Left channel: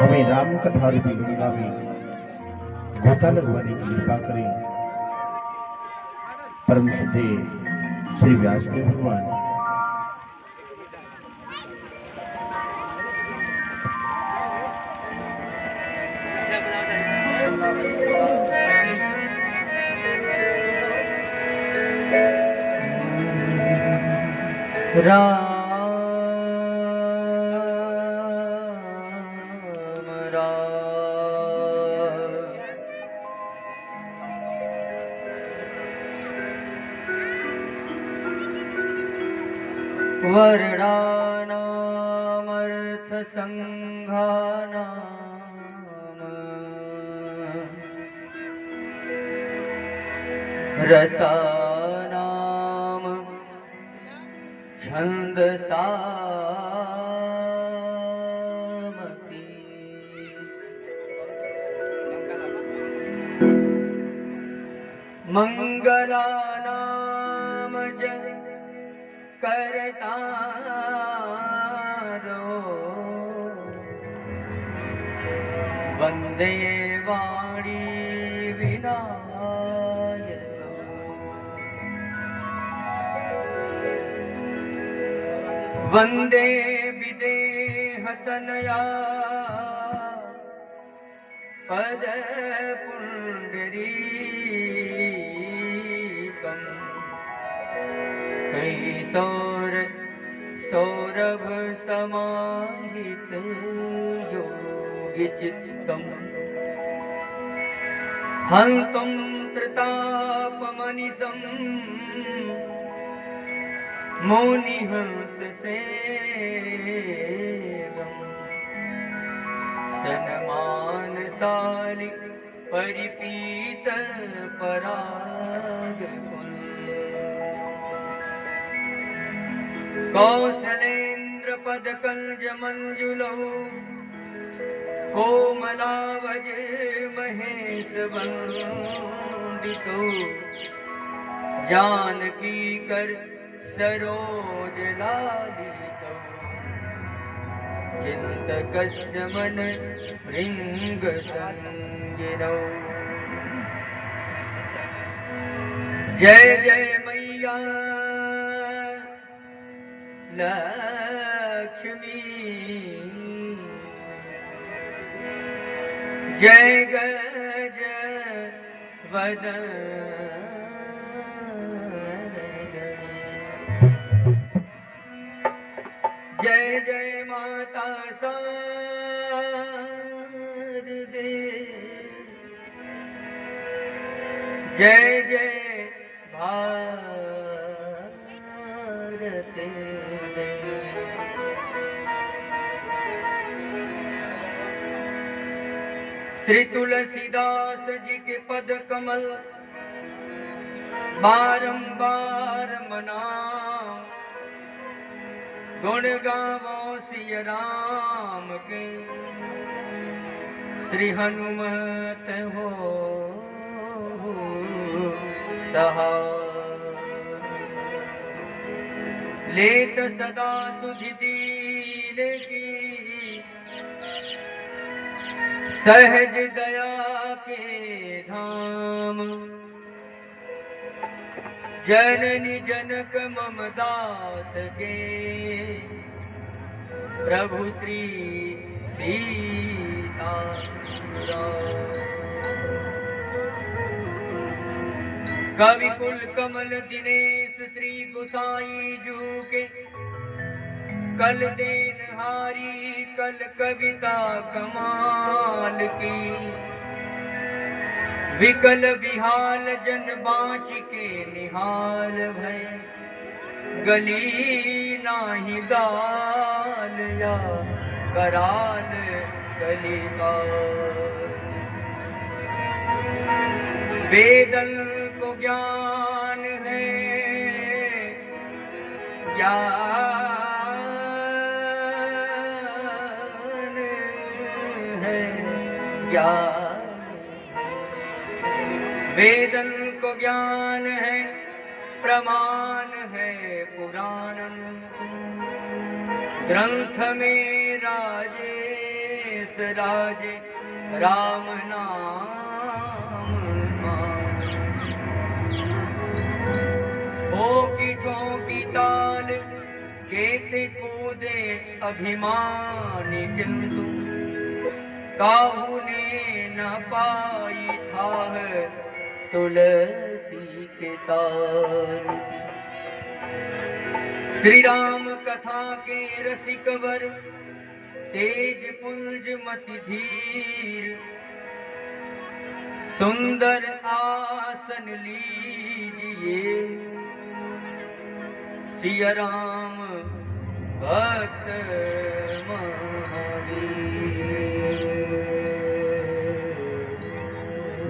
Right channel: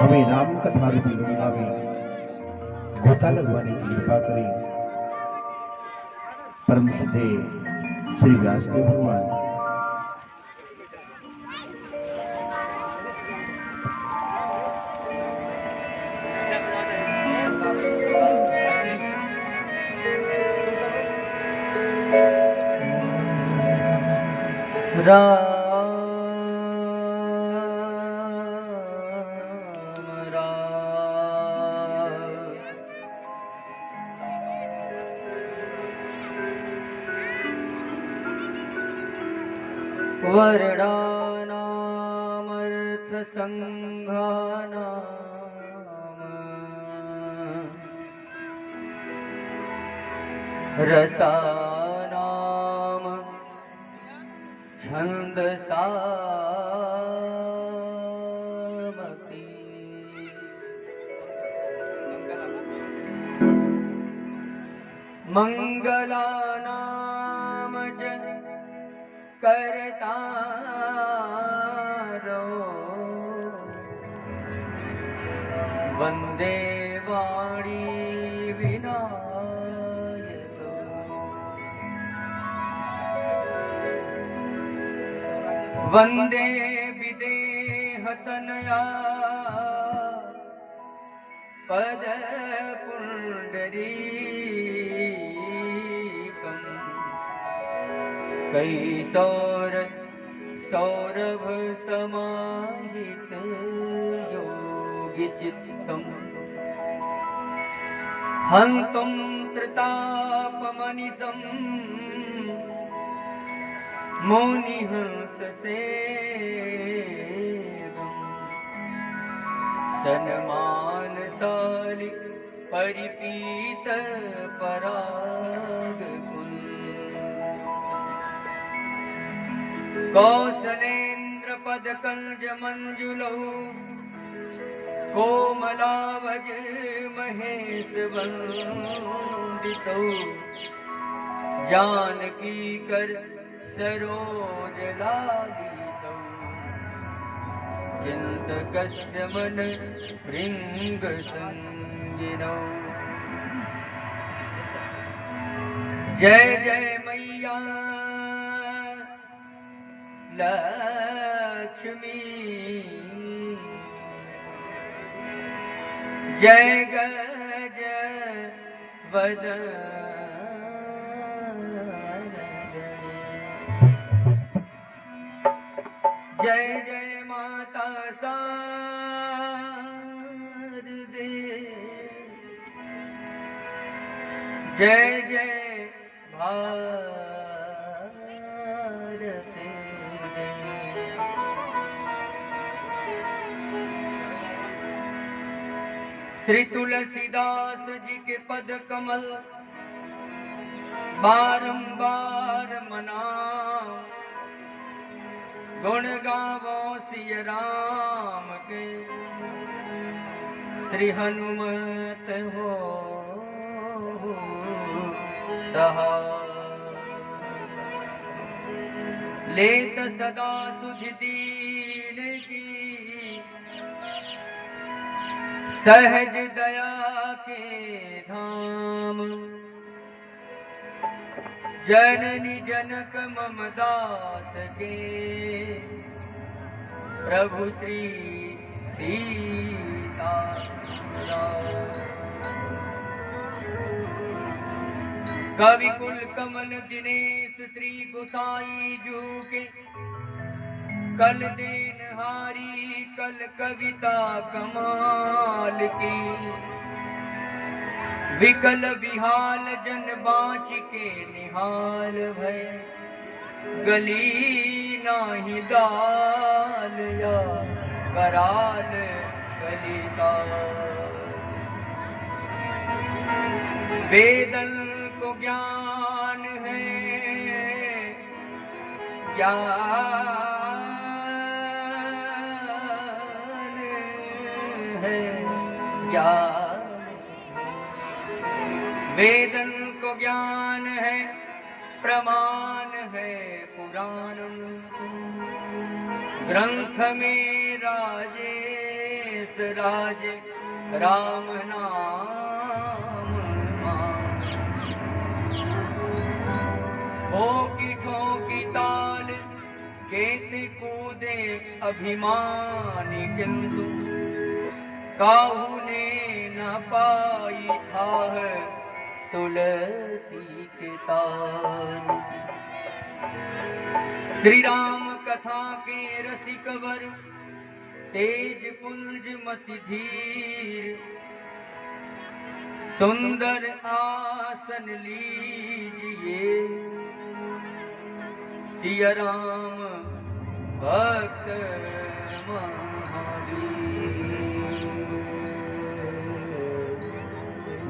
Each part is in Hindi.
हमें राम कथा रूपी गंगा में गोता लगवाने की कृपा करें। परम श्रद्धेय श्री व्यासदेव भगवान। राम राम वर्णानामर्थ संघानाम रसानाम छन्दसामपि मंगलानाम च करतारो वन्दे वाणी विनायको वन्दे विदेहतनया पदपुण्डरीकम् कैशोर सौरभ समाहित योगिचित्तम् हन्तं त्रितापमनिशम् मौनिहंससेवम् सन्मानशालि परिपीत परागकुल कौसलेन्द्र पदकंज मंजुलौ कोमलावज महेश वंदितौ जानकी कर सरोज लालितौ चिंतकस्य मन भृंग संगिरौ। जय जय मैया लक्ष्मी जय गज वदन जय जय माता शारदे जय जय भारते। श्री तुलसीदास जी के पद कमल बारंबार मनाओ गुण गावो सिय राम के श्री हनुमत हो सहाय लेत सदा सुध दीन की सहज दया के धाम जननी जनक मम दास के प्रभु श्री सीताराम। कवि कुल कमल दिनेश श्री गोसाई जू के कल देनहारी कल कविता कमाल की विकल विहाल जन बाँच के निहाल भय गली नाही दाल या कराल कलिका वेदन को ज्ञान है ज्ञान है ज्ञान वेदन को ज्ञान है प्रमाण है पुराण ग्रंथ में राजे बिसराजे राम नाम ठोकी ठोकी ताल केते कूदे अभिमानी, किंतु काहू ने न पाई था तुलसी के तार। श्री राम कथा के रसिक वर तेज पुंज मति धीर, सुंदर आसन लीजिए सिया राम भक्त महावीर।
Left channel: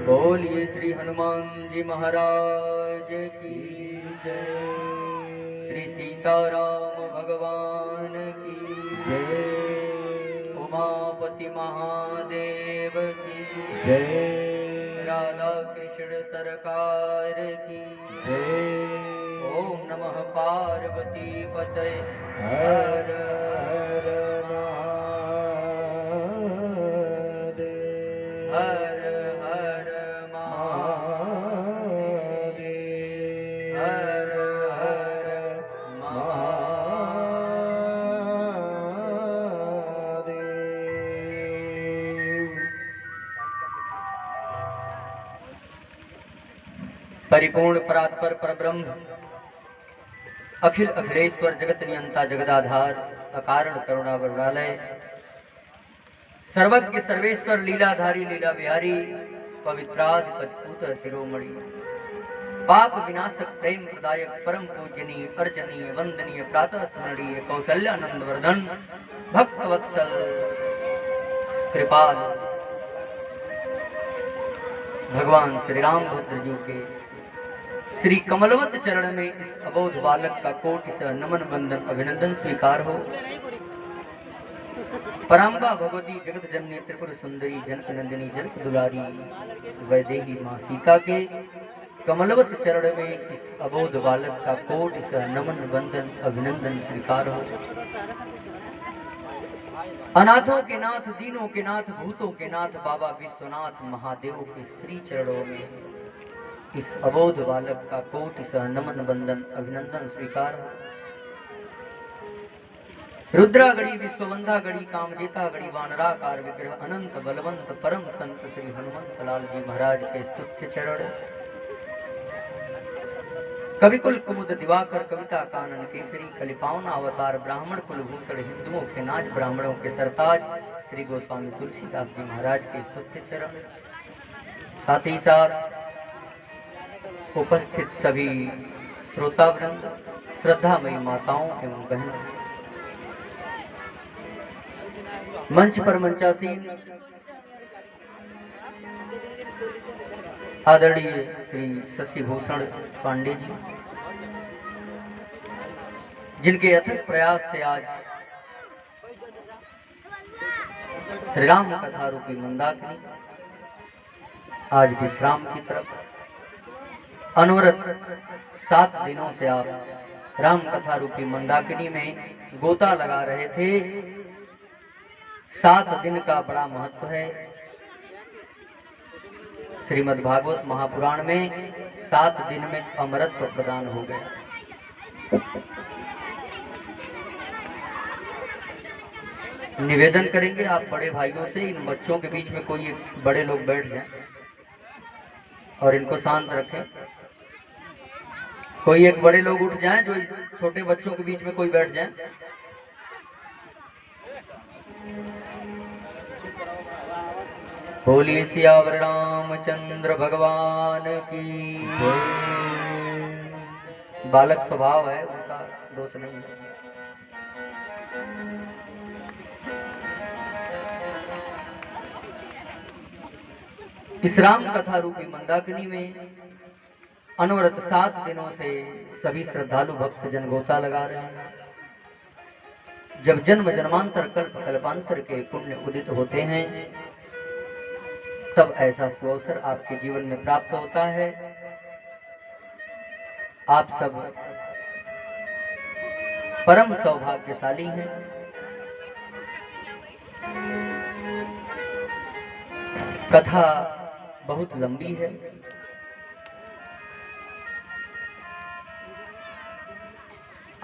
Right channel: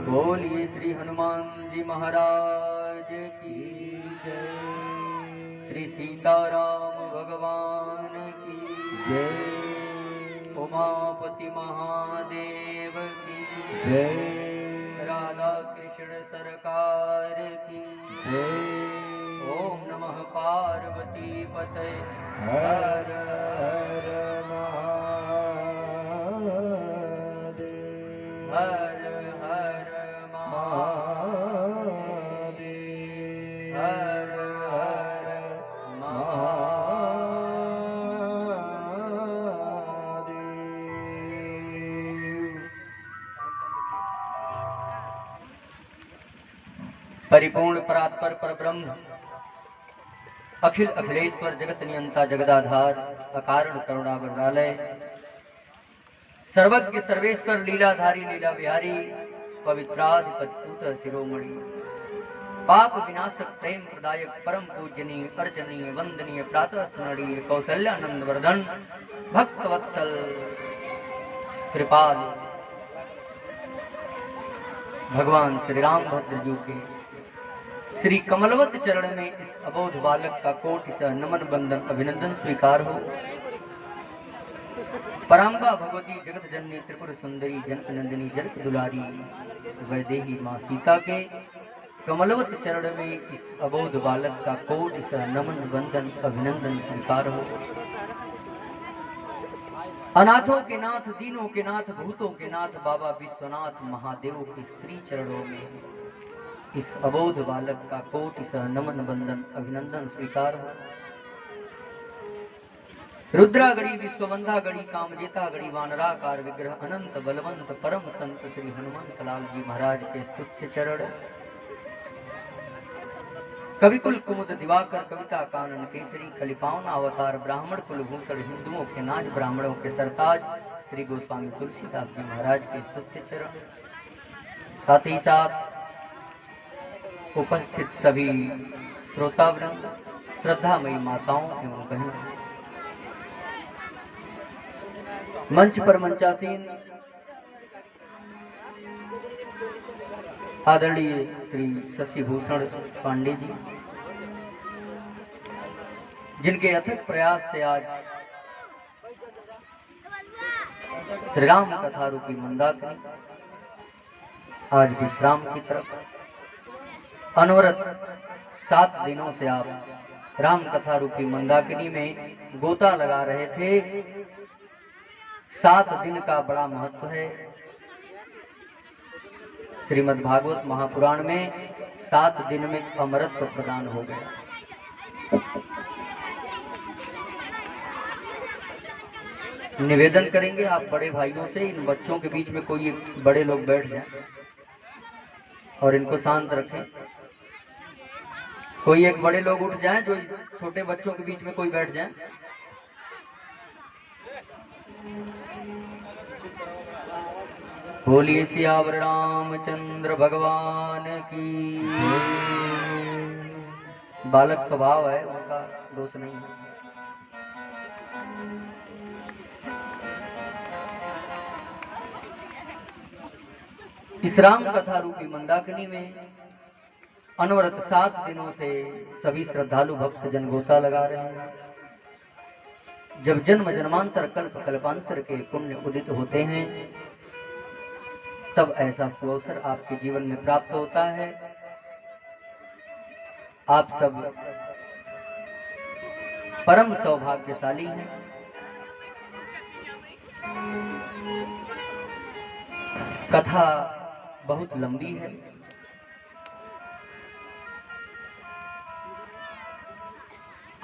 बोलिए श्री हनुमान जी महाराज की जय। श्री सीताराम भगवान की जय। उमापति महादेव की जय। राधा कृष्ण सरकार की जय। ओम नमः पार्वती पतये हर हर महादेव। हर हर महादेव। हर हर महादेव। परिपूर्ण परात्पर परब्रह्म अखिल अखिलेश्वर जगत नियंता जगदाधार अकारण करुणा वरुणालय सर्वज्ञ सर्वेश्वर लीलाधारी लीला विहारी पवित्राधिपत शिरोमणि पाप विनाशक प्रेम प्रदायक परम पूजनीय अर्चनीय वंदनीय प्रातः स्मरणीय कौशल्यानंद वर्धन भक्तवत्सल कृपाल भगवान श्री रामभद्र जी के श्री कमलवत चरण में इस अबोध बालक का कोटि सा नमन बंदन अभिनंदन स्वीकार हो। पराम्बा भगवती जगत जननी त्रिपुर सुंदरी जनक नंदिनी जनक दुलारी वैदेही मां सीता के कमलवत चरण में इस अबोध बालक का कोटि सा नमन बंदन अभिनंदन स्वीकार हो। अनाथों के नाथ दीनों के नाथ भूतों के नाथ बाबा विश्वनाथ महादेव के श्री चरणों में इस अबोध बालक का कोटि सह नमन बंदन अभिनंदन स्वीकार हो। रुद्रागढ़ी विश्ववंधा गढ़ी कामजेता गढ़ी वानराकार विग्रह अनंत बलवंत परम संत श्री हनुमंत लाल जी महाराज के स्तुत्य चरण कविकुल कुमुद दिवाकर कविता कानन केसरी कलिपावना अवतार ब्राह्मण कुल भूषण हिंदुओं के नाज ब्राह्मणों के सरताज श्री गोस्वामी तुलसीदास जी महाराज के स्तुत्य चरण साथ ही साथ उपस्थित सभी श्रोतावृंद श्रद्धामयी माताओं एवं बहनों मंच पर मंचासीन आदरणीय श्री शशि भूषण पांडे जी जिनके अथक प्रयास से आज श्री राम कथा रूपी मंदाकिनी आज विश्राम की तरफ अनवरत 7 दिनों से आप राम कथा रूपी मंदाकिनी में गोता लगा रहे थे। 7 दिन का बड़ा महत्व है। श्रीमद् भागवत महापुराण में 7 दिन में अमरत्व प्रदान हो गए। निवेदन करेंगे आप बड़े भाइयों से इन बच्चों के बीच में कोई बड़े लोग बैठ जाएं और इनको शांत रखें। कोई एक बड़े लोग उठ जाएं जो छोटे बच्चों के बीच में कोई बैठ जाए। बोलिए सियावर रामचंद्र भगवान की। बालक स्वभाव है उनका, दोष नहीं है। इस राम कथा रूपी मंदाकिनी में अनवरत 7 दिनों से सभी श्रद्धालु भक्त जन गोता लगा रहे हैं। जब जन्म जन्मांतर कल्प कल्पांतर के पुण्य उदित होते हैं तब ऐसा सुअवसर आपके जीवन में प्राप्त होता है। आप सब परम सौभाग्यशाली हैं। कथा बहुत लंबी है।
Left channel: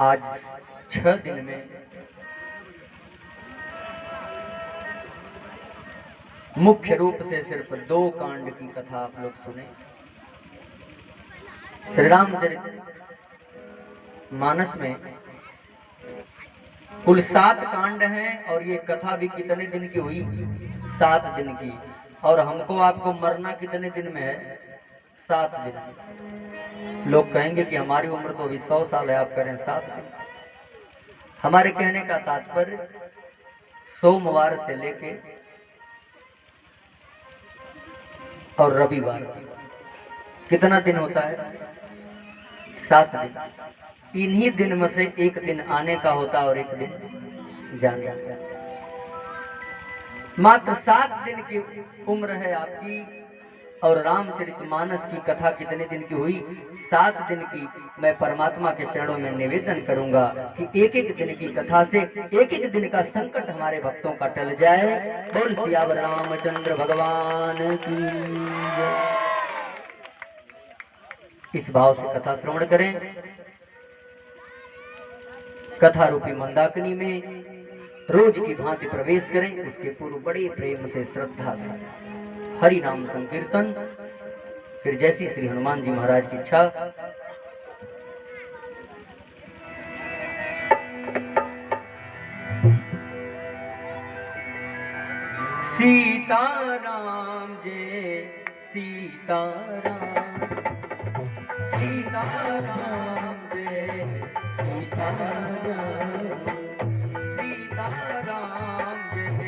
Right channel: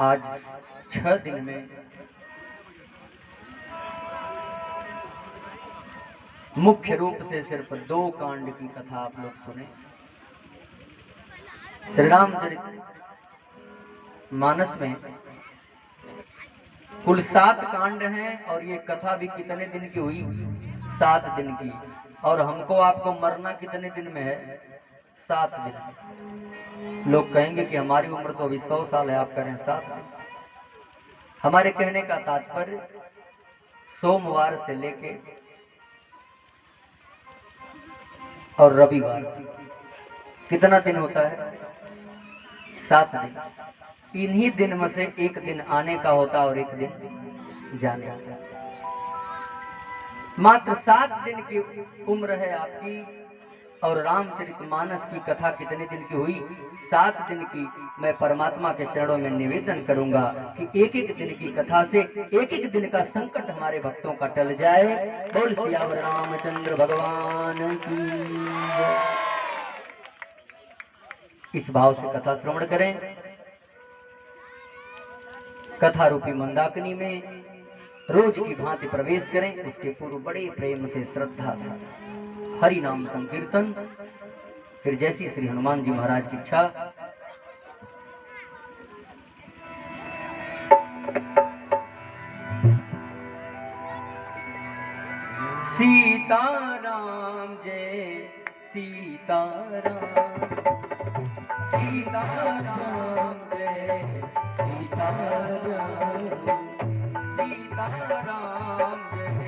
आज 6 दिन में मुख्य रूप से सिर्फ 2 कांड की कथा आप लोग सुने। श्री रामचरित मानस में कुल 7 कांड हैं और ये कथा भी कितने दिन की हुई? 7 दिन की। और हमको आपको मरना कितने दिन में है? 7 दिन। लोग कहेंगे कि हमारी उम्र तो अभी 100 साल है, आप करें 7 दिन। हमारे कहने का तात्पर्य सोमवार से लेके और रविवार कितना दिन होता है? 7 दिन। इन्हीं दिन में से एक दिन आने का होता है और एक दिन जाने का। मात्र 7 दिन की उम्र है आपकी। और रामचरितमानस की कथा कितने दिन की हुई? 7 दिन की। मैं परमात्मा के चरणों में निवेदन करूंगा कि एक एक दिन की कथा से एक एक दिन का संकट हमारे भक्तों का टल जाए। बोल सियावर रामचंद्र भगवान की जय। इस भाव से कथा श्रवण करें। कथा रूपी मंदाकिनी में रोज की भांति प्रवेश करें। इसके पूर्व बड़े प्रेम से, श्रद्धा से हरि नाम संकीर्तन, फिर जैसी श्री हनुमान जी महाराज की इच्छा। सीताराम जय सीताराम, सीताराम जय सीताराम, सीताराम जय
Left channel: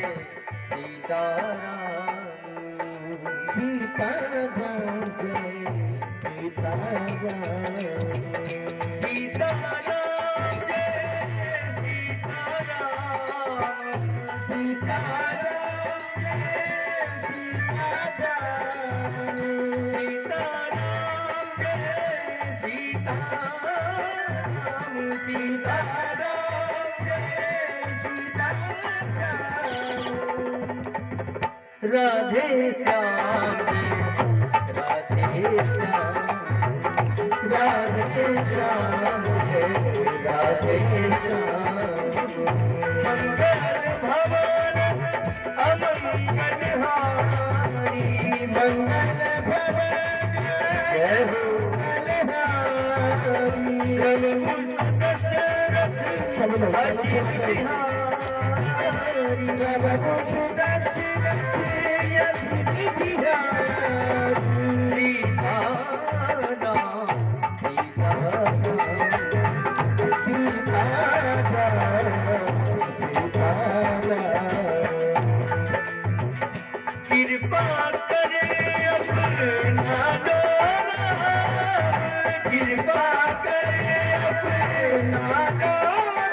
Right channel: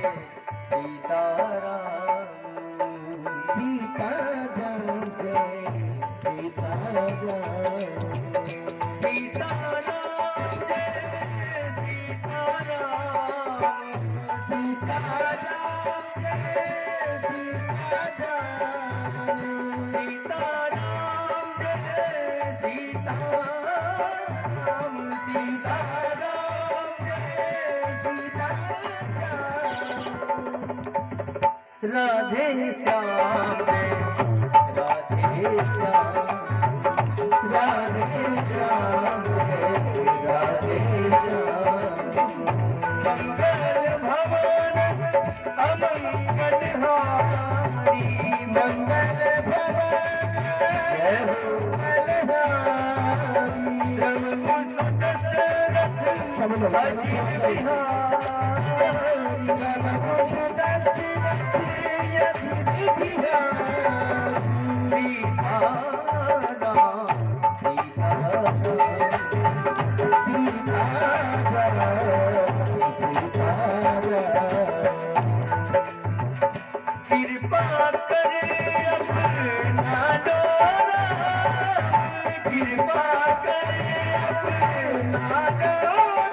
सीताराम, सीताराम जय सीताराम, सीताराम जय सीताराम, सीताराम जय सीताराम, सीताराम जय सीताराम, सीताराम जय सीताराम, राधे श्याम जय राधे श्याम, राधे श्याम जय राधे श्याम, मंगल भवन अमंगल हारी, मंगल भवन जय हो मलहारी, रघुकुल दशरथ अजित बिहारी, कृपा करे अपना डोरा, कृपा करे अपना डोरा,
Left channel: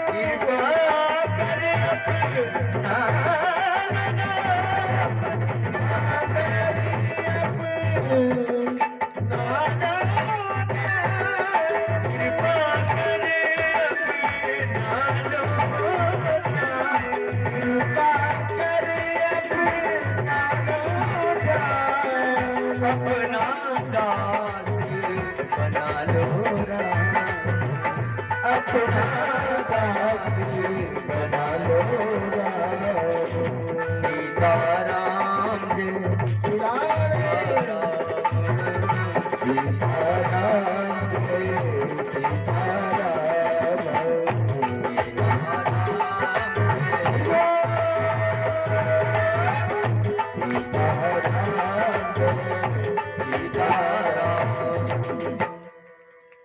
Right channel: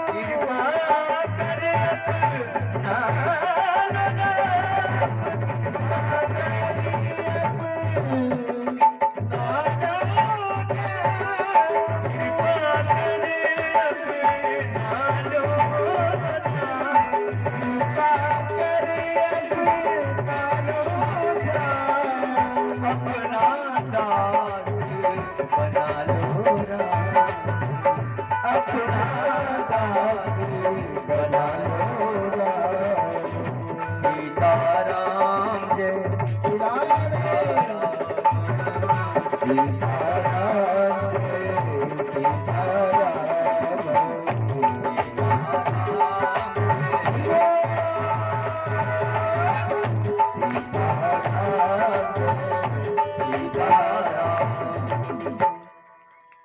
कृपा करे अपना कृपा करे अपना बना लो राम, अपना दासी बना लो राम, सीताराम जय सीताराम जय सीताराम,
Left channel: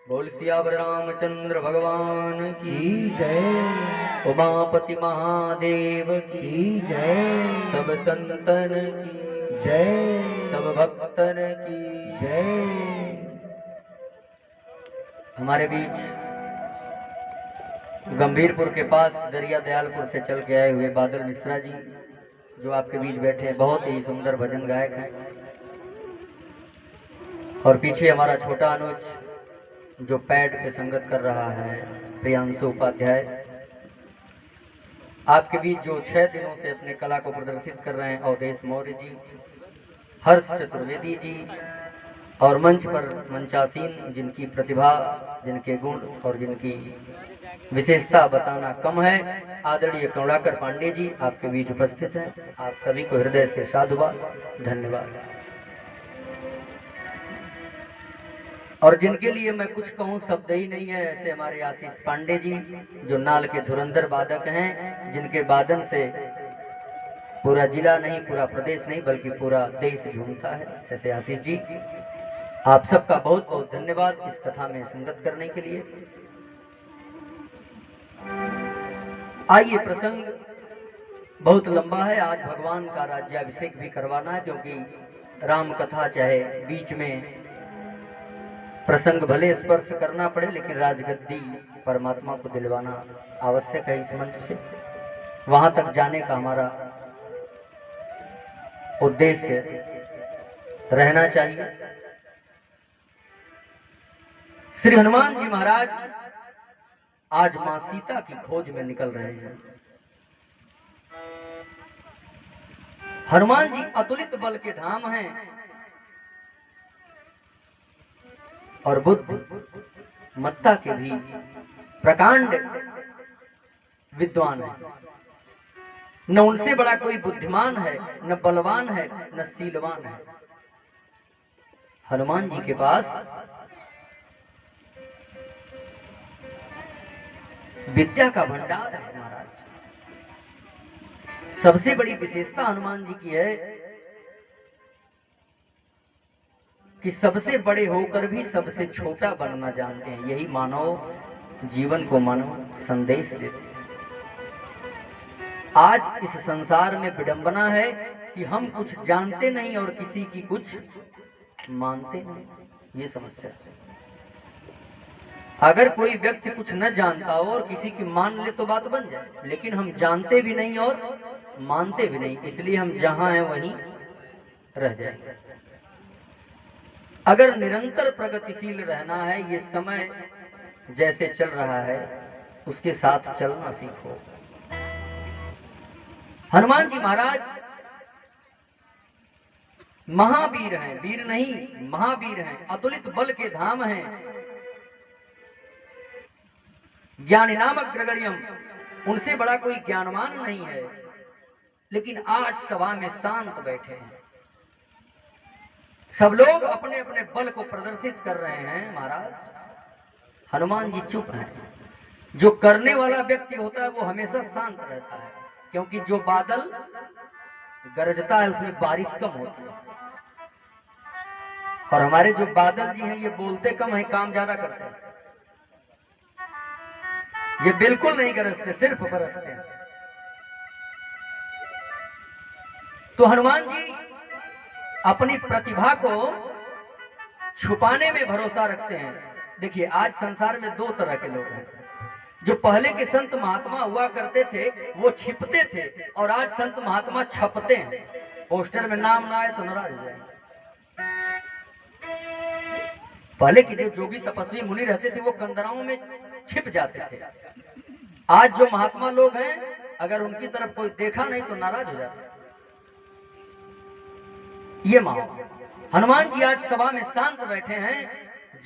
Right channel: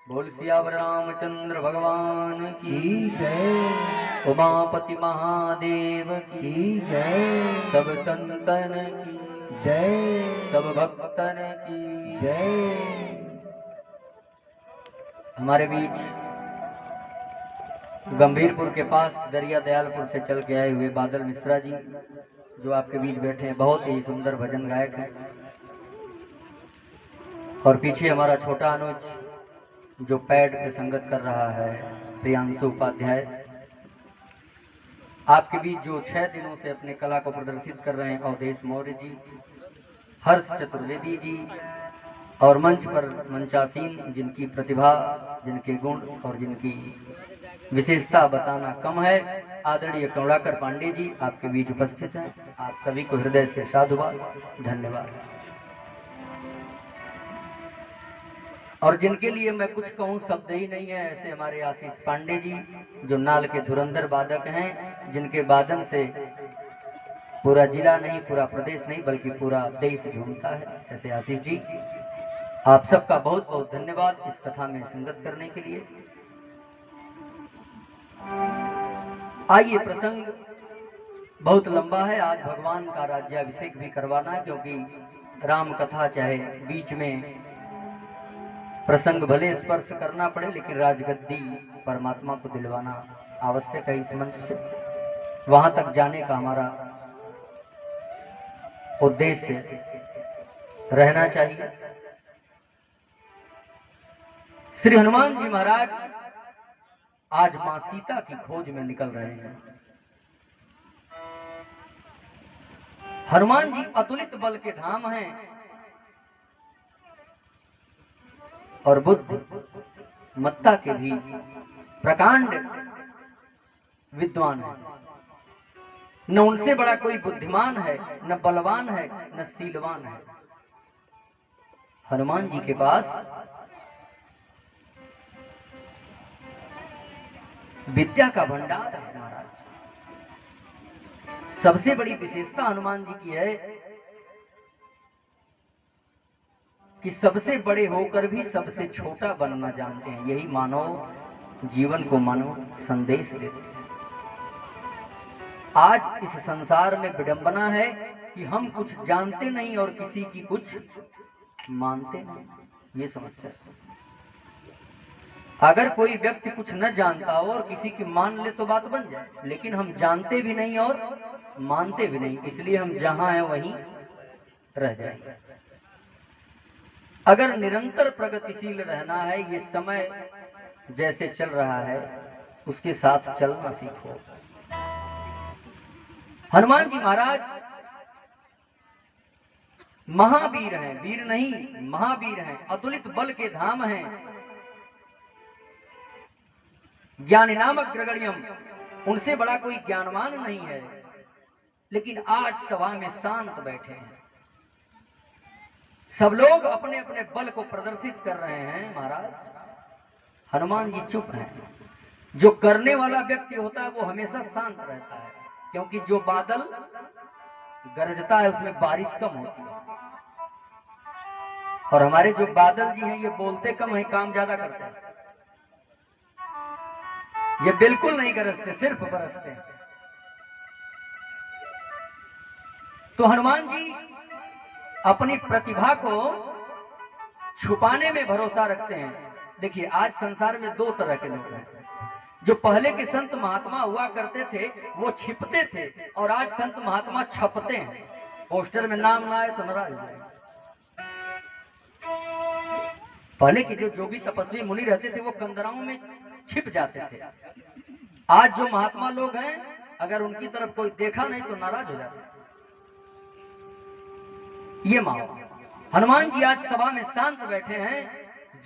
बोल सियावर रामचंद्र भगवान की की जय, उमापति महादेव की की जय, सब संतन की जय, सब भक्तन की। जय। हमारे बीच गंभीरपुर के पास दरिया दयालपुर से चल के आए हुए बादल मिश्रा जी जो आपके बीच बैठे हैं, बहुत ही सुंदर भजन गायक हैं। और पीछे हमारा छोटा अनुज जो पैड पे संगत कर रहा है, प्रियांशु उपाध्याय। आपके बीच जो 6 दिनों से अपने कला को प्रदर्शित कर रहे हैं अवधेश मौर्य जी, हर्ष चतुर्वेदी जी, और मंच पर मंचासीन जिनकी प्रतिभा, जिनके गुण और जिनकी विशेषता बताना कम है, आदरणीय करुणाकर पांडे जी आपके बीच उपस्थित हैं। आप सभी को हृदय से साधुवाद, धन्यवाद। और जिनके लिए मैं कुछ कहूँ शब्द ही नहीं है, ऐसे हमारे आशीष पांडे जी जो नाल के धुरंधर वादक हैं, जिनके वादन से पूरा जिला नहीं, पूरा प्रदेश नहीं, बल्कि पूरा देश झूमता है। ऐसे आशीष जी, आप सबका बहुत बहुत धन्यवाद इस कथा में संगत करने के लिए। आइए, प्रसंग बहुत लंबा है, आज भगवान का राज्याभिषेक भी करवाना है, क्योंकि राम कथा चाहे बीच में प्रसंग भले स्पर्श करना पड़े, लेकिन राजगद्दी परमात्मा को दिलवाना आवश्यक है। इस मंच से वहां तक जाने का हमारा उद्देश्य रहना चाहिए। श्री हनुमान जी महाराज आज मां सीता की खोज में निकल रहे हैं। हनुमान जी अतुलित बल के धाम हैं और बुद्धि मत्ता के भी प्रकांड विद्वान है। न उनसे बड़ा कोई बुद्धिमान है, न बलवान है, न शीलवान है। हनुमान जी के पास विद्या का भंडार है महाराज। सबसे बड़ी विशेषता हनुमान जी की है कि सबसे बड़े होकर भी सबसे छोटा बनना जानते हैं। यही मानव जीवन को मानव संदेश देते हैं। आज इस संसार में विडंबना है कि हम कुछ जानते नहीं और किसी की कुछ मानते नहीं। ये समस्या है। अगर कोई व्यक्ति कुछ न जानता हो और किसी की मान ले तो बात बन जाए, लेकिन हम जानते भी नहीं और मानते भी नहीं, इसलिए हम जहां हैं वहीं रह जाएंगे। अगर निरंतर प्रगतिशील रहना है, ये समय जैसे चल रहा है उसके साथ चलना सीखो। हनुमान जी महाराज महावीर हैं, वीर नहीं महावीर हैं, अतुलित बल के धाम हैं। ज्ञानी नामक ग्रगण्यम, उनसे बड़ा कोई ज्ञानवान नहीं है, लेकिन आज सभा में शांत बैठे हैं। सब लोग अपने अपने बल को प्रदर्शित कर रहे हैं महाराज, हनुमान जी चुप हैं। जो करने वाला व्यक्ति होता है वो हमेशा शांत रहता है, क्योंकि जो बादल गरजता है उसमें बारिश कम होती है। और हमारे जो बादल जी हैं ये बोलते कम है, काम ज्यादा करते हैं। ये बिल्कुल नहीं गरजते, सिर्फ बरसते हैं। तो हनुमान जी अपनी प्रतिभा को छुपाने में भरोसा रखते हैं। देखिए, आज संसार में दो तरह के लोग हैं। जो पहले के संत महात्मा हुआ करते थे वो छिपते थे, और आज संत महात्मा छपते हैं। पोस्टर में नाम ना आए तो नाराज हो जाएंगे। पहले के जो जोगी तपस्वी मुनि रहते थे वो कंदराओं में छिप जाते थे। आज जो महात्मा लोग हैं, अगर उनकी तरफ कोई देखा नहीं तो नाराज हो जाते। ये मानो हनुमान जी आज सभा में शांत बैठे हैं।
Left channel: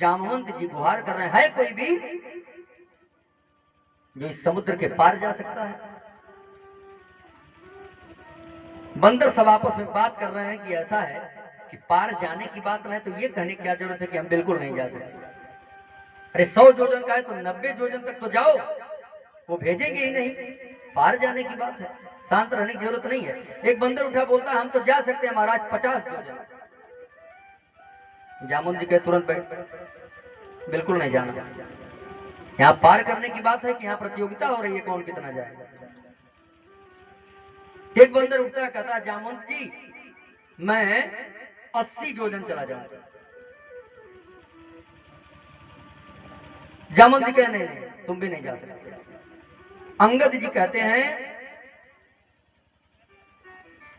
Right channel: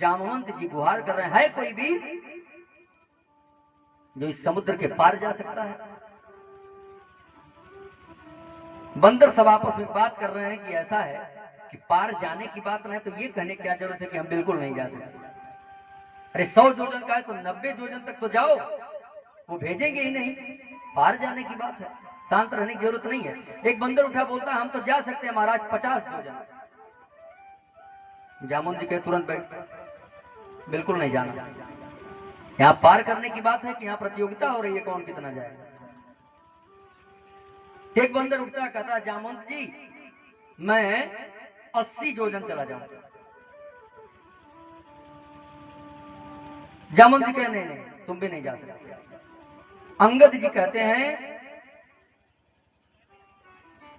जामवंत जी गुहार कर रहे हैं, है कोई वीर जो इस समुद्र के पार जा सकता है? बंदर सब आपस में बात कर रहे हैं कि ऐसा है कि पार जाने की बात नहीं तो ये कहने की क्या जरूरत है कि हम बिल्कुल नहीं जा सकते। अरे 100 जोजन का है तो 90 जोजन तक तो जाओ, वो भेजेंगे ही नहीं। पार जाने की बात है, शांत रहने की जरूरत नहीं है। एक बंदर उठा बोलता है हम तो जा सकते हैं महाराज 50 जोजन। जामुन जी कहे तुरंत बैठ, बिल्कुल नहीं जाना। यहाँ पार करने की बात है कि यहाँ प्रतियोगिता हो रही है कौन कितना जाए। एक बंदर उठता है, कहता है जामुन जी मैं 80 जोजन चला जाऊंगा। जामुन जी कहे नहीं नहीं तुम भी नहीं जा सकते। अंगद जी कहते हैं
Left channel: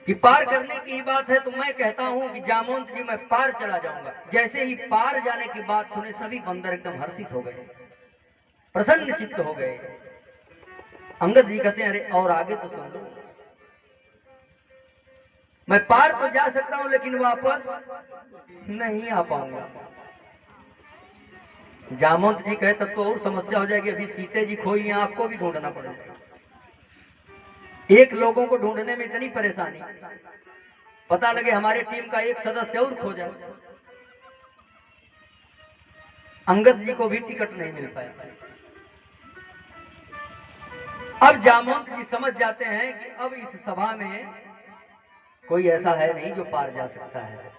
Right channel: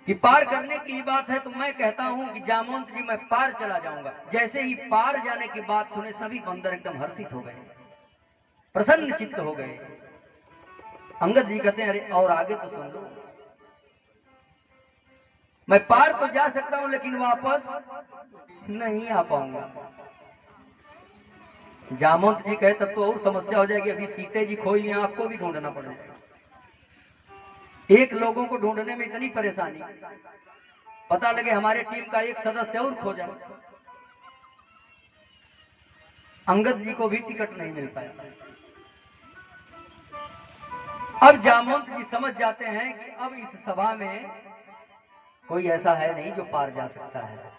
कि पार करने की ही बात है तो मैं कहता हूं कि जामवंत जी मैं पार चला जाऊंगा। जैसे ही पार जाने की बात सुने सभी बंदर एकदम हर्षित हो गए, प्रसन्न चित्त हो गए। अंगद जी कहते हैं अरे और आगे तो सुन लो, मैं पार तो जा सकता हूं लेकिन वापस नहीं आ पाऊंगा। जामवंत जी कहे तब तो और समस्या हो जाएगी, अभी सीते जी खोई हैं, आपको भी ढूंढना पड़ जाएगा। एक लोगों को ढूंढने में इतनी परेशानी, पता लगे हमारे टीम का एक सदस्य और खो जाए। अंगद जी को भी टिकट नहीं मिल पाया। अब जामवंत जी समझ जाते हैं कि अब इस सभा में कोई ऐसा है नहीं जो पार जा सकता है।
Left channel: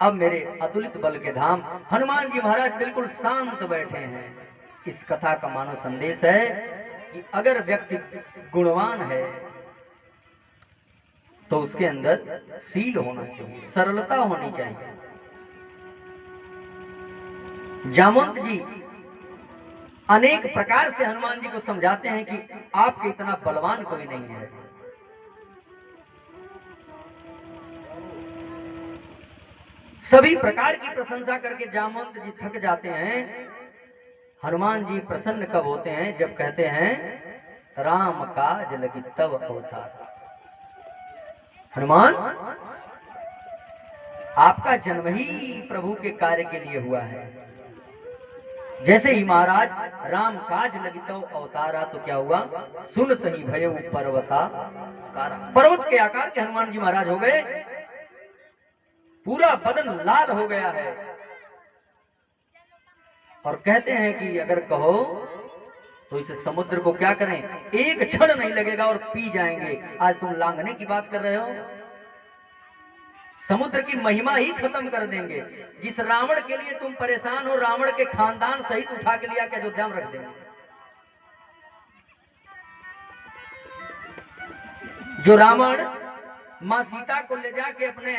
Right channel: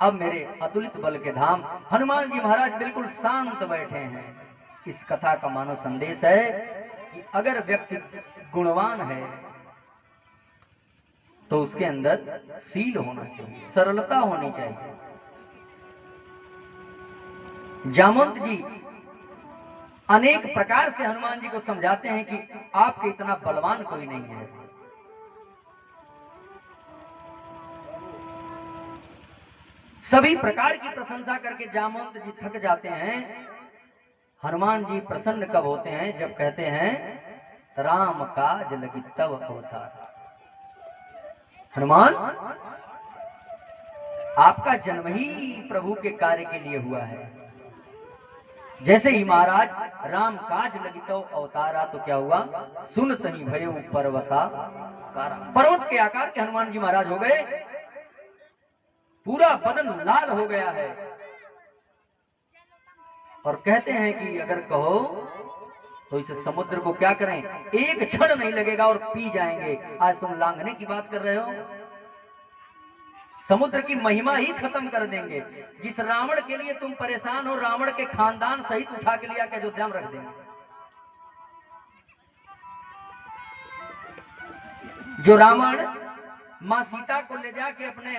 अब मेरे अतुलित बल के धाम हनुमान जी महाराज बिल्कुल शांत बैठे हैं। इस कथा का मानव संदेश है कि अगर व्यक्ति गुणवान है तो उसके अंदर शील होना चाहिए, सरलता होनी चाहिए। जामवंत जी अनेक प्रकार से हनुमान जी को समझाते हैं कि आपके इतना बलवान कोई नहीं है। सभी प्रकार की प्रशंसा करके जामवंत जी थक जाते हैं। हनुमान जी प्रसन्न कब होते हैं? जब कहते हैं राम काज लगी तब अवतार। हनुमान, आपका जन्म ही प्रभु के कार्य के लिए हुआ है। जैसे ही महाराज राम काज लगी तो अवतारा, तो क्या हुआ? सुनत ही भयउ पर्वता कारा। पर्वत के आकार के हनुमान जी महाराज हो गए, पूरा बदन लाल हो गया है। और कहते हैं कि अगर कहो तो इस समुद्र को क्या करें, एक क्षण नहीं लगेगा और पी जाएंगे। आज तुम लांघने की बात कर रहे हो, समुद्र की महिमा ही खत्म कर देंगे। जिस रावण के लिए तुम परेशान हो, रावण के खानदान सहित उठा के लिया के अयोध्या में रख देंगे। जो रावण मां सीता को ले जाके अपने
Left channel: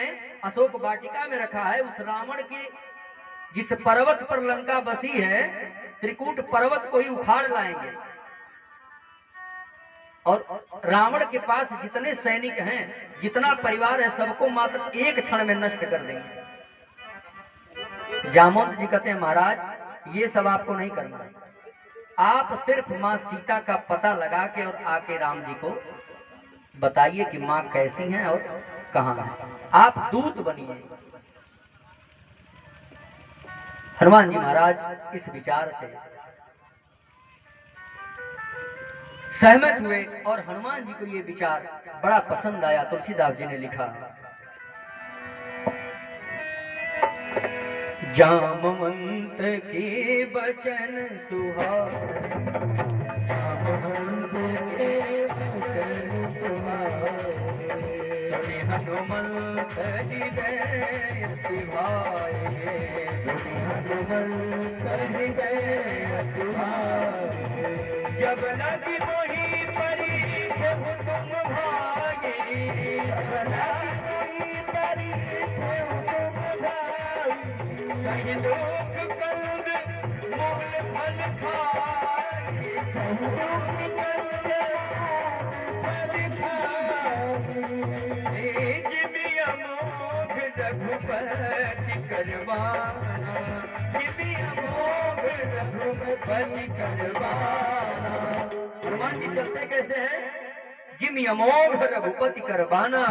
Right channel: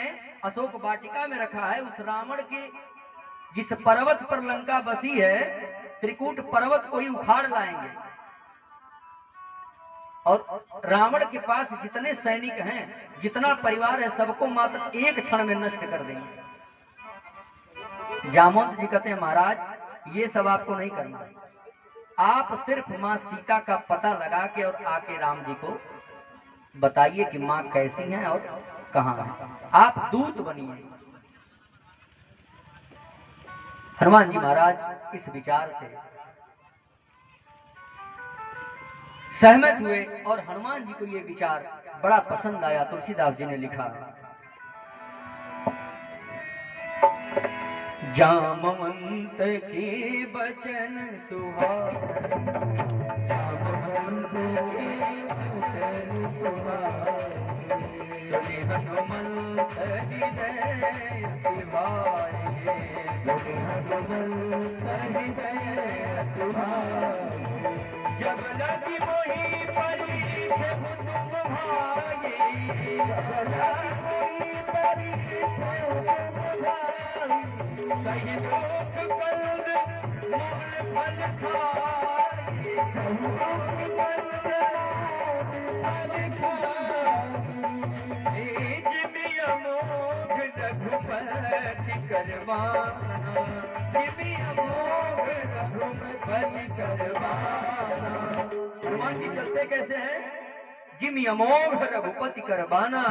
अशोक वाटिका में रखा है, उस रावण के जिस पर्वत पर लंका बसी है, त्रिकूट पर्वत को ही उखाड़ लाएंगे। और रावण के पास जितने सैनिक हैं, जितना परिवार है, सबको मात्र एक क्षण में नष्ट कर देंगे। जामवंत जी कहते हैं महाराज ये सब आपको नहीं करना, आप सिर्फ मां सीता का पता लगा के और आके राम जी को बताइए कि मां कैसी हैं और कहां है। आप दूत बनिए। हनुमान जी महाराज इस विचार से सहमत हुए और हनुमान जी को ये विचार बड़ा पसंद आया। तुलसीदास जी ने लिखा, जामवंत के बचन सुहाए, जामवंत के बचन सुहाए, हनुमंत हृदय सुहाए, हनुमंत हृदय सुहाए। जब लगी मोही परी प्रभु तुम भागे, जब लगी मोही परी प्रभु तुम भागे, सही दुख कंद मूल फल खाए, सही दुख कंद फल खाए। जिमि अमोघ रघुपति करवाना, जिमि अमोघ रघुपति करवाना। हनुमान जी चलते कैसे हैं? जिमि अमोघ रघुपति करवाना,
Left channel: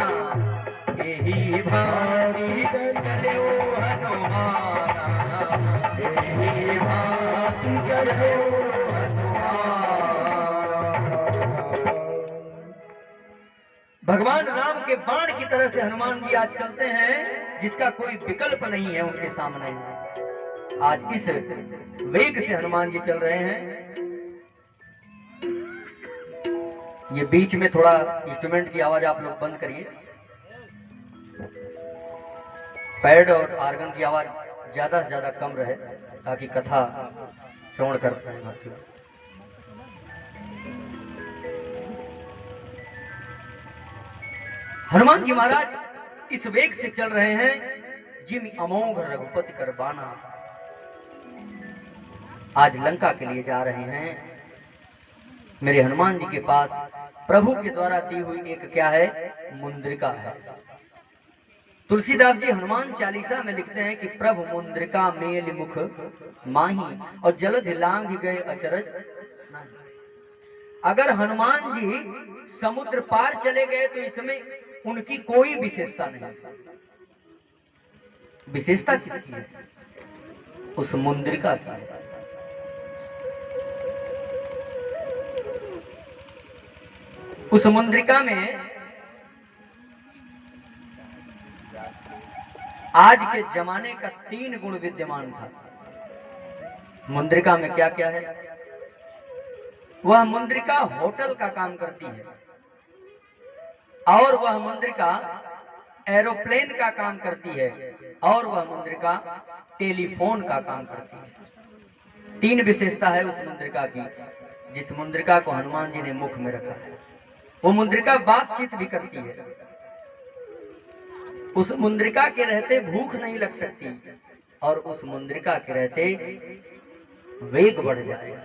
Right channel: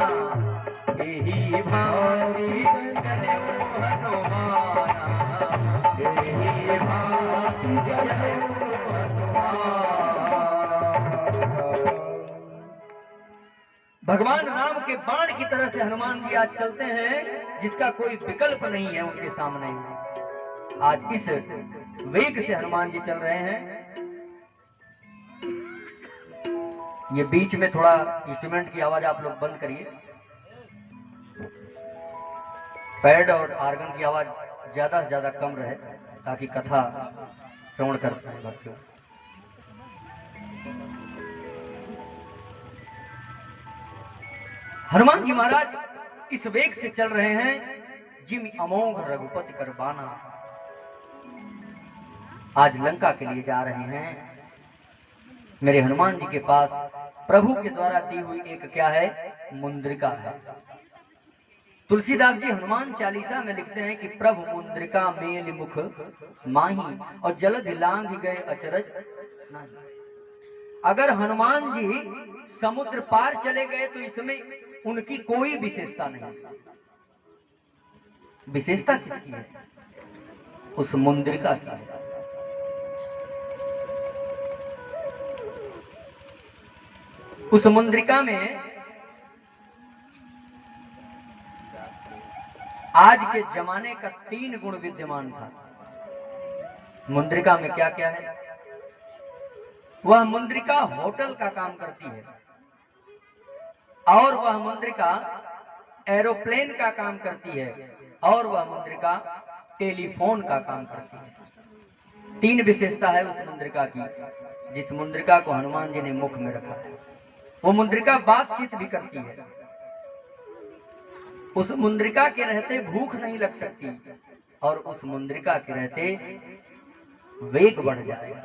यही भांति चले ओ हनुमाना, यही भांति चले ओ हनुमाना। भगवान राम के बाण की तरह से हनुमान जी आज चलते हैं, जिसका कोई विकल्प नहीं है उनके सामने। आज इस वेग से हनुमान जी चल रहे हैं। ये बीच में थोड़ा इंस्ट्रूमेंट की आवाज आप लोग बंद करिए, पैड और आर्गन की आवाज ज्यादा से ज्यादा कम रहे ताकि कथा श्रवण कर पाए भक्ति। हनुमान जी महाराज इस वेग से चल रहे हैं, जिमि अमोघ रघुपति करवाना। आज लंका के लिए जा रहे हैं। मेरे हनुमान जी के पास प्रभु के द्वारा दी हुई एक क्या है, मुंद्रिका है। तुलसीदास जी हनुमान चालीसा में लिखते हैं कि प्रभु मुंद्रिका मेल मुख माही, और जलधि लांघ गए अचरज। अगर हनुमान जी समुद्र पार चले गए तो इसमें उनकी कोई विशेषता नहीं। विशेषता किसकी है? उस मुंद्रिका की है। उस मुंद्रिका में आज के जमाने का 3 गुण विद्यमान था। मुंद्रिका में क्या क्या है? वह मुंद्रिका होटल का काम करती है, और वह मुंद्रिका एरोप्लेन का काम करती है, और वह मुंद्रिका टेलीफोन का काम करती है। 3 विशेषता है उस मुंद्रिका की, जिस मुंद्रिका को हनुमान जी ने मुख में रखा है। वो मुंद्रिका बातचीत भी करती है। उस मुंद्रिका के रहते भूख नहीं लग सकती, और उस मुंद्रिका के रहते वेग बढ़ जाएगा।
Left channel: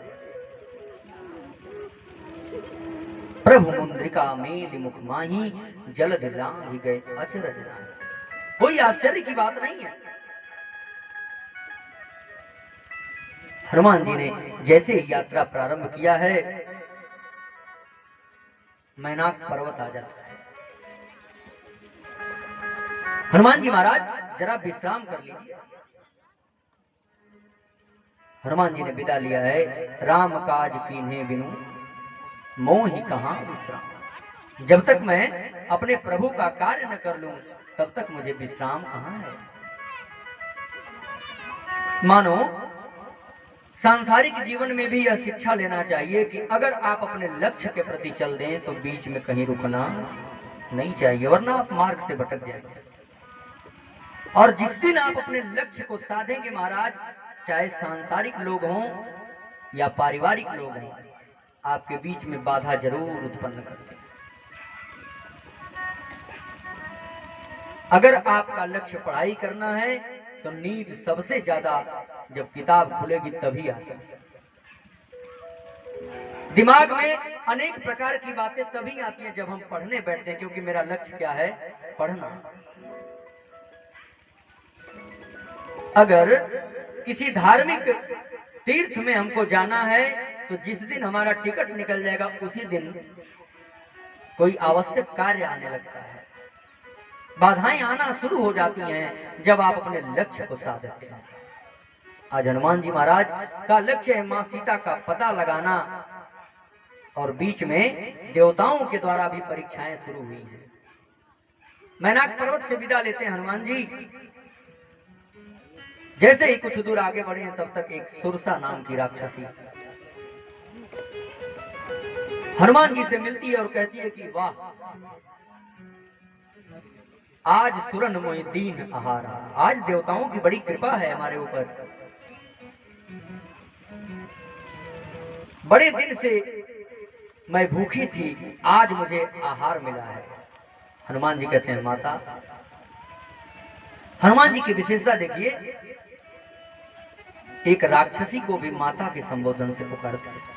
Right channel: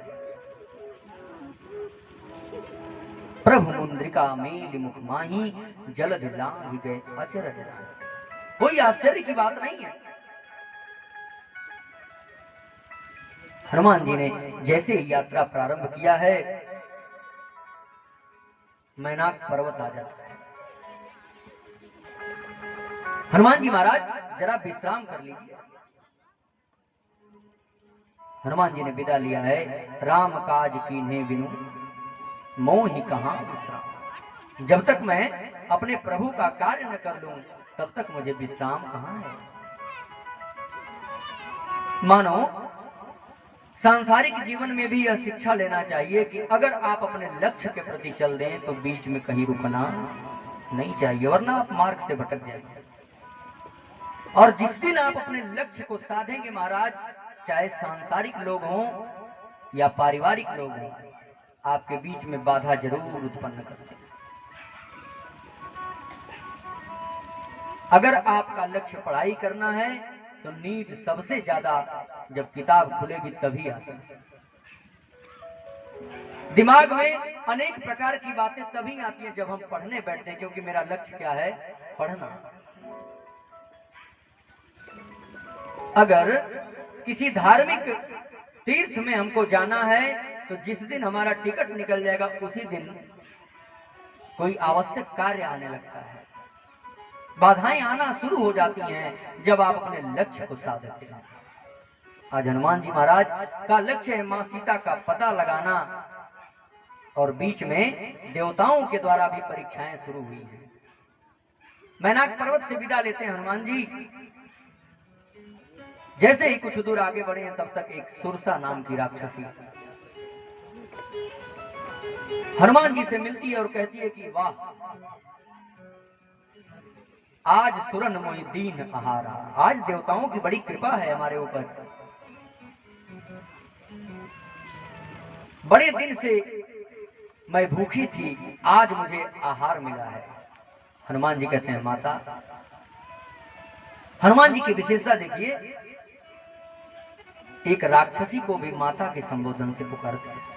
प्रभु मुंद्रिका मेल मुख माही, जल दिलांघि गए अचरज राय। कोई आश्चर्य की बात नहीं है। हनुमान जी ने जैसे ही यात्रा प्रारंभ किया है, मैनाक पर्वत आ जाता है। हनुमान जी महाराज जरा विश्राम कर लीजिए। हनुमान जी ने विदा लिया है। राम काज कीन्हे बिनु मोहि कहां विश्राम। जब तक मैं अपने प्रभु का कार्य न कर लूं, तब तक मुझे विश्राम कहां है। मानो सांसारिक जीवन में भी यह शिक्षा लेना चाहिए कि अगर आप अपने लक्ष्य के प्रति चल दें तो बीच में कहीं रुकना नहीं चाहिए, वरना आप मार्ग से भटक जाएंगे। और जिस दिन आप अपने लक्ष्य को साधेंगे महाराज, चाहे सांसारिक लोग हों या पारिवारिक लोग हों, आपके बीच में बाधा जरूर उत्पन्न करते हैं। अगर आपका लक्ष्य पढ़ाई करना है तो नींद सबसे ज्यादा जब किताब खुलेगी तभी आती है। दिमाग में अनेक प्रकार की बातें तभी आती हैं जब हम पढ़ने बैठते हैं, क्योंकि मेरा लक्ष्य क्या है? पढ़ना। अगर किसी धार्मिक तीर्थ में हमको जाना है तो जिस दिन हमारा टिकट निकल जाएगा उसी दिन कोई आवश्यक कार्य आने लगता है। बाधाएं आना शुरू हो जाती हैं जब आप अपने लक्ष्य को साधते हैं। आज हनुमान जी महाराज का लक्ष्य है मां सीता का पता लगाना, और बीच में देवताओं के द्वारा भी परीक्षाएं शुरू हुई हैं। मैनाक पर्वत से विदा लेते हैं हनुमान जी। जैसे ही कुछ दूर आगे बढ़े हैं, तब तक एक सुरसा नाम की राक्षसी हनुमान जी से मिलती है और कहती है कि वाह, आज सुरन मोहि दीन आहारा। आज देवताओं की बड़ी कृपा है हमारे ऊपर। बड़े दिन से मैं भूखी थी, आज मुझे आहार मिला है। हनुमान जी कहते हैं माता। हनुमान जी की विशेषता देखिए, एक राक्षसी को भी माता के संबोधन से पुकारते हैं।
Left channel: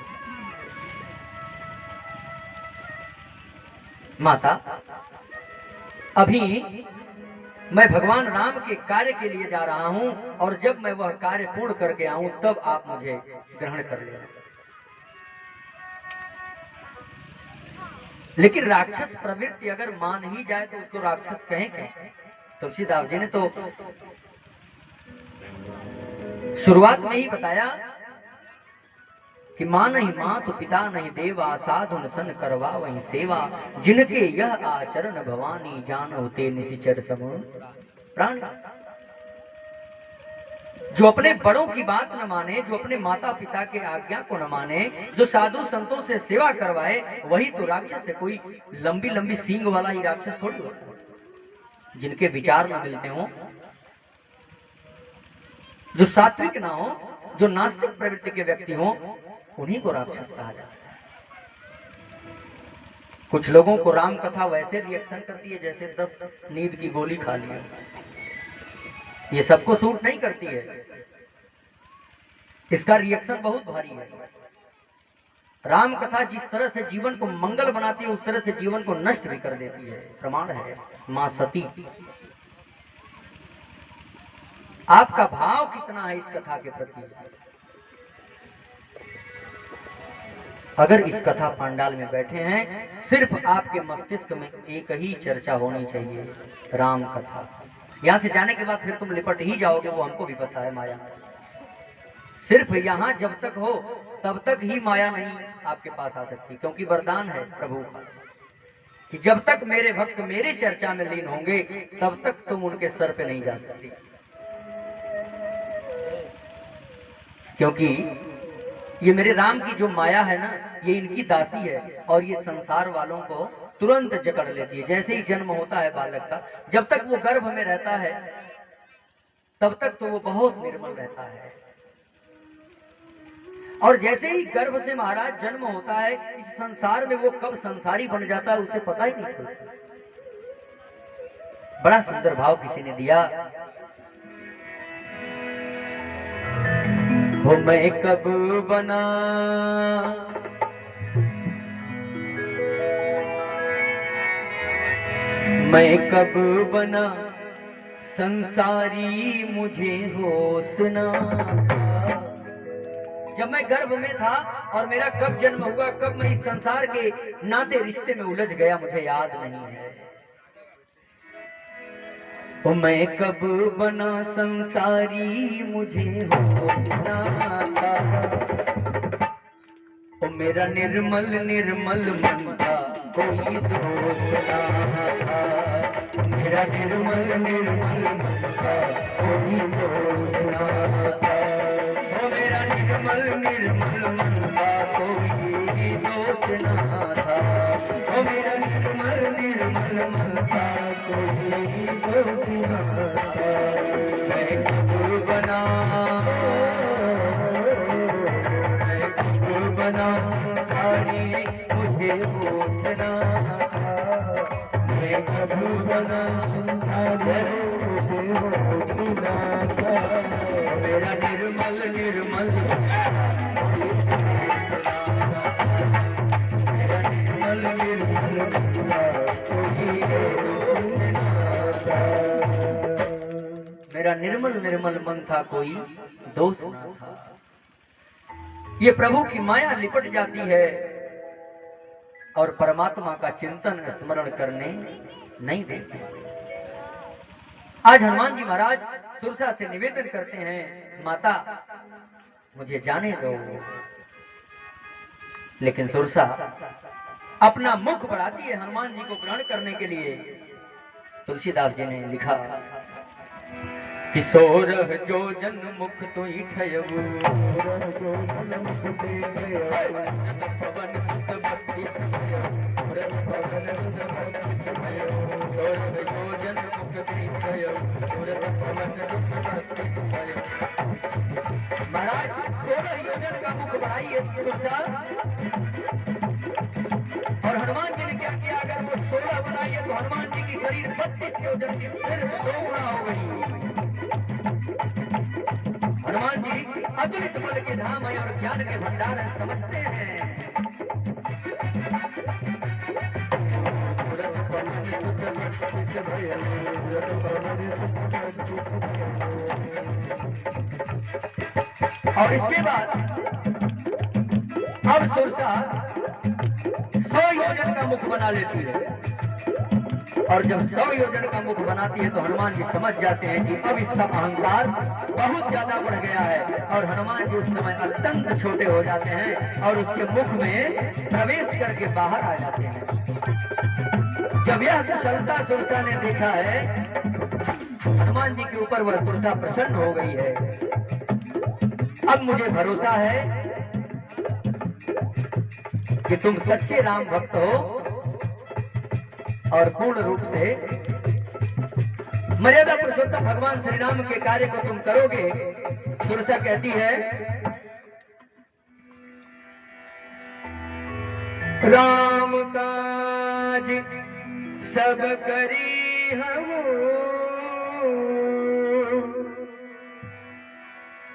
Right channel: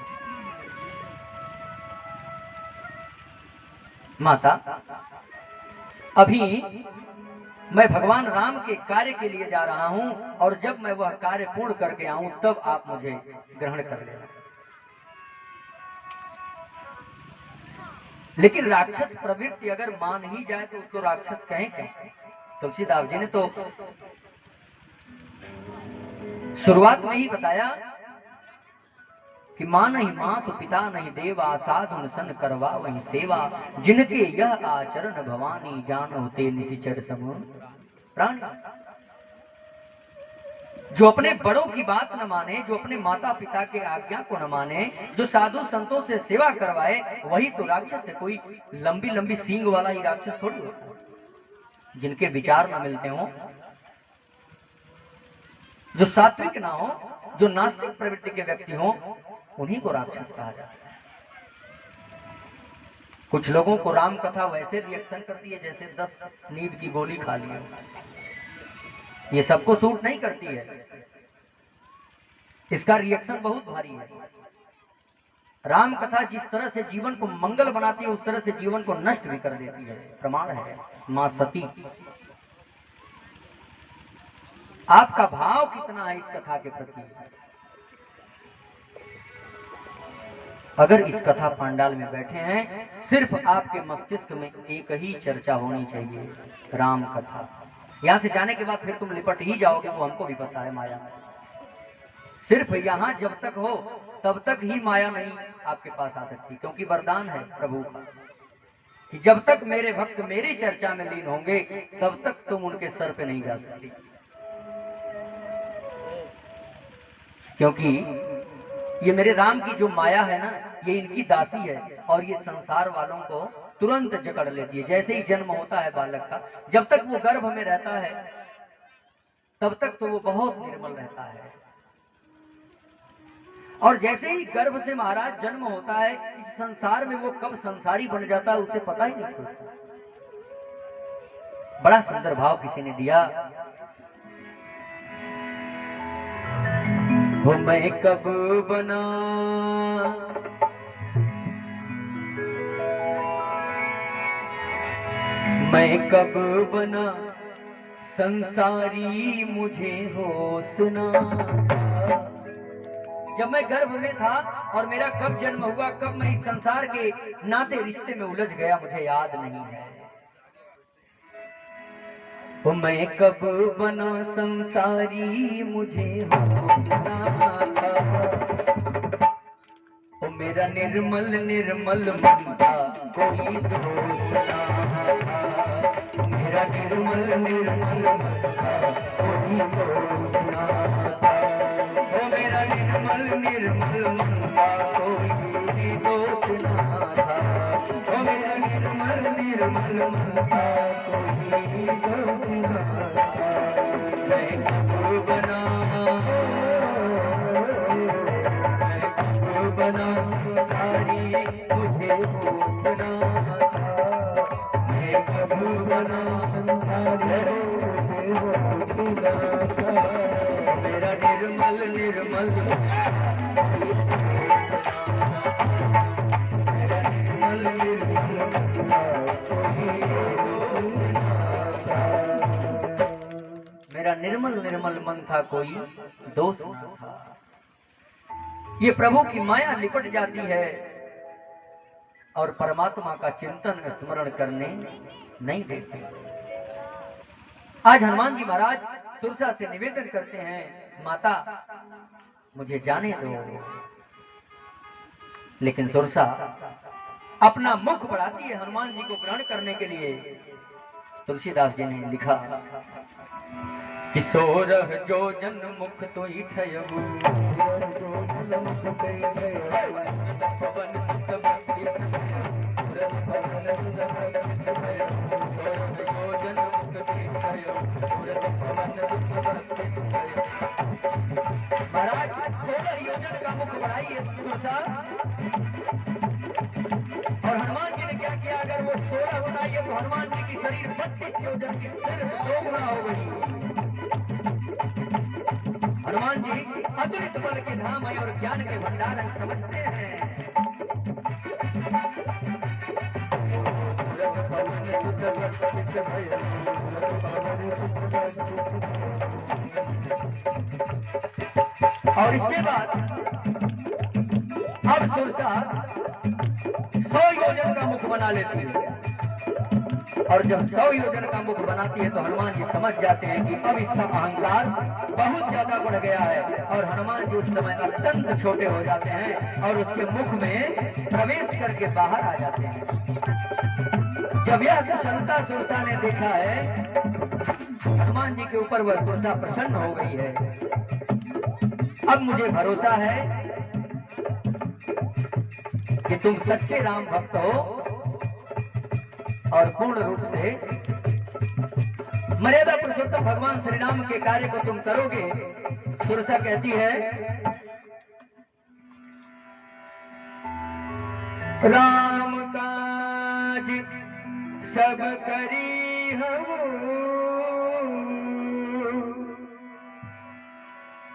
माता, अभी मैं भगवान राम के कार्य के लिए जा रहा हूं, और जब मैं वह कार्य पूर्ण करके आऊं तब आप मुझे ग्रहण कर लेना। लेकिन राक्षस प्रवृत्ति अगर मान ही जाए तो उसको राक्षस कहें क्या? तुलसीदास जी ने तो शुरुआत में ही बताया कि मां नहीं मात पिता नहीं देवा, साधुन सन करवा वही सेवा, जिनके यह आचरण भवानी, जानो ते निशिचर समूह प्राण। जो अपने बड़ों की बात न माने, जो अपने माता पिता के आज्ञा को न माने, जो साधु संतों से सेवा करवाए, वही तो राक्षस है। कोई लंबी लंबी सींग वाला ही राक्षस थोड़ी होता है। जिनके विचार न मिलते हों, जो सात्विक ना हो, जो नास्तिक प्रवृत्ति के व्यक्ति हों, उन्हीं को राक्षस कहा जाता है। कुछ लोगों को राम कथा वैसे रिएक्शन करती है जैसे 10 नींद की गोली खा ली हो। ये सबको सूट नहीं करती है, इसका रिएक्शन बहुत भारी है। राम कथा जिस तरह से जीवन को मंगल बनाती है, उस तरह से जीवन को नष्ट भी कर देती है। प्रमाण है मां सती। आपका भाव कितना है इस कथा के प्रति? अगर इस कथा पांडाल में बैठे हैं, सिर्फ आपके मस्तिष्क में एक ही चर्चा होनी चाहिए, राम कथा। यहाँ से जाने के बाद फिर तुम लिपट ही जाओगे, वो हमको भी पता है माया। सिर्फ यहाँ जब तक हो तब तक ही माया नहीं आपके पास आ सकती, क्योंकि वरदान है प्रभु का कि जब तक मेरे भक्त मेरी चर्चा में लीन होंगे तब तक तुम उनके सर पे नहीं जा सकती। क्योंकि ये मेरे राम की जो माया है ना, ये इनकी दासी है और ये संसार वालों को तुरंत जकड़ लेती है। जैसे ही जन्म होता है बालक का, जब तक वो गर्भ में रहता है तब तक तो वो बहुत निर्मल रहता है, और जैसे ही गर्भ से महाराज जन्म होता है, इस संसार में वो कब संसारी बन जाता है उसे पता ही नहीं चलता। बड़ा सुंदर भाव किसी ने दिया, हो मैं कब बना मैं कब बना संसारी मुझे होश ना था। जब मैं गर्भ में था और मेरा कब जन्म हुआ, कब मैं इस संसार के नाते रिश्ते में उलझ गया, मुझे याद नहीं है। ओ मैं कब बना संसारी मुझे होश ना था। ओ मेरा निर्मल निर्मल मन था कोई दोष ना था। मेरा निर्मल निर्मल मन था कोई दोष ना था। ओ मेरा निर्मल निर्मल मन था कोई दोष ना था। ओ मेरा निर्मल निर्मल मन था कोई दोष ना था। मैं कब बना बना संसारी मुझे होश ना था। मैं कब बना संसारी मुझे होश ना था। मेरा निर्मल निर्मल मेरा निर्मल निर्मल मेरा निर्मल निर्मल मन था कोई दोष ना था। ये प्रभु की माया लिपट जाती है और परमात्मा का चिंतन स्मरण करने नहीं देती। आज हनुमान जी महाराज सुरसा से निवेदन करते हैं, माता मुझे जाने दो। लेकिन सुरसा अपना मुख बढ़ाती है हनुमान जी को ग्रहण करने के लिए। तुलसीदास जी ने लिखा कि सोरह जो जन मुख तो ठयबू महाराज 16 योजन का मुख बढ़ाइए तुलसा। और हनुमान जी ने क्या किया, अगर वो 16 बनाइए तो हनुमान जी की शरीर 32 योजन की सिर्फ 2 गुना हो गई। हनुमान जी अतुलित बल के धाम है और ज्ञान के भंडार है, समझते हैं। और इसके बाद अब सुरसा 100 योजन का मुख बना लेती है। और जब 100 योजन का मुख बनाती है तो हनुमान जी समझ जाते हैं कि अब इसका अहंकार बहुत ज्यादा बढ़ गया है। और हनुमान जी उस समय अत्यंत छोटे हो जाते हैं और उसके मुख में प्रवेश करके बाहर आ जाते हैं। जब यह कुशलता सुरसा ने देखा है, हनुमान जी के ऊपर वह सुरसा प्रसन्न हो गई है। अब मुझे भरोसा है कि तुम सच्चे राम भक्त हो और पूर्ण रूप से मर्यादा पुरुषोत्तम भगवान श्री राम के कार्य को तुम करोगे। सुरसा कहती है, राम काज सब करी हूँ,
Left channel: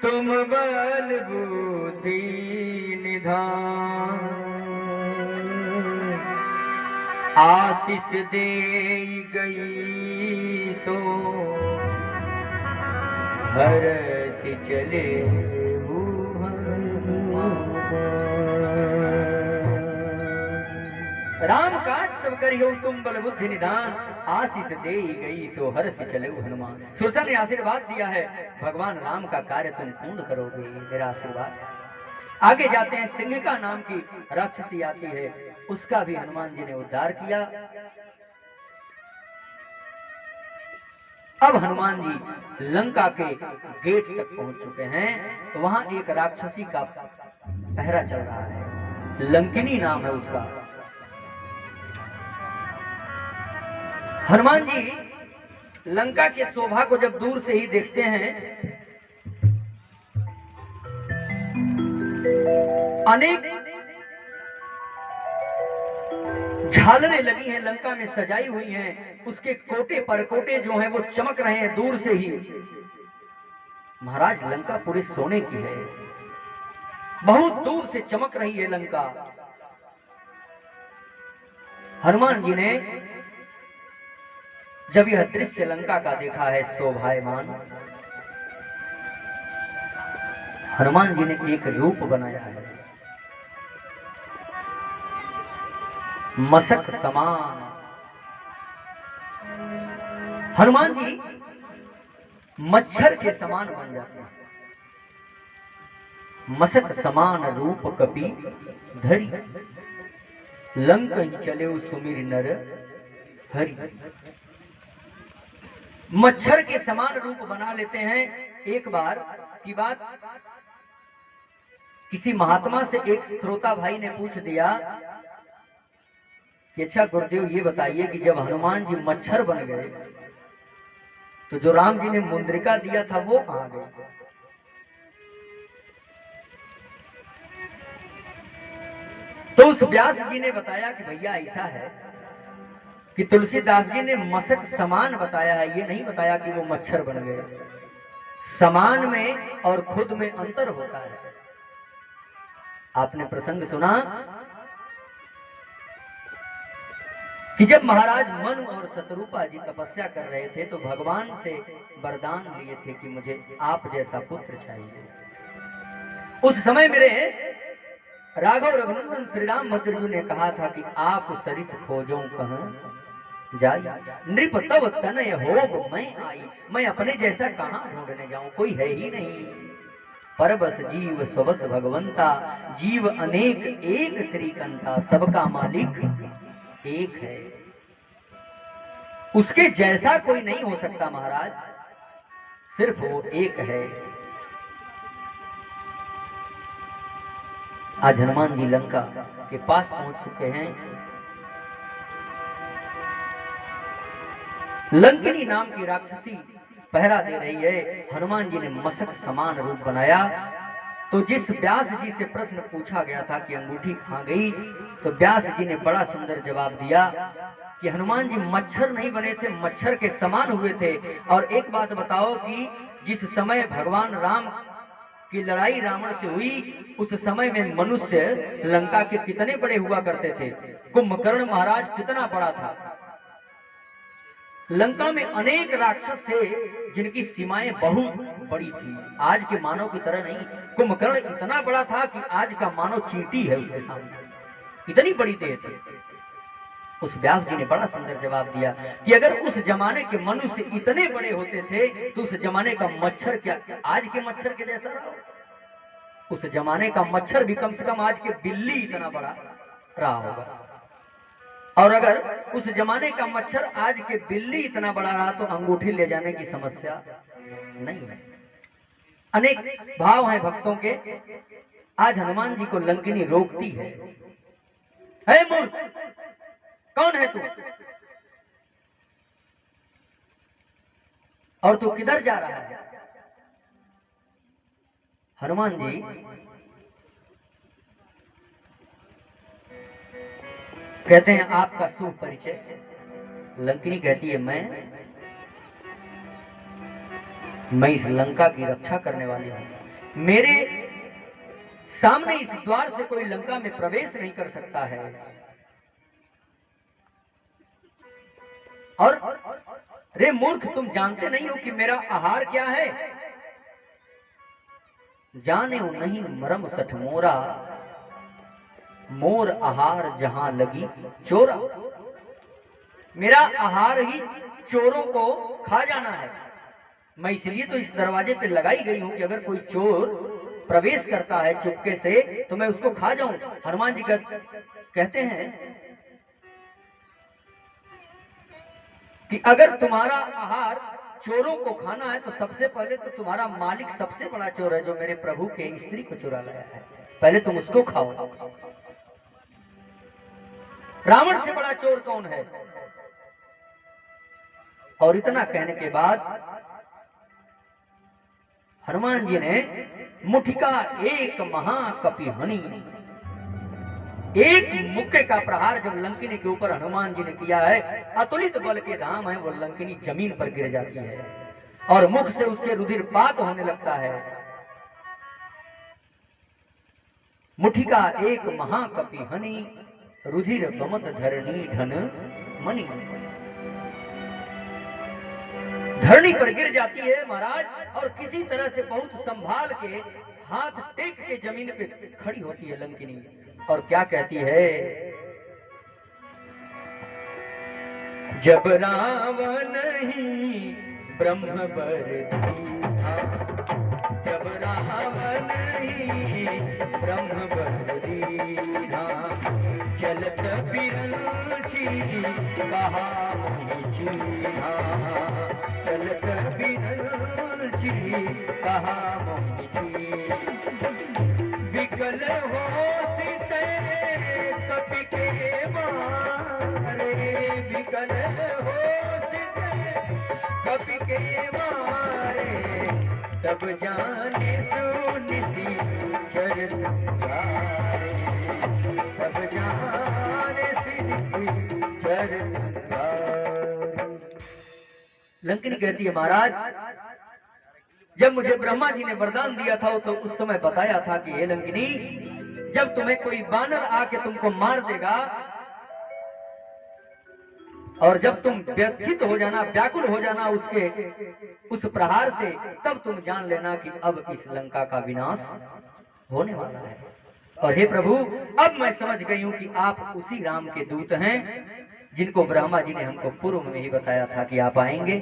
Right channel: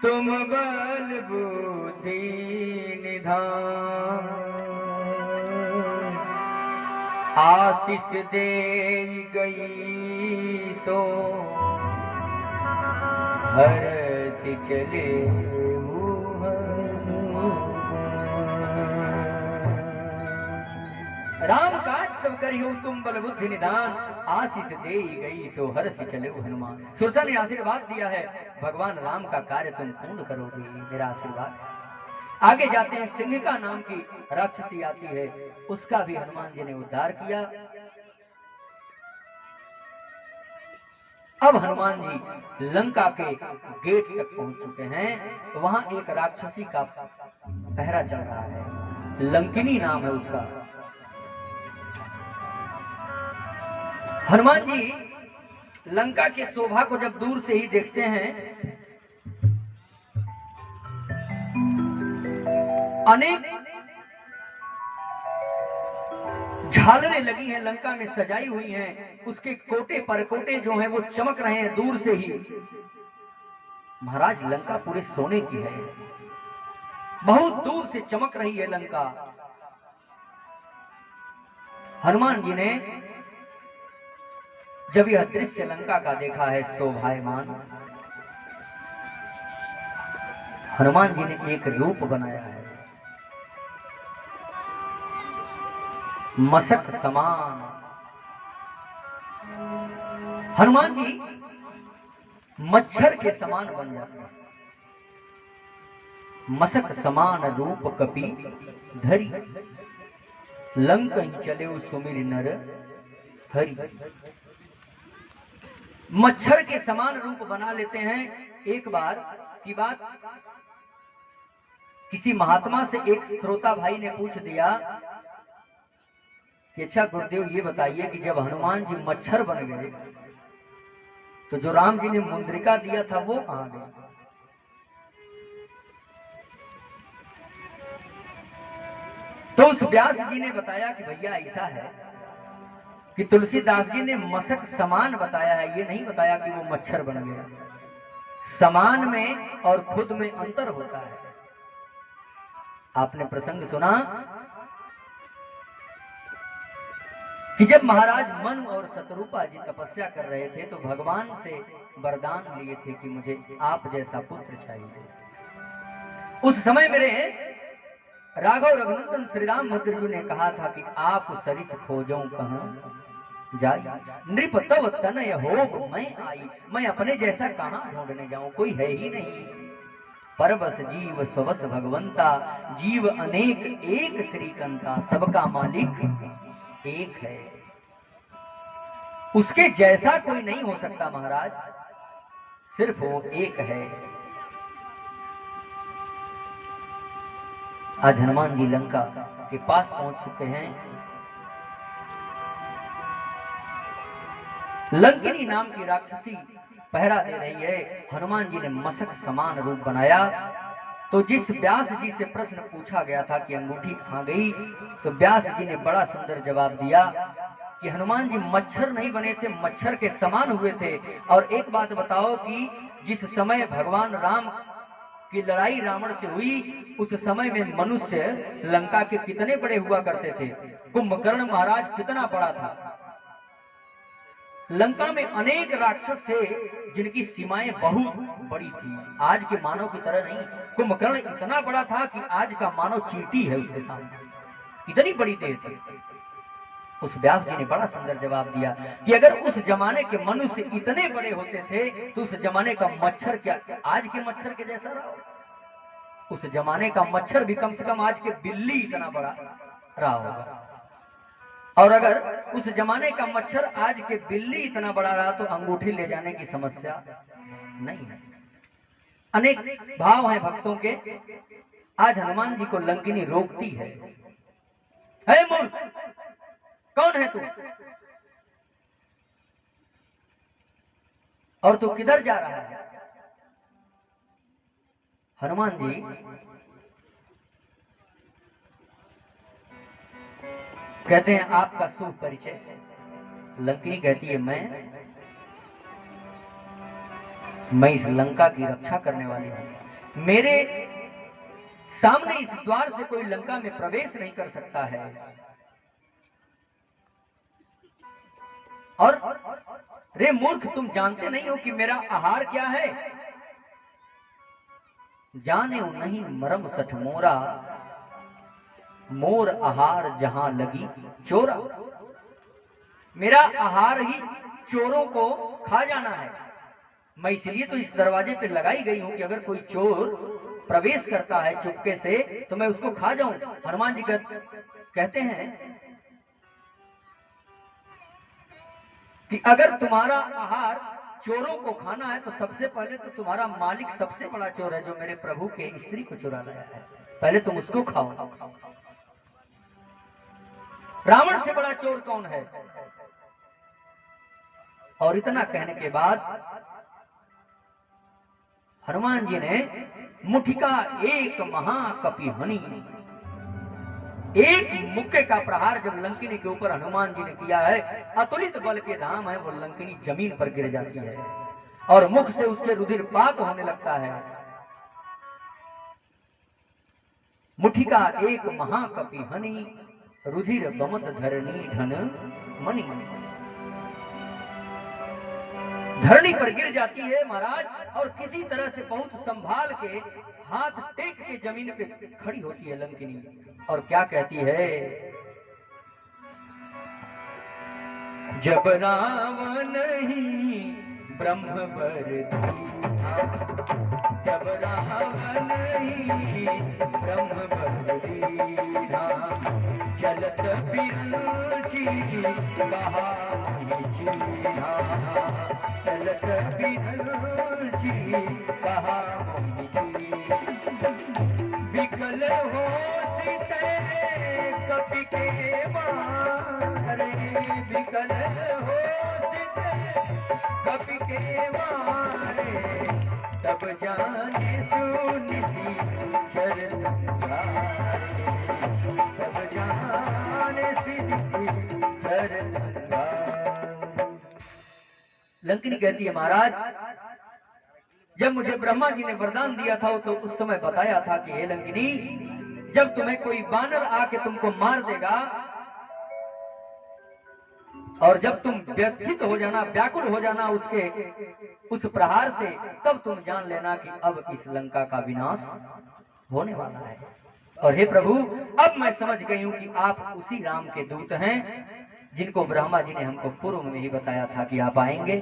तुम बल बुद्धि निधान, आशीष दे गई सो हर्ष चले हनुमान। राम काज सब करियो तुम बल बुद्धि निदान, आशीष दे गई सो हर्ष चले हनुमान। सुरसा ने आशीर्वाद दिया है, भगवान राम का कार्य तुम पूर्ण करोगे, मेरा आशीर्वाद है। आगे जाते हैं, सिंहिका नाम की राक्षसी आती है, उसका भी हनुमान जी ने उद्धार किया। अब हनुमान जी लंका के गेट तक पहुंच चुके हैं। वहां एक राक्षसी का पहरा चल रहा है, लंकिनी नाम है उसका। हनुमान जी लंका के शोभा को जब दूर से ही देखते हैं, अनेक झालरें लगी हैं, लंका में सजाई हुई हैं, उसके कोटे परकोटे जो हैं वो चमक रहे हैं दूर से ही। महाराज लंका पूरे सोने की है, बहुत दूर से चमक रही है लंका। हनुमान जी ने जब यह दृश्य लंका का देखा है शोभायमान, हनुमान जी ने एक रूप बनाया है, मशक समान। हनुमान जी मच्छर के समान बन जाते हैं। मशक समान रूप कपि धरी, लंकन चले सुमिर नर हरि। मच्छर के समान रूप बना लेते हैं। एक बार की बात, किसी महात्मा से एक श्रोता भाई ने पूछ दिया कि अच्छा गुरुदेव ये बताइए कि जब हनुमान जी मच्छर बन गए तो जो राम जी ने मुंद्रिका दिया था वो कहां गए? तो उस व्यास जी ने बताया कि भैया ऐसा है कि तुलसीदास जी ने मशक समान बताया है, ये नहीं बताया कि वो मच्छर बन गए। समान में और खुद में अंतर होता है। आपने प्रसंग सुना कि जब महाराज मनु और शतरूपा जी तपस्या कर रहे थे तो भगवान से वरदान लिए थे कि मुझे आप जैसा पुत्र चाहिए। उस समय मेरे राघव रघुनंदन श्री राम भद्र ने कहा था कि आप सरिस खोजो कहूं जाई, नृप तब तनय होब मैं आई। मैं अपने जैसा कहां ढूंढने जाऊं, कोई है ही नहीं। परबस जीव स्वस भगवंता, जीव अनेक एक श्रीकंता, सबका मालिक एक है। उसके जैसा कोई नहीं हो सकता महाराज, सिर्फ वो एक है। आज हनुमान जी लंका के पास पहुंच चुके हैं। लंकिनी नाम की राक्षसी पहरा दे रही है। हनुमान जी ने मशक समान रूप बनाया। तो जिस व्यास जी से प्रश्न पूछा गया था कि अंगूठी कहां गई, तो व्यास जी ने बड़ा सुंदर जवाब दिया कि हनुमान जी मच्छर नहीं बने थे, मच्छर के समान हुए थे। और एक बात बताओ कि जिस समय भगवान राम की लड़ाई रावण से हुई, उस समय में मनुष्य लंका के कितने बड़े हुआ करते थे? कुंभकर्ण महाराज कितना बड़ा था। लंका में अनेक राक्षस थे जिनकी सीमाएं बहुत बड़ी थी, आज के मानव की तरह नहीं। कुंभकर्ण इतना बड़ा था कि आज का मानव चींटी है उसके सामने, इतनी बड़ी देह थी। उस व्यास जी ने बड़ा सुंदर जवाब दिया कि अगर उस जमाने के मनुष्य इतने बड़े होते थे तो उस जमाने का मच्छर क्या आज के मच्छर के जैसा रहा? उस जमाने का मच्छर भी कम से कम आज के बिल्ली इतना बड़ा रहा होगा। और अगर उस जमाने का मच्छर आज के बिल्ली इतना बड़ा रहा तो अंगूठी ले जाने की समस्या नहीं है। अनेक भाव हैं भक्तों के। आज हनुमान जी को लंकिनी रोकती है, हे मूर्ख, कौन है तू और तू किधर जा रहा है? हनुमान जी कहते हैं आपका शुभ परिचय। लंकिनी कहती है मैं इस लंका की रक्षा करने वाली हूं। मेरे सामने इस द्वार से कोई लंका में प्रवेश नहीं कर सकता है। और रे मूर्ख, तुम जानते नहीं हो कि मेरा आहार क्या है? जाने नहीं मरम सठ मोरा, मोर आहार जहां लगी चोरा। मेरा आहार ही चोरों को खा जाना है। मैं इसलिए तो इस दरवाजे पे लगाई गई हूं कि अगर कोई चोर प्रवेश करता है चुपके से तो मैं उसको खा जाऊं। हनुमान जी कहते हैं कि अगर तुम्हारा आहार चोरों को खाना है तो सबसे पहले तो तुम्हारा मालिक सबसे बड़ा चोर है, जो मेरे प्रभु के स्त्री को चुरा लाया है, पहले तुम उसको खाओ। रावण से बड़ा चोर कौन है? और इतना कहने के बाद हनुमान जी ने मुठिका एक महाकपि हनि, एक मुक्के का प्रहार जब लंकिनी के ऊपर हनुमान जी ने किया है, अतुलित बल के धाम है, वो लंकिनी जमीन पर गिर जाती है और मुख से उसके रुधिरपात होने लगता है। मुठिका एक महाकपि हनि, रुधिर बमत धरणी ढन मणि। धरणी पर गिर जाती है महाराज, और किसी तरह से बहुत संभाल के हाथ टेक के जमीन पे खड़ी होती है लंकिनी, और क्या कहती है? जब रावण ही ब्रह्म वर दीना, जब रावण ही ब्रह्म वर दीना, चलत बिरंची कहा मोहि चीन्हा, चलत बिरंची कहा मोहि चीन्हा। विकल हो सीते कपि के मारे, विकल हो सीते कपि के मारे, तब जाने सुनिति चर संगारे, तब जाने सुनिति चर संगारे। लंकिनी कहती है महाराज, जब मुझे ब्रह्मा जी ने वरदान दिया था तो उस समय बताया था कि हे लंकिनी, जब तुम्हें कोई बानर आके तुमको मार देगा और जब तुम व्यथित हो जाना, व्याकुल हो जाना उसके उस प्रहार से, तब तुम जान लेना कि अब इस लंका का विनाश होने वाला है। और हे प्रभु, अब मैं समझ गई हूं कि आप उसी राम के दूत हैं जिनको ब्रह्मा जी ने हमको पूर्व में ही बताया था कि आप आएंगे।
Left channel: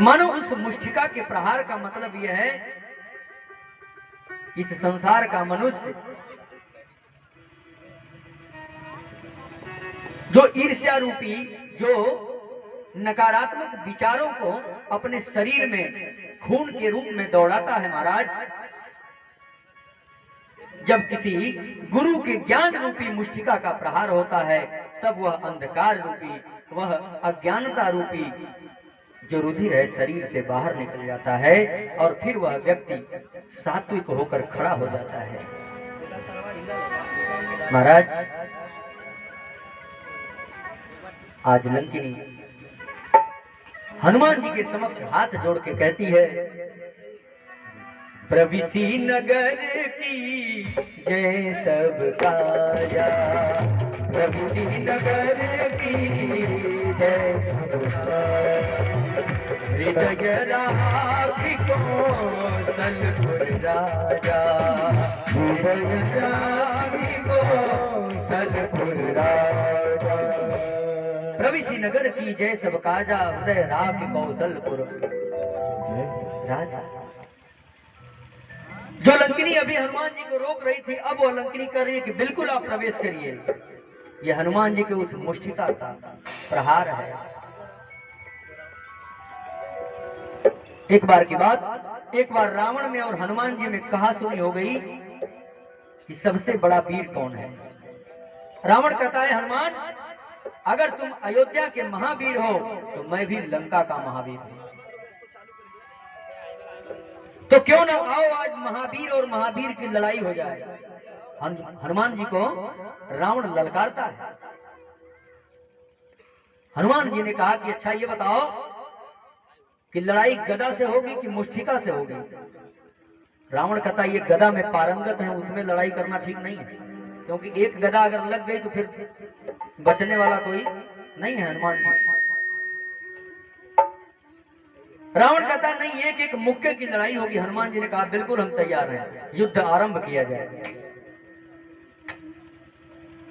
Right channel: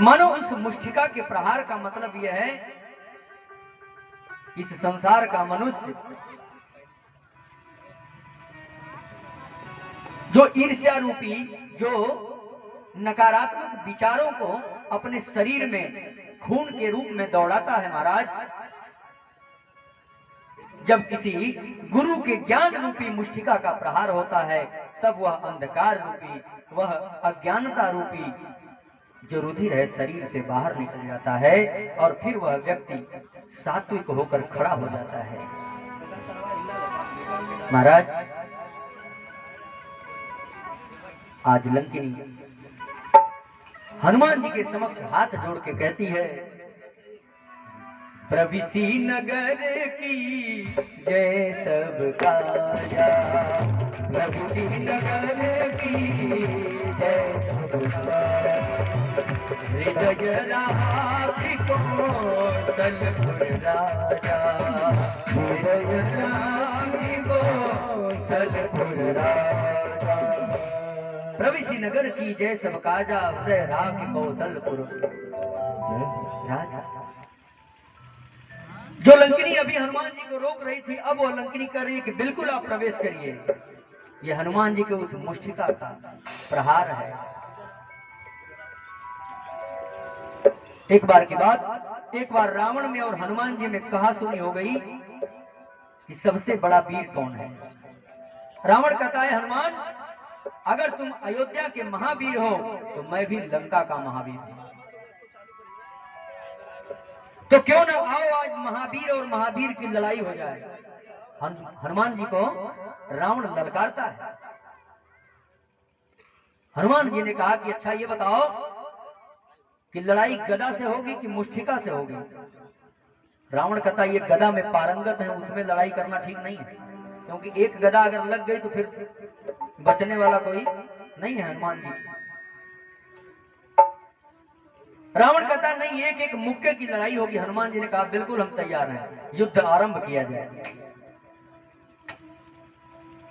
मानो उस मुष्टिका के प्रहार का मतलब यह है, इस संसार का मनुष्य जो ईर्ष्या रूपी, जो नकारात्मक विचारों को अपने शरीर में खून के रूप में दौड़ाता है महाराज, जब किसी गुरु के ज्ञान रूपी मुष्टिका का प्रहार होता है, तब वह अंधकार रूपी, वह अज्ञानता रूपी जो रुधिर है शरीर से बाहर निकल जाता है, और फिर वह व्यक्ति सात्विक होकर खड़ा हो जाता है। महाराज, आज लंकिनी हनुमान जी के समक्ष हाथ जोड़ के कहती है, प्रविसी नगर की जय सब काया, प्रविसी नगर की जय सब काया, हृदय राखी कौशलपुर राजा, हृदय राखी कौशलपुर राजा, प्रविसी नगर की जय सब काजा, हृदय राखी कौशलपुर राजा। जो लंकिनी अभी हनुमान जी को रोक रही थी, अब वह लंकिनी कर रही है कि बिल्कुल आप प्रवेश करिए। यह हनुमान जी के उस मुष्टिका का प्रहार है। एक बार की बात, एक बार रावण में और हनुमान जी में कहा सुनी हो गई कि सबसे बड़ा वीर कौन है। रावण कहता है, हनुमान, अगर तुम अयोध्या के महावीर हो तो मैं भी लंका का महावीर हूं, तो क्यों ना आओ आज महावीर और महावीर की लड़ाई हो जाए। हनुमान जी को रावण ललकारता है। हनुमान जी ने कहा कि अच्छा ये बताओ कि लड़ाई गदा से होगी कि मुष्टिका से होगी। रावण कहता है ये गदा में पारंगत है, उसमें लड़ाई करना ठीक नहीं है, क्योंकि एक गदा अगर लग गई तो फिर बचने वाला कोई नहीं है हनुमान जी। रावण कहता है नहीं, एक एक मुक्के की लड़ाई होगी। हनुमान जी ने कहा बिल्कुल हम तैयार हैं, युद्ध आरंभ किया जाए।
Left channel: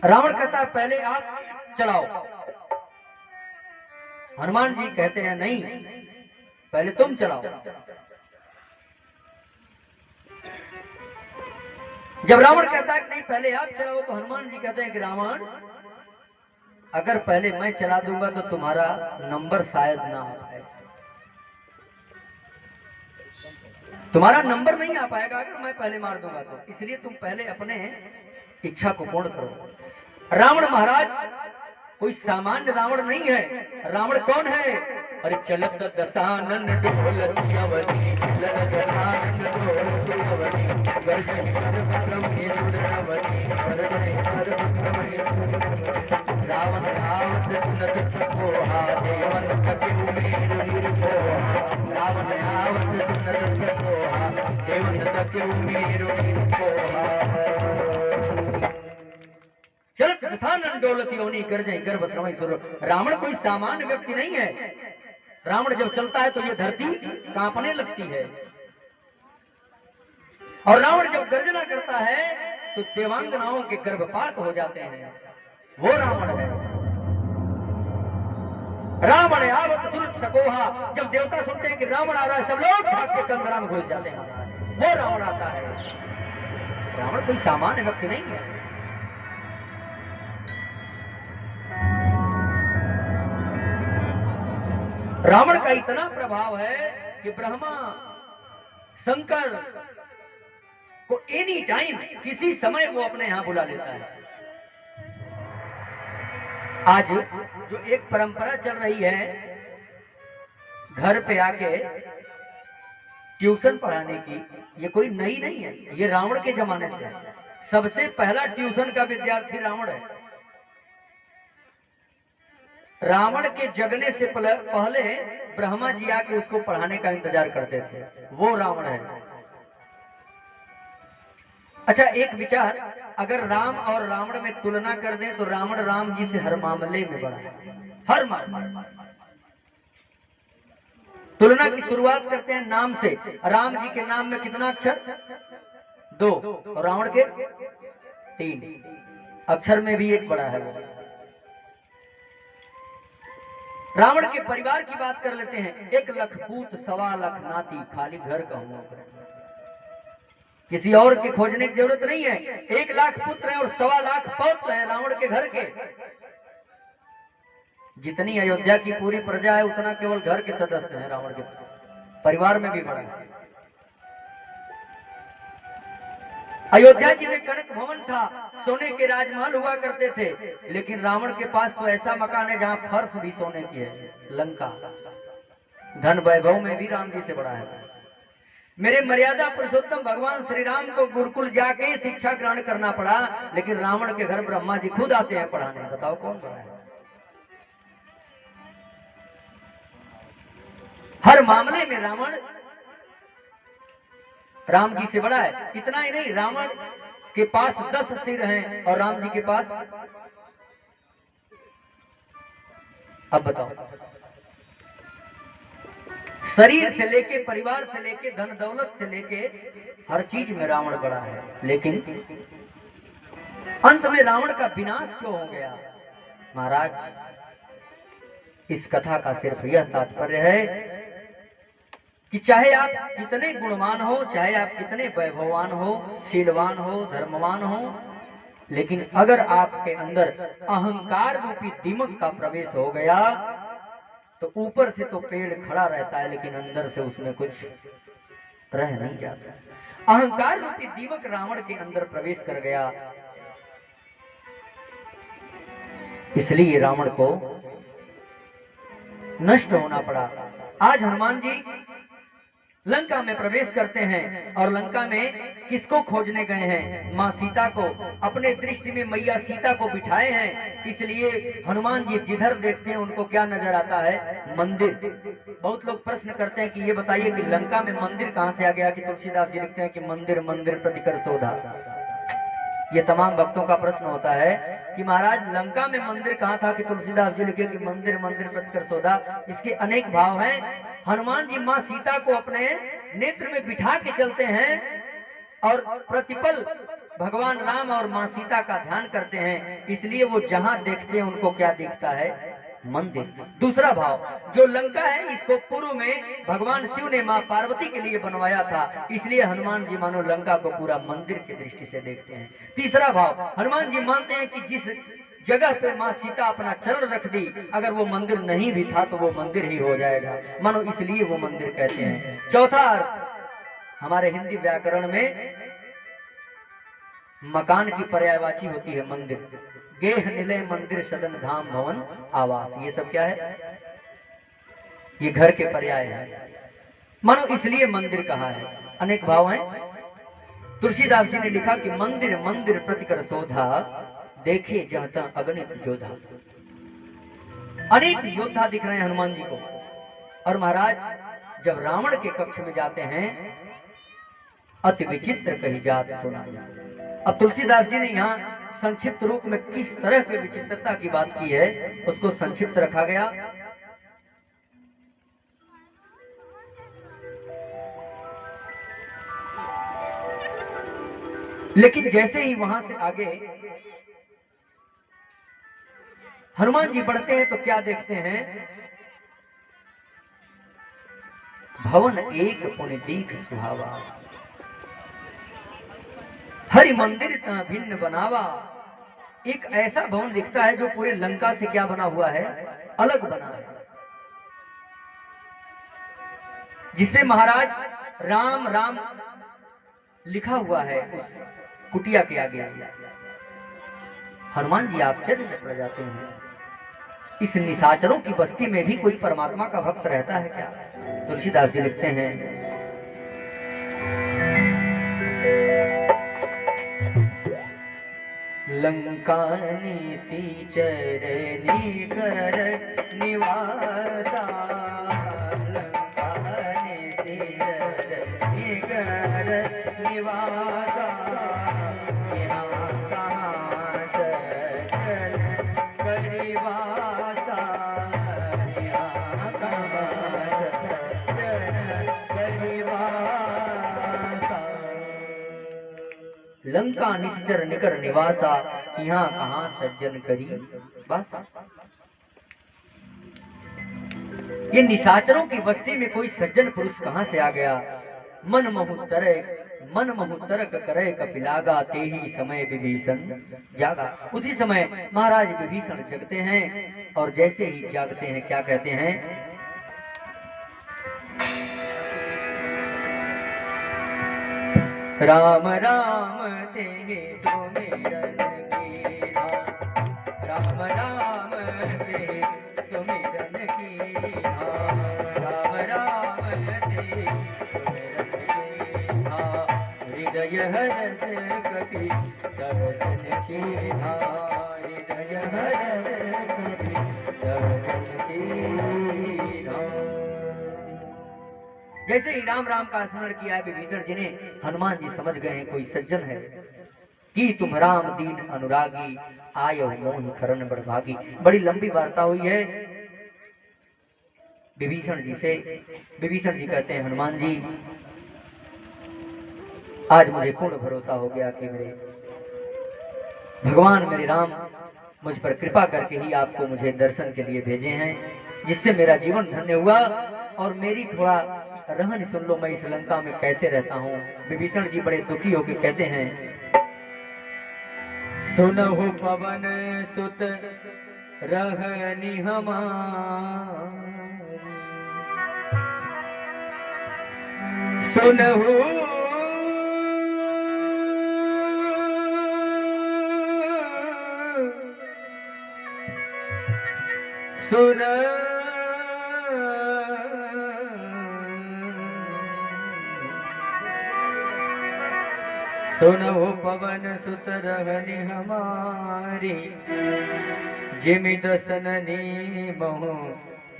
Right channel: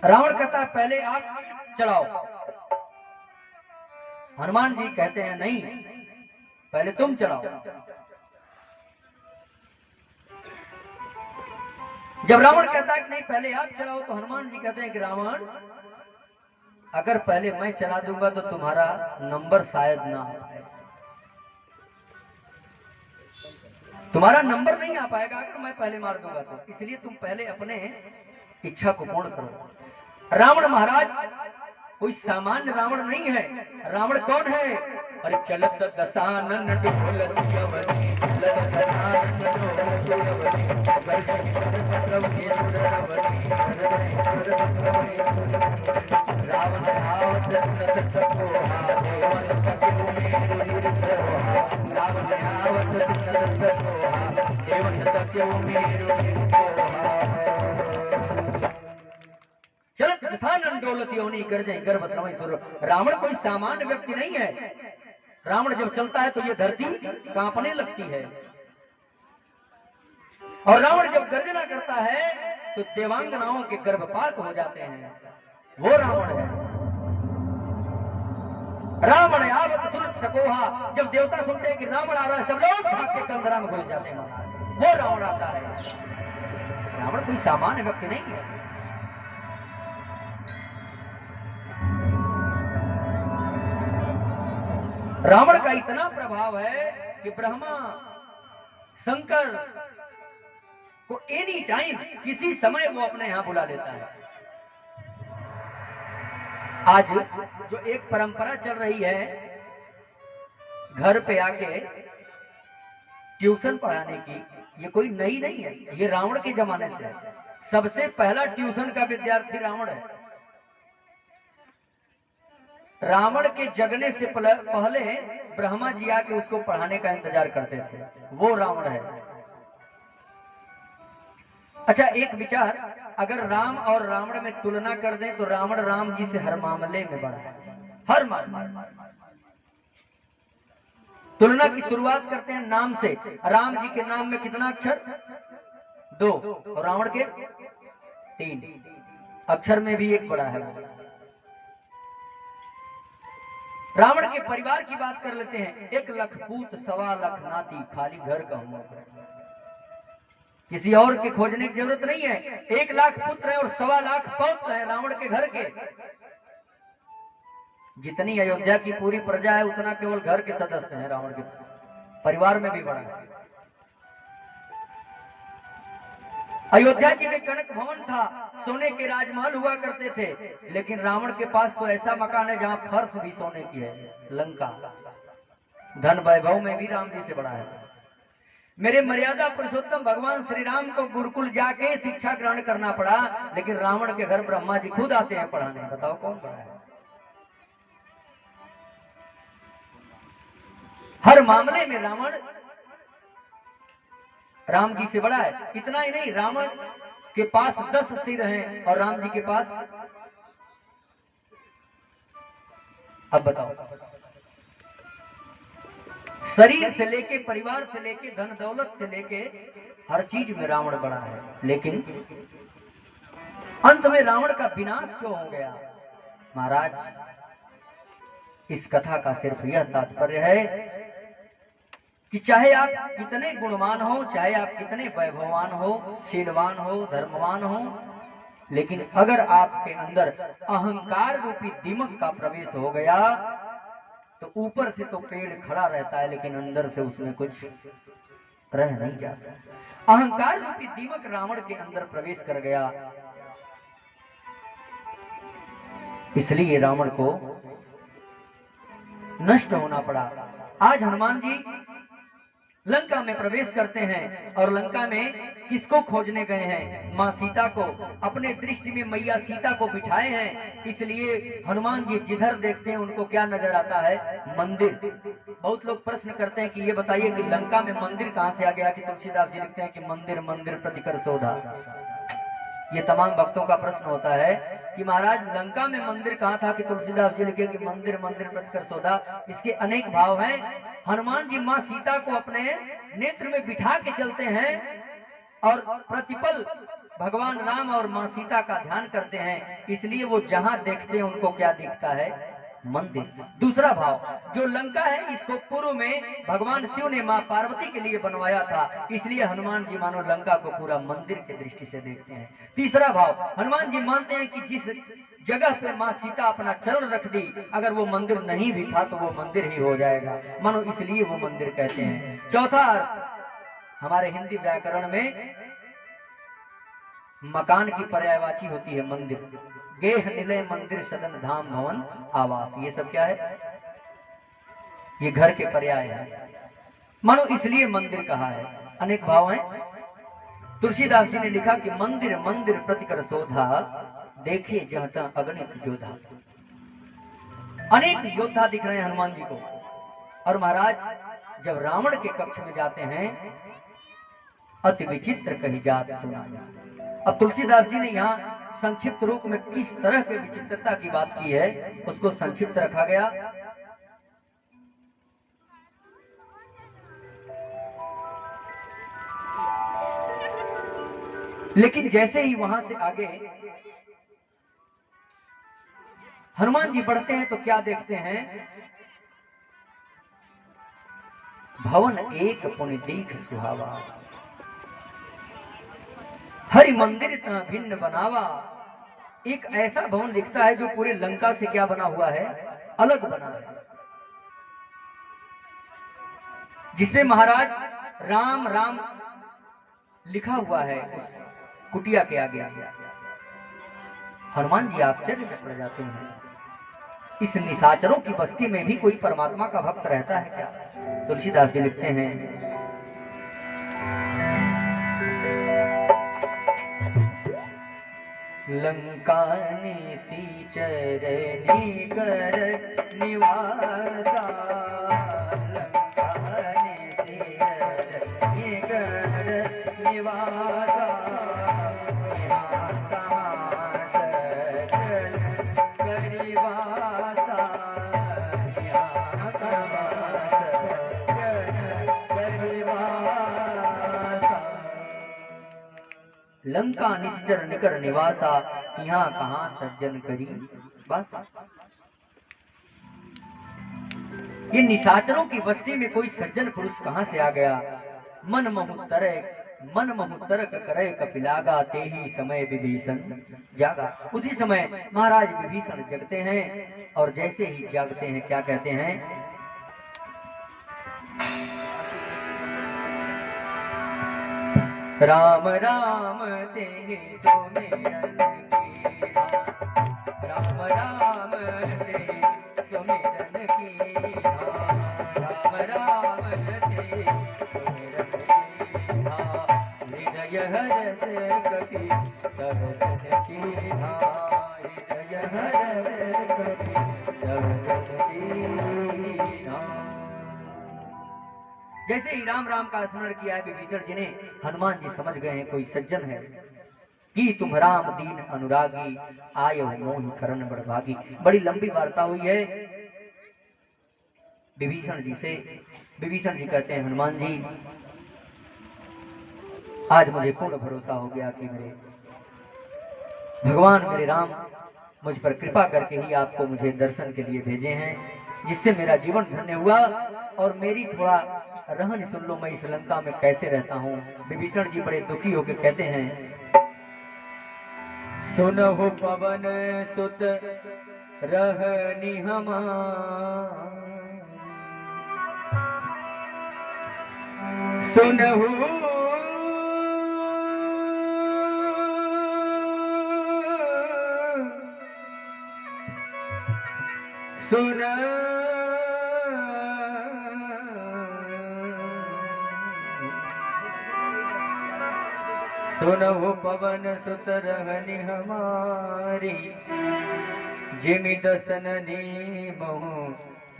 रावण कहता है पहले आप चलाओ। हनुमान जी कहते हैं नहीं, पहले तुम चलाओ। जब रावण कहता है कि नहीं पहले आप चलाओ, तो हनुमान जी कहते हैं कि रावण, अगर पहले मैं चला दूंगा तो तुम्हारा नंबर शायद ना आ पाए, तुम्हारा नंबर नहीं आ पाएगा अगर मैं पहले मार दूंगा तो, इसलिए तुम पहले अपने इच्छा को पूर्ण करो। रावण महाराज कोई सामान्य रावण नहीं है। रावण कौन है? अरे चलत दशानन ढोलकी अवनी, ललत दशानन ढोलकी अवनी, गर्जन करवत्रमेंद्रवनी, रावण आवत सुनत सकोहा, देवन कपिउ मेरु सोहा, रावण आवत सुनत सकोहा, देवन कपिउ मेरु सोहा। चलत दशानन ढोलकी अवनी, गर्जय गर्भ श्रवण सुर। रावण कोई सामान्य व्यक्ति नहीं है। रावण जब चलता है तो ये धरती कांपने लगती है, और रावण जब गर्जना करता है तो देवांगनाओं के गर्भपात हो जाते हैं। वो रावण है। रावण आवत सुनत सकोहा, जब देवता सुनते हैं कि रावण आ रहा है, सब लोग भाग के कंदरा में घुस जाते हैं। वो रावण आता है। रावण कोई सामान्य व्यक्ति नहीं है। रावण का इतना प्रभाव है कि ब्रह्मा शंकर को एनी टाइम, किसी समय वो अपने यहां बुला लेता है। आज जो एक परंपरा चल रही है घर पे आके ट्यूशन पढ़ाने की, ये कोई नई नहीं है, ये रावण के जमाने से है। सबसे पहला ट्यूशन का विद्यार्थी रावण है। रावण के जगने से पहले ब्रह्मा जी आके उसको पढ़ाने का इंतजार करते थे। वो रावण है। अच्छा, एक विचार, अगर राम और रावण में तुलना कर दें तो रावण राम जी से हर मामले में बड़ा है, हर मामले। तुलना की शुरुआत करते हैं नाम से। राम जी के नाम में कितना अक्षर? 2, और रावण के 3। अक्षर में भी एक बड़ा है। रावण के परिवार की बात कर लेते हैं। 1 लाख पूत, 1.25 लाख नाती, खाली घर का हुआ। किसी और के खोजने की जरूरत नहीं है। 1 लाख पुत्र है और 1.25 लाख पौत्र है रावण के घर के। जितनी अयोध्या की पूरी प्रजा है उतना केवल घर के सदस्य हैं रावण के। परिवार में भी बड़ा है। अयोध्या जी में कनक भवन था, सोने के राजमहल हुआ करते थे, लेकिन रावण के पास तो ऐसा मकान है जहां फर्श भी सोने की है, लंका। धन वैभव में भी राम जी से बड़ा है। मेरे मर्यादा पुरुषोत्तम भगवान श्री राम को गुरुकुल जाके शिक्षा ग्रहण करना पड़ा, लेकिन रावण के घर ब्रह्मा जी खुद आते हैं पढ़ाने। बताओ कौन बड़ा है? हर मामले में रावण राम जी से बड़ा है। इतना ही नहीं, रावण के पास 10 सिर हैं और राम जी के पास, अब बताओ, शरीर से लेके, परिवार से लेके, धन दौलत से लेके, हर चीज में रावण बड़ा है। लेकिन अंत में रावण का विनाश क्यों हो गया? महाराज, इस कथा का सिर्फ यह तात्पर्य है कि चाहे आप कितने गुणवान हो, चाहे आप कितने वैभववान हो, शीलवान हो, धर्मवान हो, लेकिन अगर आपके अंदर अहंकार रूपी दीमक का प्रवेश हो गया तो ऊपर से तो पेड़ खड़ा रहता है, लेकिन अंदर से उसमें कुछ रह नहीं जाता। अहंकार रूपी दीमक रावण के अंदर प्रवेश कर गया, इसलिए रावण को नष्ट होना पड़ा। आज हनुमान जी लंका में प्रवेश करते हैं और लंका में किसको खोजने गए हैं? मां सीता को। अपने दृष्टि में मैया सीता को बिठाए हैं, इसलिए हनुमान जी जिधर देखते हैं उनको क्या नजर आता है? मंदिर। बहुत लोग प्रश्न करते हैं कि ये बताइए कि लंका में मंदिर कहां से आ गया कि तुलसीदास जी लिखते हैं कि मंदिर मंदिर प्रतिकर शोधा। ये तमाम भक्तों का प्रश्न होता है। कि महाराज लंका में मंदिर कहा था कि तुलसीदास जी लिखे कि मंदिर मंदिर प्रतिकर सौदा, इसके अनेक भाव हैं। हनुमान जी माँ सीता को अपने नेत्र में बिठा के चलते हैं और प्रतिपल भगवान राम और माँ सीता का ध्यान करते हैं, इसलिए वो जहां देखते हैं उनको क्या दिखता है? मंदिर। दूसरा भाव, जो लंका है इसको पूर्व में भगवान शिव ने माँ पार्वती के लिए बनवाया था, इसलिए हनुमान जी मानो लंका को पूरा मंदिर की दृष्टि से देखते हैं। तीसरा भाव, हनुमान जी मानते हैं कि जिस जगह पे माँ सीता अपना चरण रख दी, अगर वो मंदिर नहीं भी था तो वो मंदिर ही हो जाएगा, मानो इसलिए वो मंदिर कहते हैं। चौथा अर्थ, हमारे हिंदी व्याकरण में मकान की पर्यायवाची होती है मंदिर। गेह निलय मंदिर सदन धाम भवन आवास, ये सब क्या है? ये घर के पर्याय है, मानो इसलिए मंदिर कहा है। अनेक भाव हैं। तुलसीदास जी ने लिखा कि मंदिर मंदिर प्रतिकर शोधा, देखे जहता अगणित जोधा। अनेक योद्धा दिख रहे हैं हनुमान जी को। और महाराज जब रावण के कक्ष में जाते हैं, अति विचित्र कही जात सुना। अब तुलसीदास जी ने यहाँ संक्षिप्त रूप में किस तरह के विचित्रता की बात की है उसको संक्षिप्त रखा गया। लेकिन जैसे ही वहां से आगे हनुमान जी बढ़ते हैं तो क्या देखते हैं? भवन एक पुण्य दीख सुहावा, हरि मंदिर तह भिन्न बनावा। एक ऐसा भवन दिखता है जो पूरे लंका से क्या बना हुआ है? अलग बना है, जिसमें महाराज राम राम लिखा हुआ है उस कुटिया के आगे। हनुमान जी आश्चर्य में पड़ जाते हैं, इस निशाचरों की बस्ती में भी कोई परमात्मा का भक्त रहता है क्या? तुलसीदास जी लिखते हैं, लंका निशाचर निकर निवासा, लंका निशाचर निकर निवासा, यहाँ कहाँ सज्जन करिवासा, यहाँ कहाँ सज्जन करिवासा। लंका निश्चर निकर निवासा, यहाँ कहाँ सज्जन करी वासा। ये निशाचरों की बस्ती में कोई सज्जन पुरुष कहाँ से आ गया? मन महु तरक करे कपिलागा, ते ही समय विभीषण जागा। उसी समय महाराज विभीषण जगते हैं और जैसे ही जागते हैं क्या कहते हैं? राम राम तेगे सुमिरन कीना, राम राम ते सुमिरन कीना, राम राम ते सुमिरन कीना, हृदय हरस कपि सवदन कीना, हृदय हरस कपि सवदन कीना। जैसे ही राम राम का स्मरण किया है विभीषण जी ने, हनुमान जी समझ गए हैं कोई सज्जन है। कि तुम राम दीन अनुरागी, आयो मोहि करण बड़भागी। बड़ी लंबी वार्ता हुई है विभीषण जी से। विभीषण जी कहते हैं, हनुमान जी आज मुझे पूर्ण भरोसा हो गया कि मेरे भगवान मेरे राम मुझ पर कृपा करके ही आपको मुझे दर्शन के लिए भेजे हैं, जिससे मेरा जीवन धन्य हुआ। और मेरी थोड़ा रहन सुन लो, मैं इस लंका में कैसे रहता हूँ। विभीषण जी बड़े दुखी होकर कहते हैं, सुनहु पवन सुत रहनि हमारी, सुनहु सुनहु पवन सुत रहनि हमारी, जिमि दसननि महु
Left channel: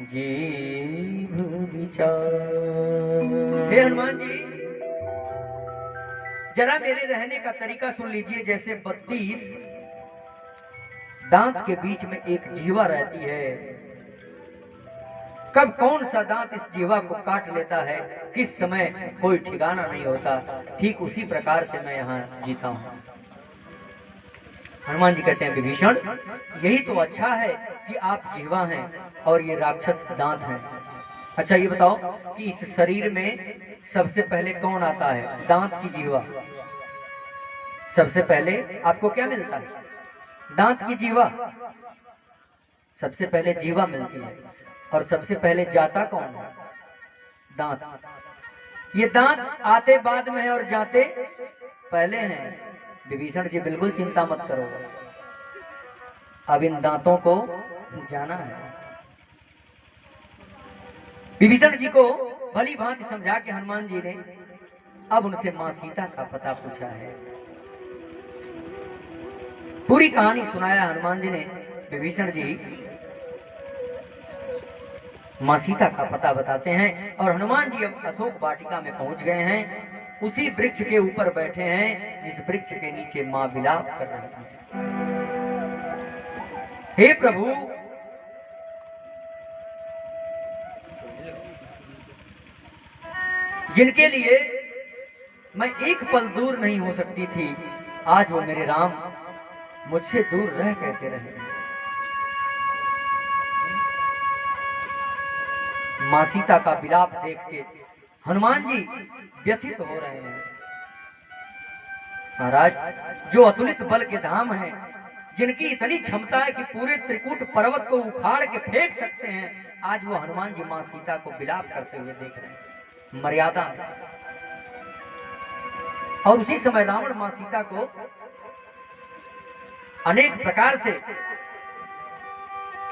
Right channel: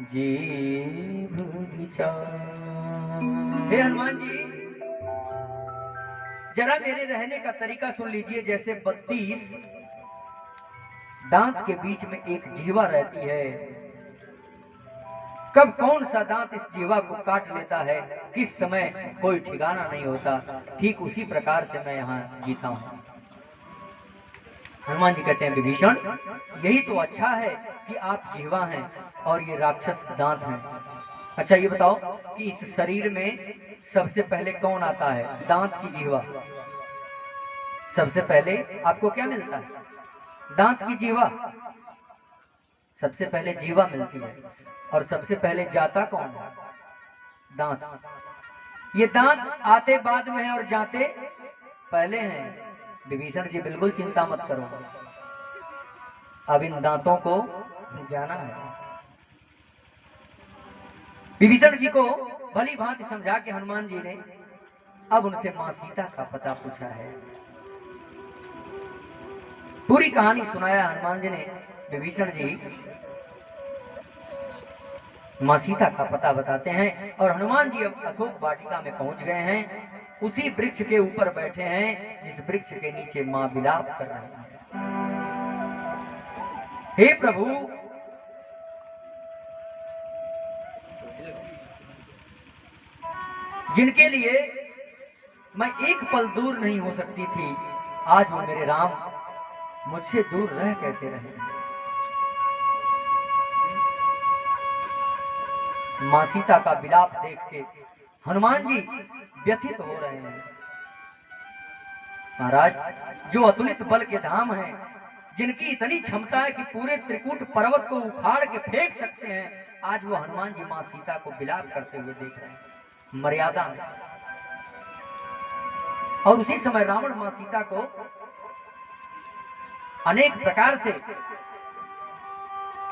जीभ विचार। हे हनुमान जी, जरा मेरे रहने का तरीका सुन लीजिए। जैसे 32 दांत के बीच में एक जीवा रहती है। कब कौन सा दांत इस जीवा को काट लेता है, किस समय कोई ठिकाना नहीं होता। ठीक उसी प्रकार से मैं यहाँ जीता हूँ। हनुमान जी कहते हैं विभीषण, यही तो अच्छा है कि आप जीवा हैं और ये राक्षस दांत हैं। अच्छा ये बताओ कि इस शरीर में सबसे पहले कौन आता है, दांत की जीवा? सबसे पहले आपको क्या मिलता है? दांत की जीवा। सबसे पहले जीवा मिलती है और सबसे पहले जाता कौन है? दांत। ये दांत आते बाद में है और जाते पहले हैं। विभीषण जी बिल्कुल चिंता मत करो, अब इन दांतों को जाना है। विभीषण जी को भली भांति समझा के हनुमान जी ने अब उनसे मां सीता का पता पूछा है। पूरी कहानी सुनाया हनुमान जी ने। विभीषण जी मां सीता का पता बताते हैं और हनुमान जी अब अशोक वाटिका में पहुंच गए हैं। उसी वृक्ष के ऊपर बैठे हैं जिस वृक्ष के नीचे मां विलाप कर रही है। हे प्रभु, जिनके लिए मैं एक पल दूर नहीं हो सकती थी, आज वो मेरे राम मुझसे दूर रह कैसे रहे। मां सीता का विलाप देख के हनुमान जी व्यथित हो रहे हैं। महाराज, जो अतुलित बल के धाम हैं, जिनकी इतनी क्षमता है कि पूरे त्रिकूट पर्वत को उखाड़ के फेंक सकते हैं, आज वो हनुमान जी मां सीता को विलाप करते हुए देख रहे हैं मर्यादा में। और उसी समय रावण मां सीता को अनेक प्रकार से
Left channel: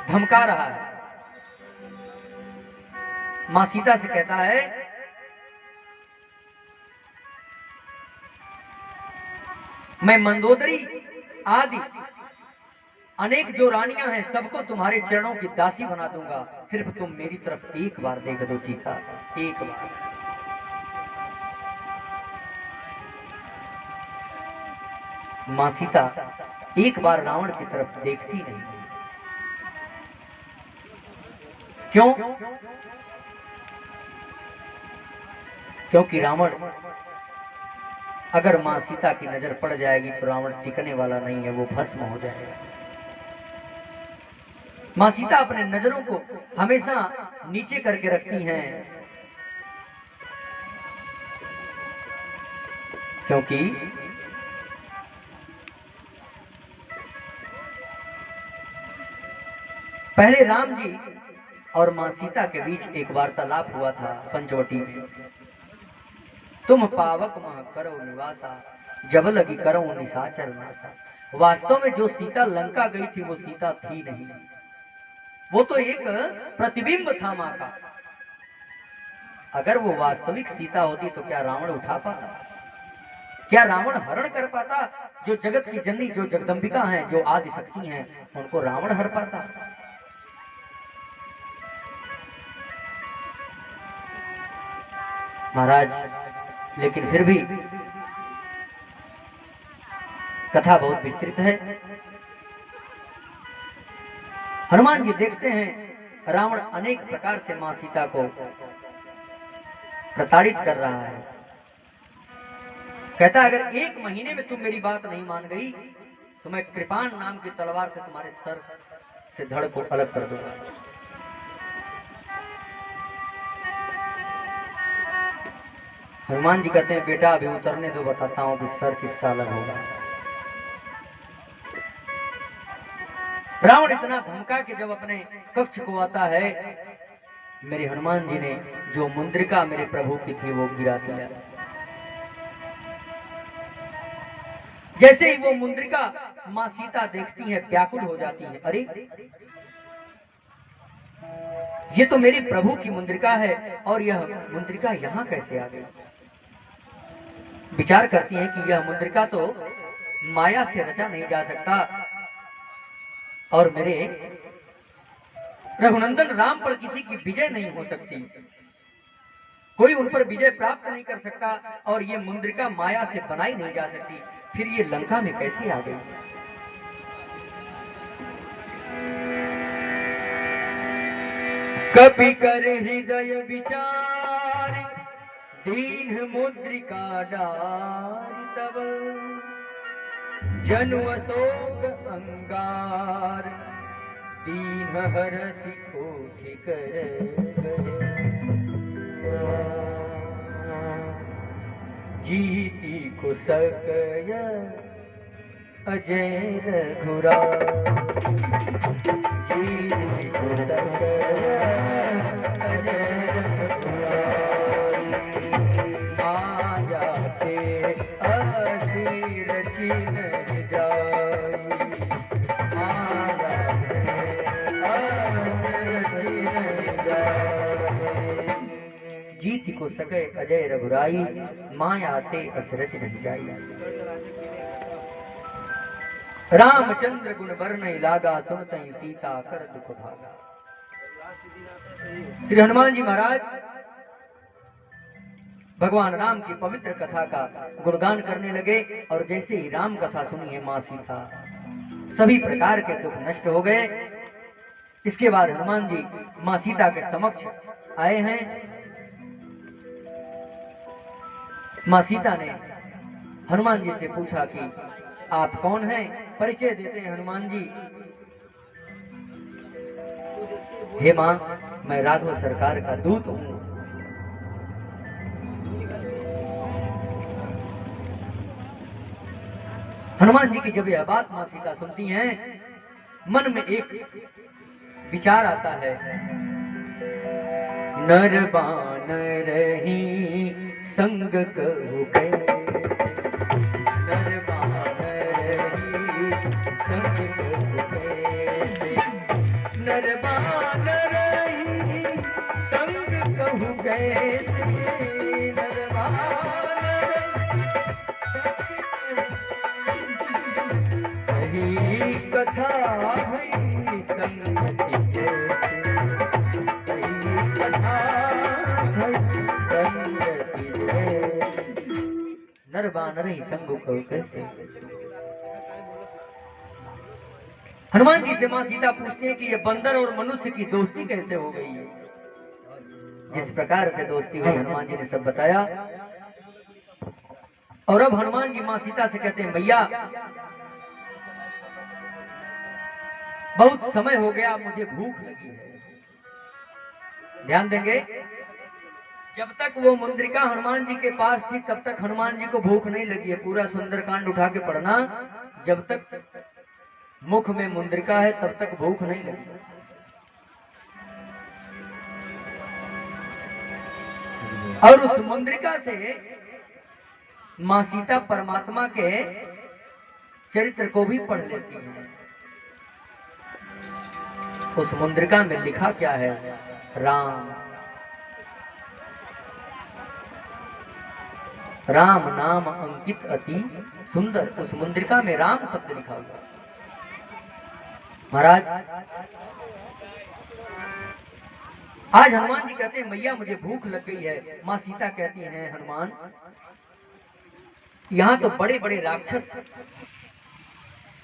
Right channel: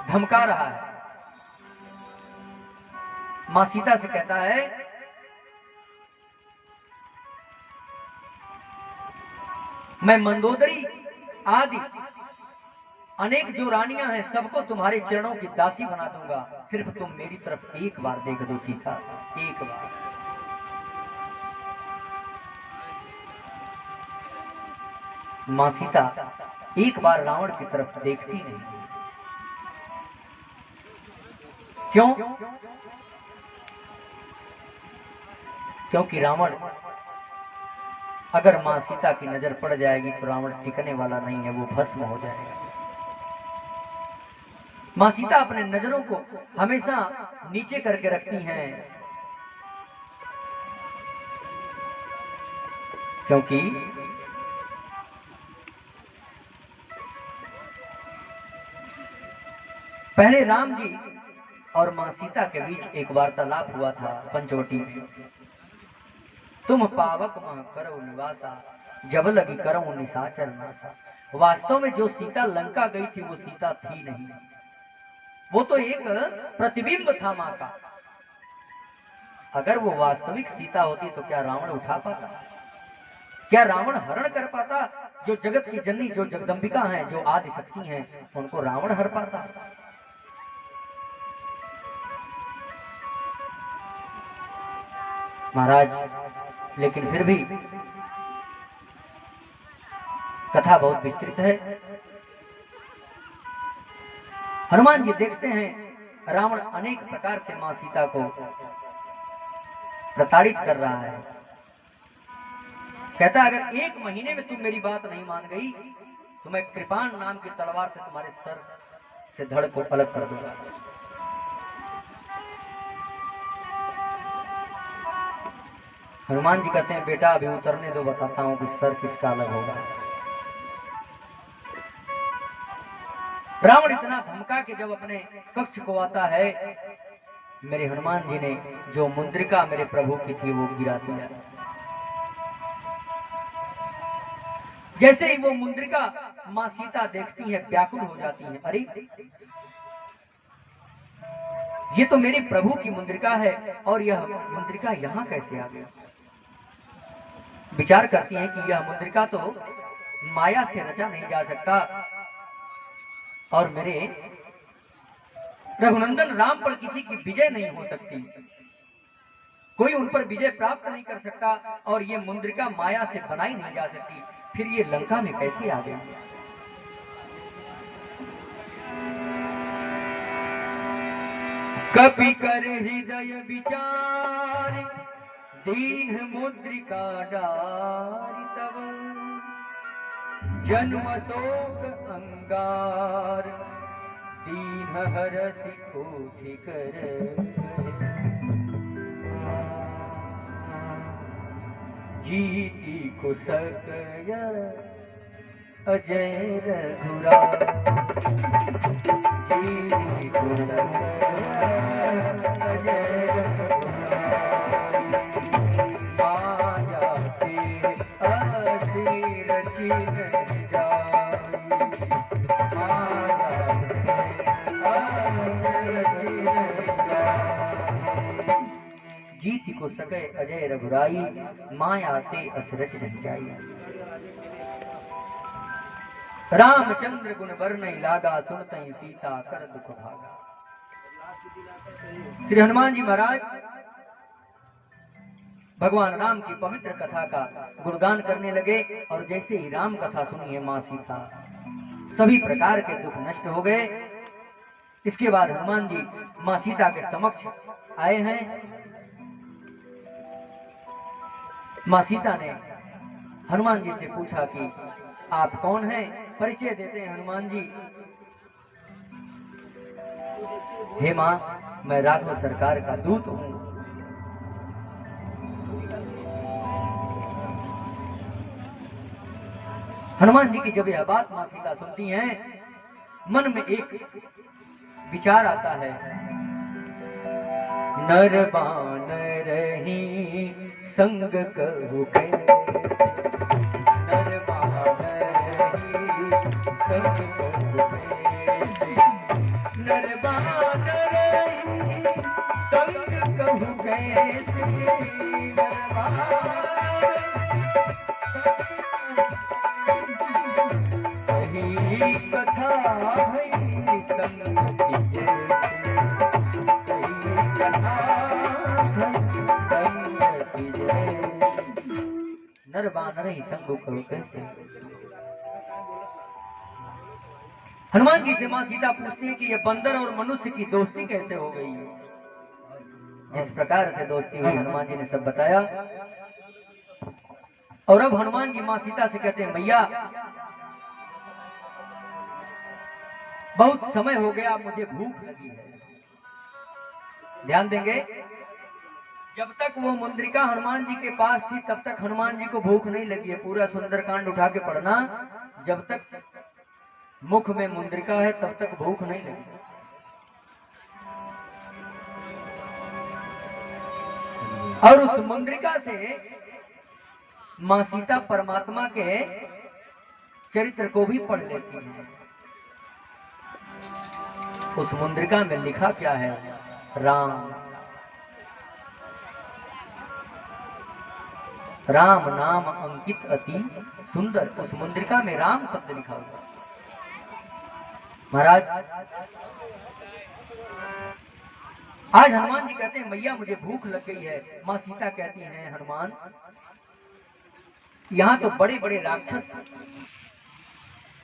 धमका रहा है। मां सीता से कहता है, मैं मंदोदरी आदि अनेक जो रानियां हैं सबको तुम्हारे चरणों की दासी बना दूंगा, सिर्फ तुम मेरी तरफ एक बार देख दो सीता, एक बार। मां सीता एक बार रावण की तरफ देखती नहीं। क्यों? क्योंकि रावण, अगर मां सीता की नजर पड़ जाएगी तो रावण टिकने वाला नहीं है, वो भस्म हो जाएगा। मां सीता अपने नजरों को हमेशा नीचे करके रखती हैं, क्योंकि पहले राम जी और मां सीता के बीच एक वार्तालाप हुआ था पंचवटी में। तुम पावक मह करो निवासा, जब लगी करो निशाचर नासा। वास्तव में जो सीता लंका गई थी वो सीता थी नहीं, वो तो एक प्रतिबिंब था मां का। अगर वो वास्तविक सीता होती तो क्या रावण उठा पाता? क्या रावण हरण कर पाता? जो जगत की जननी, जो जगदंबिका हैं, जो आदि शक्ति हैं, उनको रावण हर पाता? महाराज, लेकिन फिर भी कथा बहुत विस्तृत है। हनुमान जी देखते हैं रावण अनेक प्रकार से मां सीता को प्रताड़ित कर रहा है। कहता है, अगर एक महीने में तुम मेरी बात नहीं मान गई तो मैं कृपाण नाम की तलवार से तुम्हारे सर से धड़ को अलग कर दूंगा। हनुमान जी कहते हैं, बेटा अभी उतरने दो, बताता हूं कि सर किसका अलग होगा। रावण इतना धमका के जब अपने कक्ष को आता है, मेरे हनुमान जी ने जो मुंद्रिका मेरे प्रभु की थी वो गिरा दिया। जैसे ही वो मुंद्रिका मां सीता देखती है, व्याकुल हो जाती है। अरे, ये तो मेरे प्रभु की मुंद्रिका है और यह मुंद्रिका यहां कैसे आ गई? विचार करती है कि यह मुंद्रिका तो माया से रचा नहीं जा सकता और मेरे रघुनंदन राम पर किसी की विजय नहीं हो सकती, कोई उन पर विजय प्राप्त नहीं कर सकता और ये मुंद्रिका माया से बनाई नहीं जा सकती, फिर ये लंका में कैसे आ गई? कपि कर हृदय विचार दीन मुद्रिका डारि तब जनु अशोक अंगार दीन हरसि कोटि कर जीति को सकय अजय रघुराय जीति को सकय अजय रघुराय माया के असीर चिन जाई माया के असीर चिन जाई जीति को सके अजय रघुराई माया ते असरच नहीं जाई। रामचंद्र गुण वर्ण लागा सुनतई सीता कर दुख भागा। श्री हनुमान जी महाराज भगवान राम की पवित्र कथा का गुणगान करने लगे और जैसे ही राम कथा सुनी है मां सीता सभी प्रकार के दुख नष्ट हो गए। इसके बाद हनुमान जी मां सीता के समक्ष आए हैं। मां सीता ने हनुमान जी से पूछा कि आप कौन हैं? परिचय देते हैं हनुमान जी। हे मां, मैं राघव सरकार का दूत हूं। हनुमान जी की जब यह बात मां सीता सुनती हैं मन में एक विचार आता है। नर बानर ही संग कहु नर बानर ही संग नर बानर ही संग कहु नर बानर ही कथा भई संगति जैसे कथा भई संगति जैसे नर बानर ही संग कहु कैसे। हनुमान जी से मां सीता पूछते हैं कि ये बंदर और मनुष्य की दोस्ती कैसे हो गई है। जिस प्रकार से दोस्ती हुई हनुमान जी ने सब बताया। और अब हनुमान जी मां सीता से कहते हैं भैया बहुत समय हो गया, मुझे भूख लगी है। ध्यान देंगे, जब तक वो मुंद्रिका हनुमान जी के पास थी तब तक हनुमान जी को भूख नहीं लगी है। पूरा सुंदरकांड उठा के पढ़ना, जब तक मुख में मुंद्रिका है तब तक भूख नहीं लगी। और उस मुंद्रिका से मां सीता परमात्मा के चरित्र को भी पढ़ लेती हैं। उस मुंद्रिका में लिखा क्या है? राम। राम नाम अंकित अति सुंदर। उस मुंद्रिका में राम शब्द लिखा हुआ। महाराज आज हनुमान जी कहते हैं मैया मुझे भूख लग गई है। मां सीता कहती हैं हनुमान यहाँ तो बड़े बड़े राक्षस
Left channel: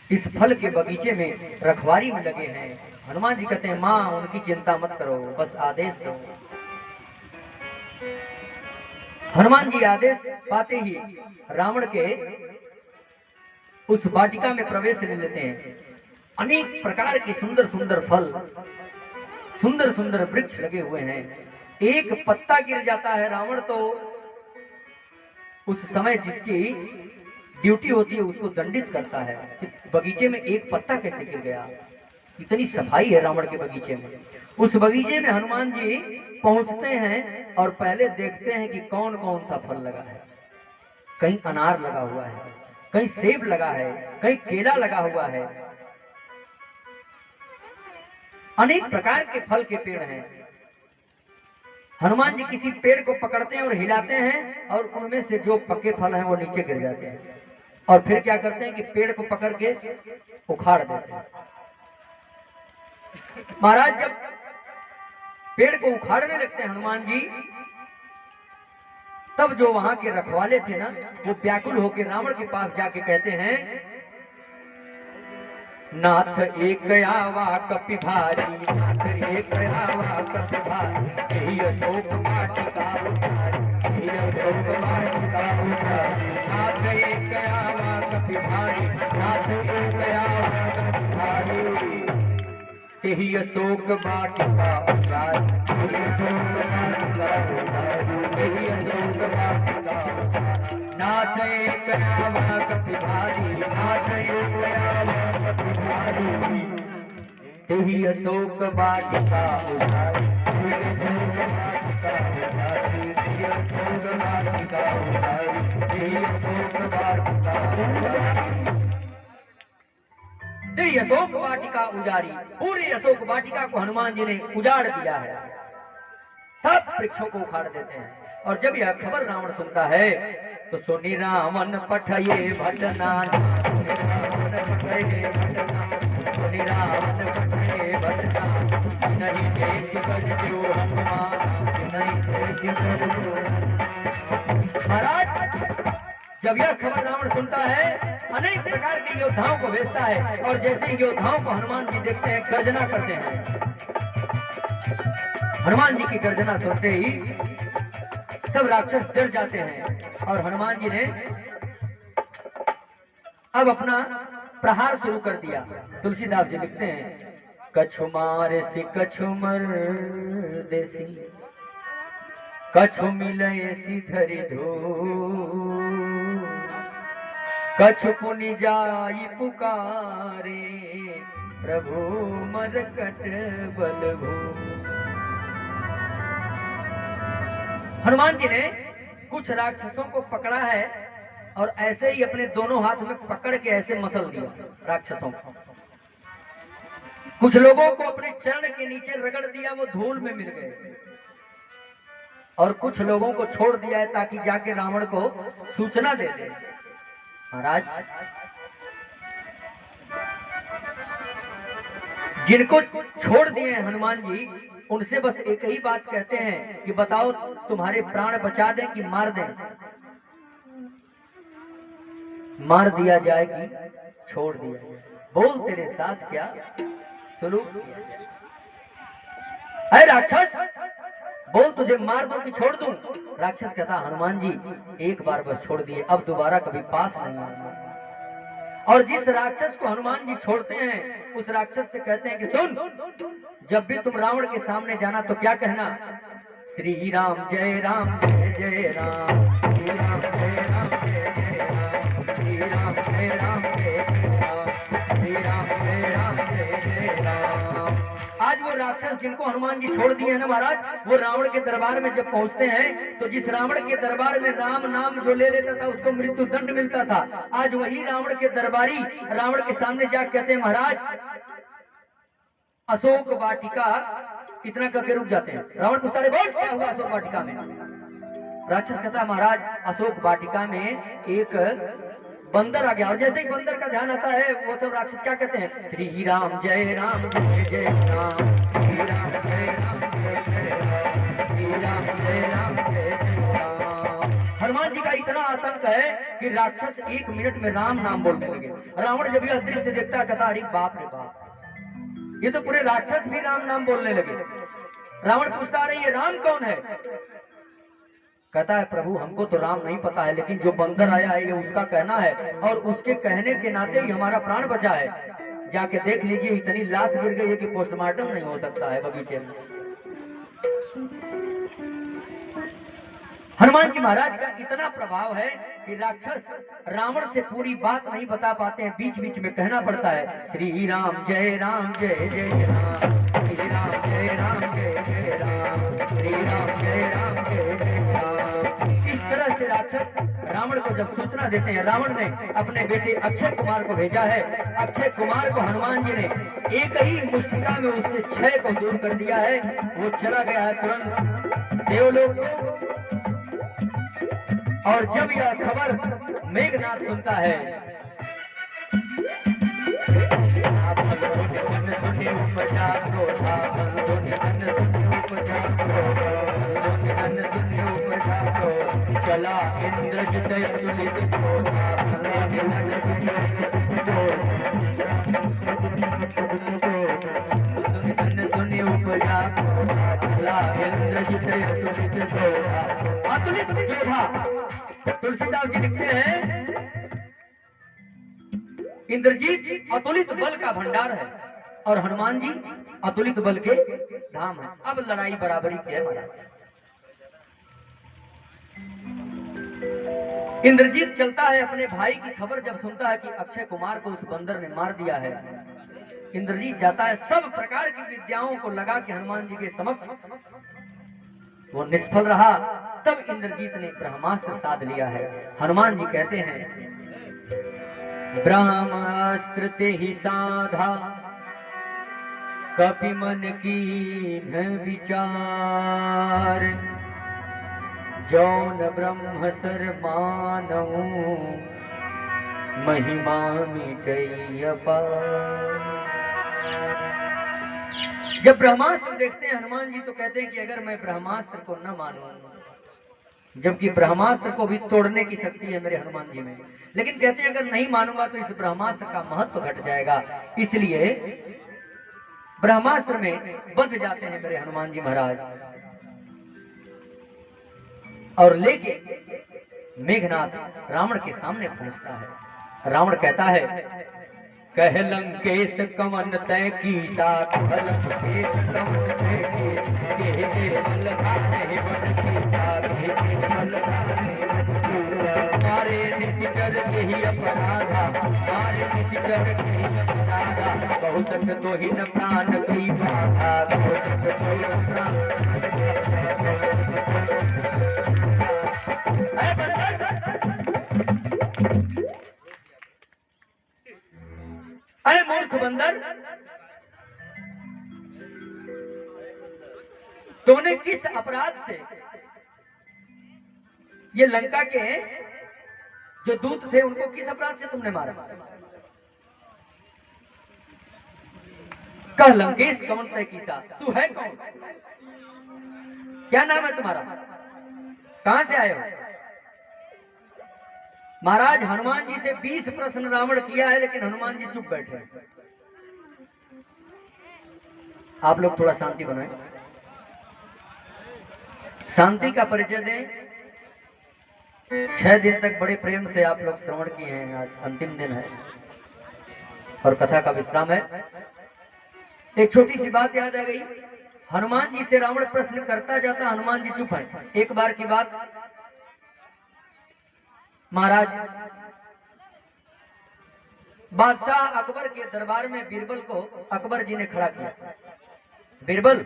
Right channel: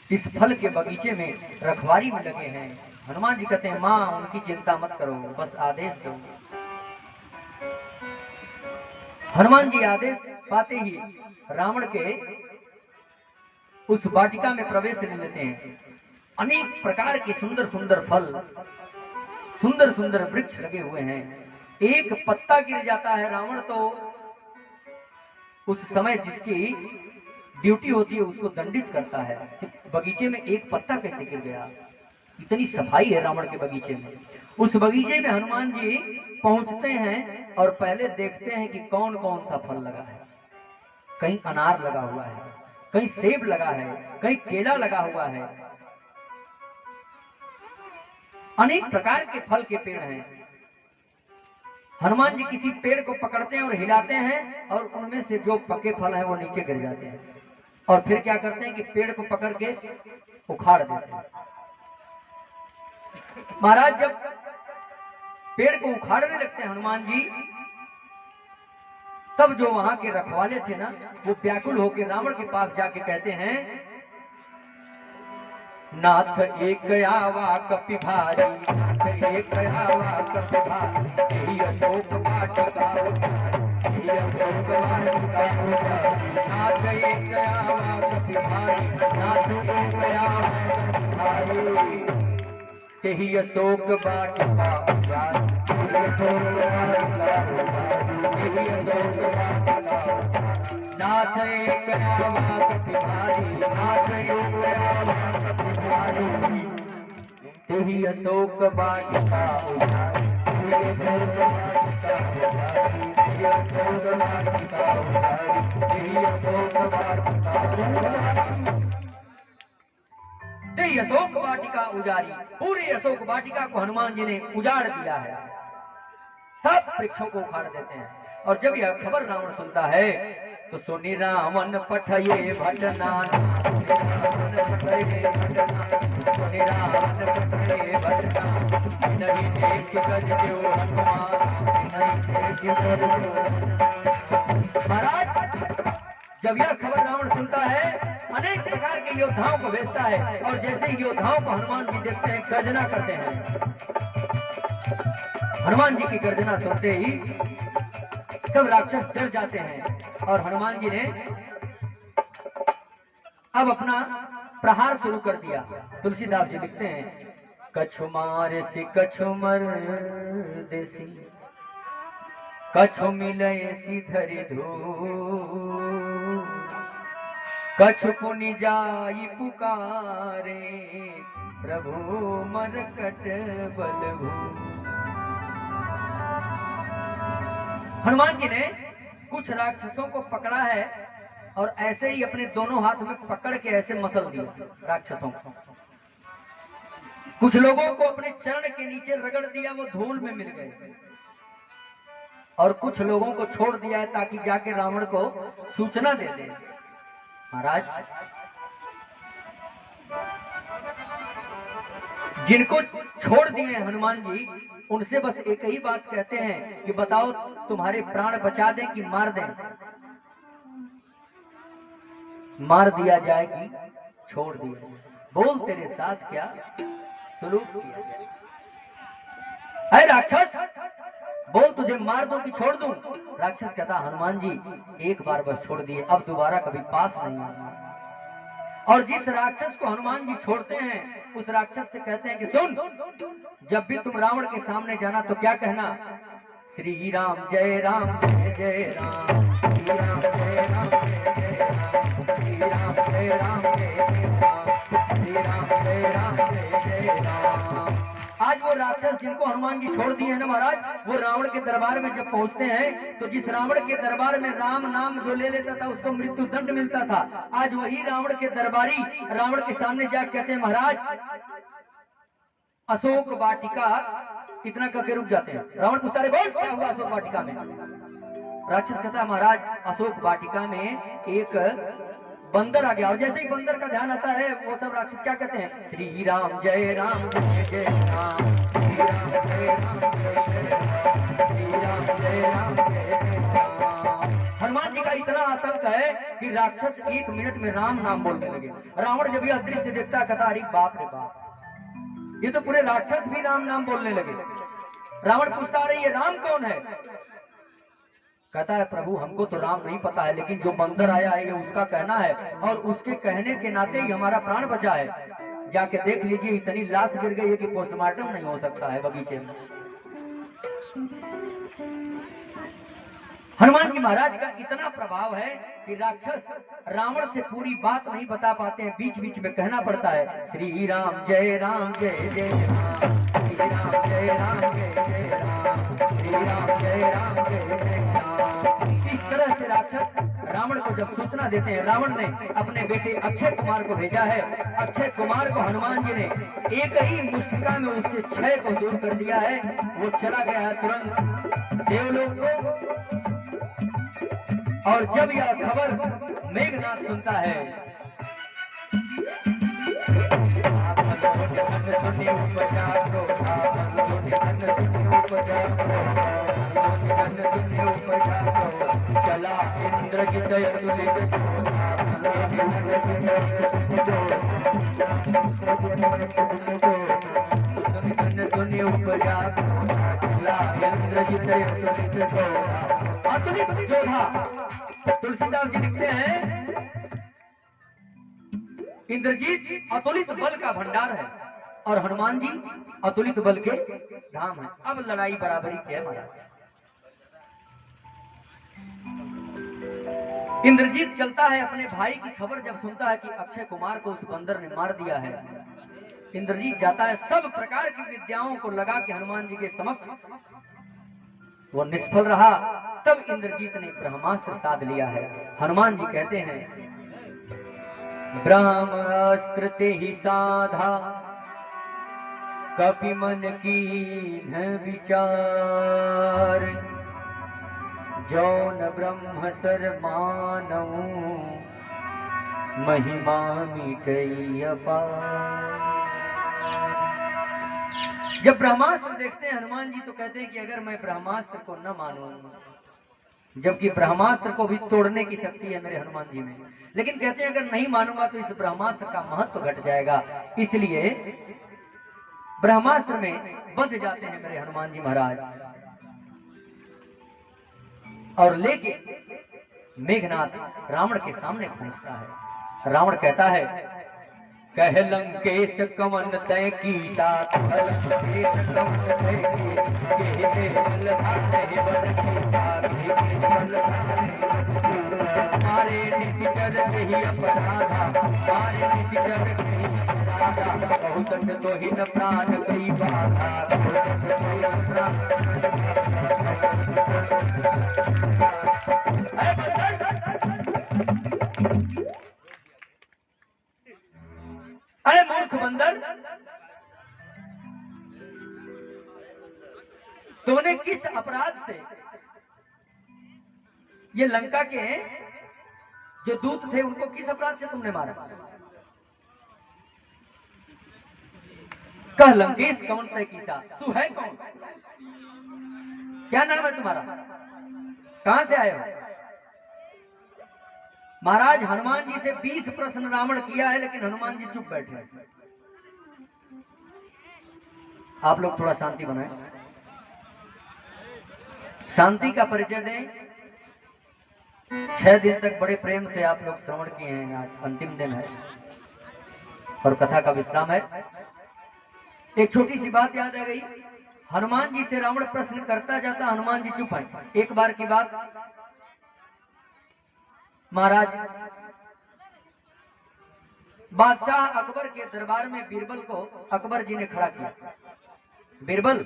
इस फल के बगीचे में रखवारी में लगे हैं। हनुमान जी कहते हैं मां उनकी चिंता मत करो, बस आदेश दो। हनुमान जी आदेश पाते ही रावण के उस वाटिका में प्रवेश ले लेते हैं। अनेक प्रकार के सुंदर सुंदर फल, सुंदर सुंदर वृक्ष लगे हुए हैं। एक पत्ता गिर जाता है, रावण तो उस समय जिसकी ड्यूटी होती है उसको दंडित करता है कि बगीचे में एक पत्ता कैसे गिर गया। इतनी सफाई है रावण के बगीचे में। उस बगीचे में हनुमान जी पहुंचते हैं और पहले देखते हैं कि कौन कौन सा फल लगा है। कहीं अनार लगा हुआ है, कहीं सेब लगा है, कहीं केला लगा हुआ है। अनेक प्रकार के फल के पेड़ हैं। हनुमान जी किसी पेड़ को पकड़ते हैं और हिलाते हैं और उनमें से जो पके फल हैं वो नीचे गिर जाते हैं। और फिर क्या करते हैं कि पेड़ को पकड़ के उखाड़ देते हैं। महाराज जब पेड़ को उखाड़ने लगते हैं हनुमान जी, तब जो वहां के रखवाले थे ना, वो व्याकुल होकर रावण के पास जाके कहते हैं नाथ एक आवा कपि भारी, नाथ एक आवा कपि भारी, यही अशोक वाटिका उतारी, यही अशोक वाटिका उतारी। नाथ एक आवा कपि भारी, नाथ एक आवा कपि भारी, यही अशोक वाटिका उतारी, यही अशोक वाटिका उतारी, यही अशोक वाटिका उतारी। नाथ एक आवा कपि भारी, नाथ एक आवा कपि भारी, यही अशोक वाटिका उतारी, यही अशोक वाटिका उतारी, यही अशोक वाटिका उतारी। यही अशोक वाटिका उजारी, पूरी अशोक वाटिका को हनुमान जी ने उजाड़ दिया है, सब वृक्षों को उखाड़ देते हैं। और जब यह खबर रावण सुनता है तो सुनी रावण पठये भटना, सुनी रावण पठये भटना, सुनी रावण पठये भटना, नहीं देख कर जो हनुमान, नहीं देख कर जो। महाराज जब यह खबर रावण सुनता है, अनेक प्रकार के योद्धाओं को भेजता है, और जैसे ही योद्धाओं को हनुमान जी देखते हैं गर्जना करते हैं। हनुमान जी की गर्जना सुनते ही सब राक्षस डर जाते हैं, और हनुमान जी ने अब अपना प्रहार शुरू कर दिया। तुलसीदास जी लिखते हैं, कछु मारे सी कछु मर देसी, कछु मिले सी धरि धो, कछु पुनि जाई पुकारे, प्रभु मरकट बल भो। हनुमान जी ने कुछ राक्षसों को पकड़ा है, और ऐसे ही अपने दोनों हाथ में पकड़ के ऐसे मसल दिया राक्षसों को। कुछ लोगों को अपने चरण के नीचे रगड़ दिया, वो धूल में मिल गए, और कुछ लोगों को छोड़ दिया है ताकि जाके रावण को सूचना दे दे। महाराज जिनको छोड़ दिए हनुमान जी, उनसे बस एक ही बात कहते हैं कि बताओ तुम्हारे प्राण बचा दें कि मार दें। मार दिया जाए कि छोड़ दिया जाए, बोल तेरे साथ क्या सुलूक किया। अरे राक्षस बोल, तुझे मार दूं कि छोड़ दूं। राक्षस कहता हनुमान जी एक बार बस छोड़ दिए, अब दोबारा कभी पास नहीं आऊंगा। और जिस राक्षस को हनुमान जी छोड़ते हैं, उस राक्षस से कहते हैं कि सुन, जब भी तुम रावण के सामने जाना तो क्या कहना, श्री राम जय राम जय जय राम, श्री राम जय राम जय जय राम, श्री राम जय राम जय जय राम, श्री राम जय राम जय जय राम। आज वो राक्षस जिनको हनुमान जी छोड़ दिए हैं ना महाराज, वो रावण के दरबार में जब पहुंचते हैं, तो जिस रावण के दरबार में राम नाम जो ले लेता था उसको मृत्यु दंड मिलता था, आज वही रावण के दरबारी रावण के सामने जाकर कहते हैं, महाराज अशोक वाटिका, इतना करके रुक जाते हैं। रावण पूछता है, बोल क्या हुआ अशोक वाटिका में। राक्षस कहता है, महाराज अशोक वाटिका में एक बंदर आ गया, और जैसे ही बंदर का ध्यान आता है, वो सब राक्षस क्या कहते हैं, श्री राम जय राम जय जय राम, श्री राम जय राम जय जय राम, श्री राम जय राम जय जय राम। हनुमान जी का इतना आतंक है कि राक्षस एक मिनट में राम नाम बोलने लगे। रावण जब यह दृश्य देखता कहता, अरे बाप रे बाप, ये तो पूरे राक्षस भी राम नाम बोलने लगे। रावण पूछता, अरे ये राम कौन है। कहता है, प्रभु हमको तो राम नहीं पता है, लेकिन जो बंदर आया है ये उसका कहना है, और उसके कहने के नाते ही हमारा प्राण बचा है। जाके देख लीजिए, इतनी लाश गिर गई है कि पोस्टमार्टम नहीं हो सकता है बगीचे में। हनुमान जी महाराज का इतना प्रभाव है कि राक्षस रावण से पूरी बात नहीं बता पाते हैं, बीच बीच में कहना पड़ता है, श्री राम जय राम जय जय राम, श्री राम जय राम जय जय राम, श्री राम जय राम जय जय राम। इस तरह से राक्षस रावण को जब सूचना देते हैं, रावण ने अपने बेटे अक्षय कुमार को भेजा है। अक्षय कुमार को हनुमान जी ने एक ही मुष्टिका में उसके क्षय को दूर कर दिया है। वो चला गया है तुरंत देवलोक में। और जब यह खबर मेघनाथ सुनता है, चला इंद्रजित सुनि उपजा अतुलित जोधा। तुलसीदास जी लिखते हैं इंद्रजीत अतुलित बल का भंडार है और हनुमान जी अतुलित बल के धाम है। अब लड़ाई बराबरी की है महाराज। इंद्रजीत चलता है, अपने भाई की खबर जब सुनता है कि अक्षय कुमार को उस बंदर ने मार दिया है, इंद्रजीत जाता है, सब प्रकार की विद्याओं को लगा के हनुमान जी के समक्ष, वो निष्फल रहा। तब इंद्रजीत ने ब्रह्मास्त्र साध लिया है। हनुमान जी कहते हैं ब्रह्मास्त्र ते ही साधा कपि मन की न विचार, जौन ब्रह्म सर मानऊ महिमा मिटई अपार। जब ब्रह्मास्त्र देखते हैं हनुमान जी तो कहते हैं कि अगर मैं ब्रह्मास्त्र को न मानूं, जबकि ब्रह्मास्त्र को भी तोड़ने की शक्ति है मेरे हनुमान जी में, लेकिन कहते हैं अगर नहीं मानूंगा तो इस ब्रह्मास्त्र का महत्व घट जाएगा, इसलिए ब्रह्मास्त्र में बंध जाते हैं मेरे हनुमान जी महाराज। और लेके मेघनाथ रावण के सामने पहुंचता है। रावण कहता है कह लंकेश कवन तय की साथ, लंकेश कवन तय की मारे निशिचर के ही अपराधा, मारे निशिचर के ही अपराधा, बहुत तो ही न प्राण कई बाधा, बहुत तो ही न प्राण। अरे मूर्ख बंदर, तुमने किस अपराध से ये लंका के जो दूत थे उनको किस अपराध से तुमने मारा? कह लंकेश कौन तय कीसा, तू है कौन? क्या नाम है तुम्हारा? कहां से आए हो? महाराज हनुमान जी से 20 प्रश्न रावण किया है, लेकिन हनुमान जी चुप बैठे हैं। आप लोग थोड़ा शांति बनाएं, शांति का परिचय दें। 6 दिन तक बड़े प्रेम से आप लोग श्रवण किए हैं, आज अंतिम दिन है और कथा का विश्राम है। एक छोटी सी बात याद आ गई, हनुमान जी से रावण प्रश्न करता जाता, हनुमान जी चुप हैं। एक बार की बात, महाराज बादशाह अकबर के दरबार में बीरबल को अकबर जी ने खड़ा किया। बीरबल,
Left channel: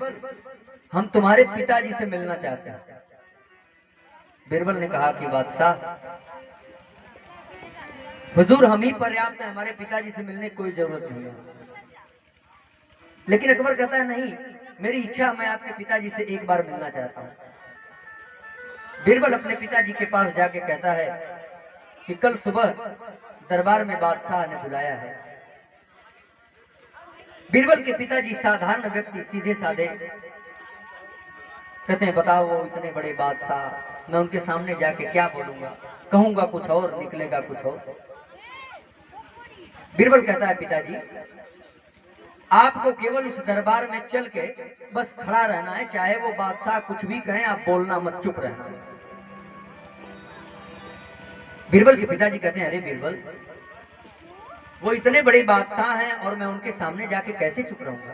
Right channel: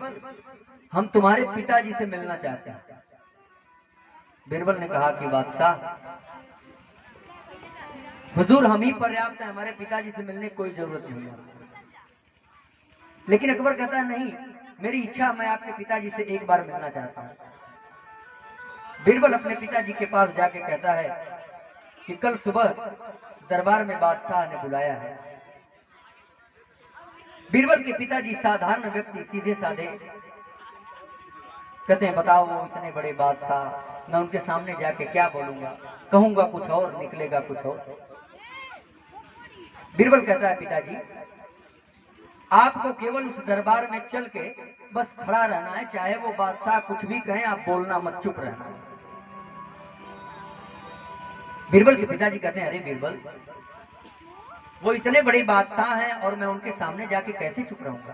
हम तुम्हारे पिताजी से मिलना चाहते हैं। बीरबल ने कहा कि बादशाह, हुजूर हम ही पर्याप्त है, हमारे पिताजी से मिलने की कोई जरूरत नहीं है। लेकिन अकबर कहता है नहीं, मेरी इच्छा, मैं आपके पिताजी से एक बार मिलना चाहता हूं। बीरबल अपने पिताजी के पास जाके कहता है कि कल सुबह दरबार में बादशाह ने बुलाया है। बीरबल के पिताजी साधारण व्यक्ति, सीधे साधे, कहते हैं बताओ वो इतने बड़े बादशाह, मैं उनके सामने जाके क्या बोलूंगा, कहूंगा कुछ और निकलेगा कुछ और। बीरबल कहता है पिताजी, आपको केवल उस दरबार में चल के बस खड़ा रहना है, चाहे वो बादशाह कुछ भी कहें आप बोलना मत, चुप रहना। बीरबल के पिताजी कहते हैं अरे बीरबल, वो इतने बड़े बादशाह हैं और मैं उनके सामने जाके कैसे चुप रहूंगा?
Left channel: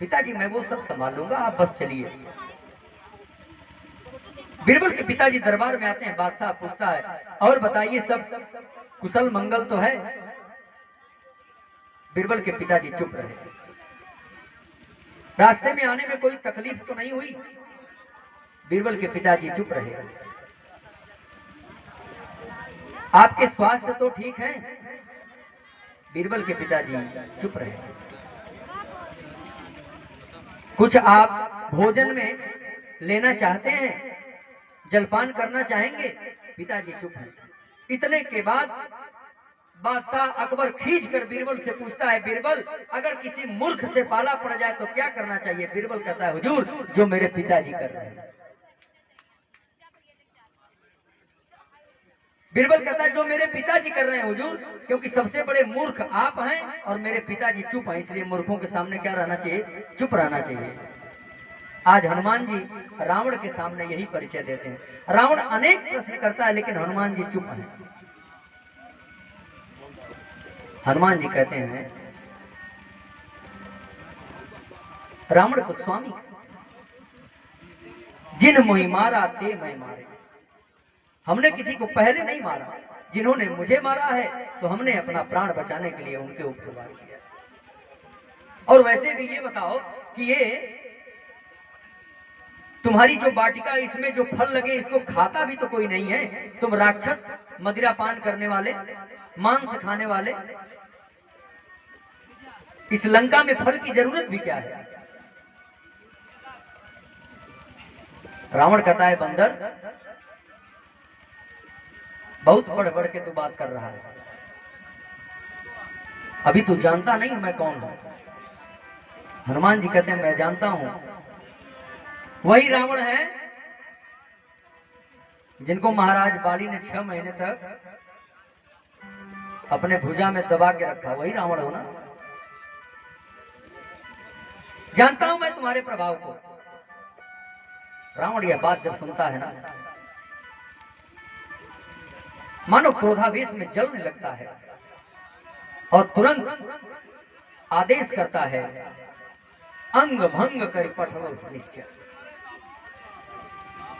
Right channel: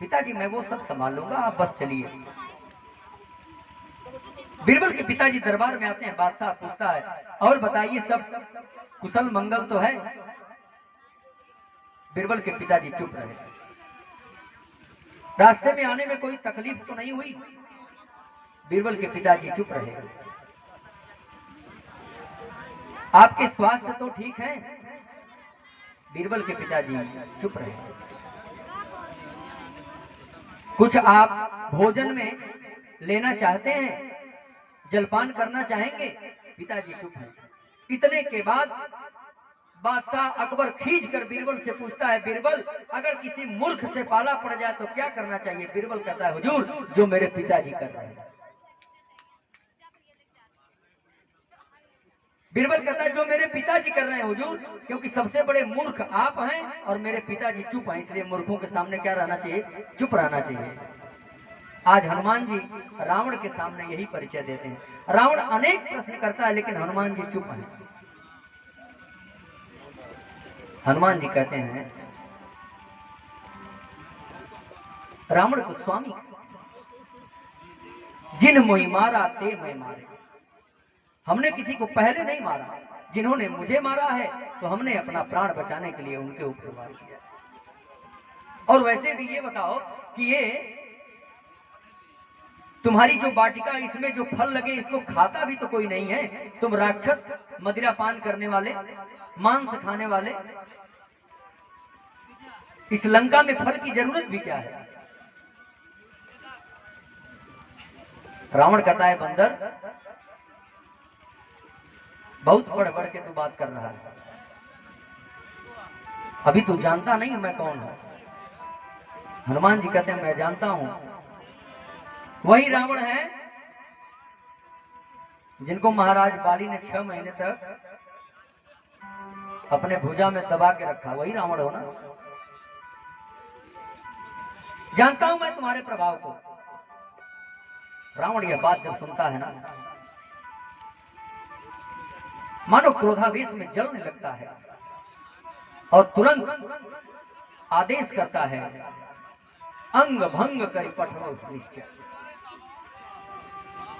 पिताजी मैं वो सब संभाल लूंगा, आप बस चलिए। बीरबल के पिताजी दरबार में आते हैं। बादशाह पूछता है और बताइए सब कुशल मंगल तो है? बीरबल के पिताजी चुप रहे। रास्ते में आने में कोई तकलीफ तो नहीं हुई? बीरबल के पिताजी चुप रहे। आपके स्वास्थ्य तो ठीक है? बीरबल के पिताजी चुप रहे। कुछ आप भोजन में लेना चाहते हैं, जलपान करना चाहेंगे? पिताजी चुप हैं। इतने के बाद बादशाह अकबर खींच कर बीरबल से पूछता है बीरबल, अगर किसी मूर्ख से पाला पड़ जाए तो क्या करना चाहिए? बीरबल कहता है हुजूर, जो मेरे पिताजी कर रहे हैं। बीरबल कहता है जो मेरे पिताजी कर रहे हैं हुजूर, क्योंकि सबसे बड़े मूर्ख आप हैं और मेरे पिताजी चुप हैं, इसलिए मूर्खों के सामने क्या रहना चाहिए, चुप रहना चाहिए। आज हनुमान जी रावण के सामने यही परिचय देते हैं। रावण अनेक प्रश्न करता है लेकिन हनुमान जी चुप हैं। हनुमान जी कहते हैं रावण को स्वामी, जिन मोहि मारा ते मैं मारे। हमने किसी को पहले नहीं मारा, जिन्होंने मुझे मारा है तो हमने अपना प्राण बचाने के लिए उनके ऊपर वार किया। और वैसे भी ये बताओ कि ये तुम्हारी जो वाटिका, इसमें जो फल लगे इसको खाता भी तो कोई नहीं है। तुम राक्षस, मदिरा पान करने वाले, मांस खाने वाले, इस लंका में फल की जरूरत भी क्या है। रावण कहता है बंदर बहुत बढ़ बढ़ के तू बात कर रहा है, अभी तू जानता नहीं मैं कौन हूं। हनुमान जी कहते हैं मैं जानता हूं, वही रावण है जिनको महाराज बाली ने 6 महीने तक अपने भुजा में दबा के रखा, वही रावण हो ना। जानता हूं मैं तुम्हारे प्रभाव को। रावण यह बात जब सुनता है ना, मानो क्रोधावेश में जलने लगता है और तुरंत आदेश करता है अंग भंग कर पठो निश्चय।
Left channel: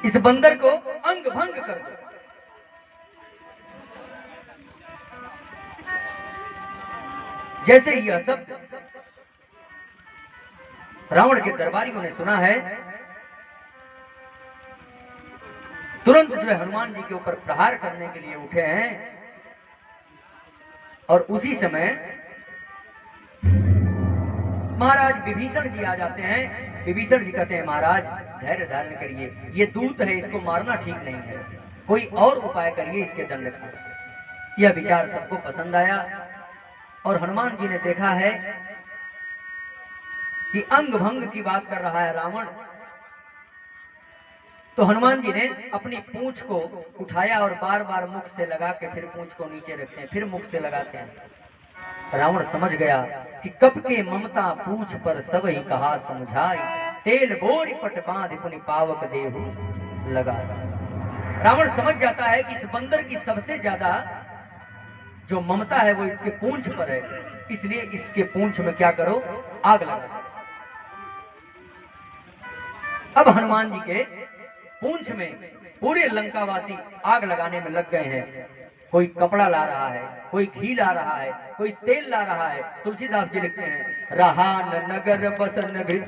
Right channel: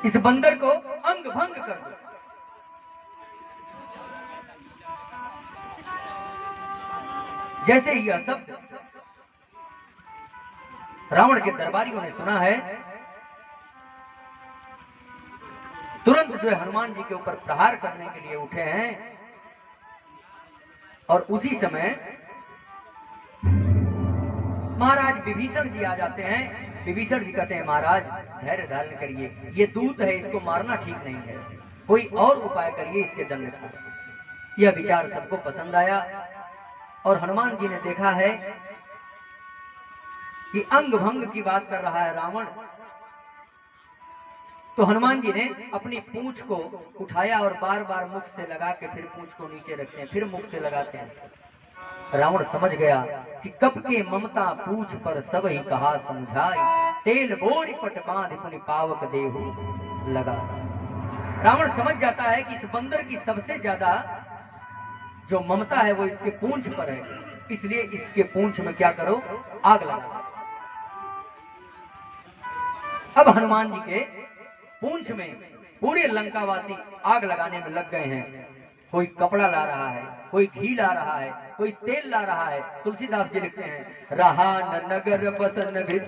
इस बंदर को अंग भंग कर दो। जैसे ही यह शब्द रावण के दरबारियों ने सुना है, तुरंत जो है हनुमान जी के ऊपर प्रहार करने के लिए उठे हैं। और उसी समय महाराज विभीषण जी आ जाते हैं। विभीषण जी कहते हैं महाराज धैर्य धारण करिए, ये दूत है, इसको मारना ठीक नहीं है, कोई और उपाय करिए इसके दंड का। यह विचार सबको पसंद आया और हनुमान जी ने देखा है कि अंग भंग की बात कर रहा है रावण, तो हनुमान जी ने अपनी पूंछ को उठाया और बार बार मुख से लगा के फिर पूंछ को नीचे रखते हैं, फिर मुख से लगाते हैं। रावण समझ गया कि कब के ममता पूछ पर सब ही कहा समझाई, तेल बोरी पट बांध पुनि पावक देहु लगा। रावण समझ जाता है कि इस बंदर की सबसे ज्यादा जो ममता है वो इसके पूंछ पर है, इसलिए इसके पूंछ में क्या करो, आग लगा। अब हनुमान जी के पूंछ में पूरे लंकावासी आग लगाने में लग गए हैं। कोई कपड़ा ला रहा है, कोई घी ला रहा है, कोई तेल ला रहा है। तुलसीदास जी लिखते हैं रहा न नगर बसन घृत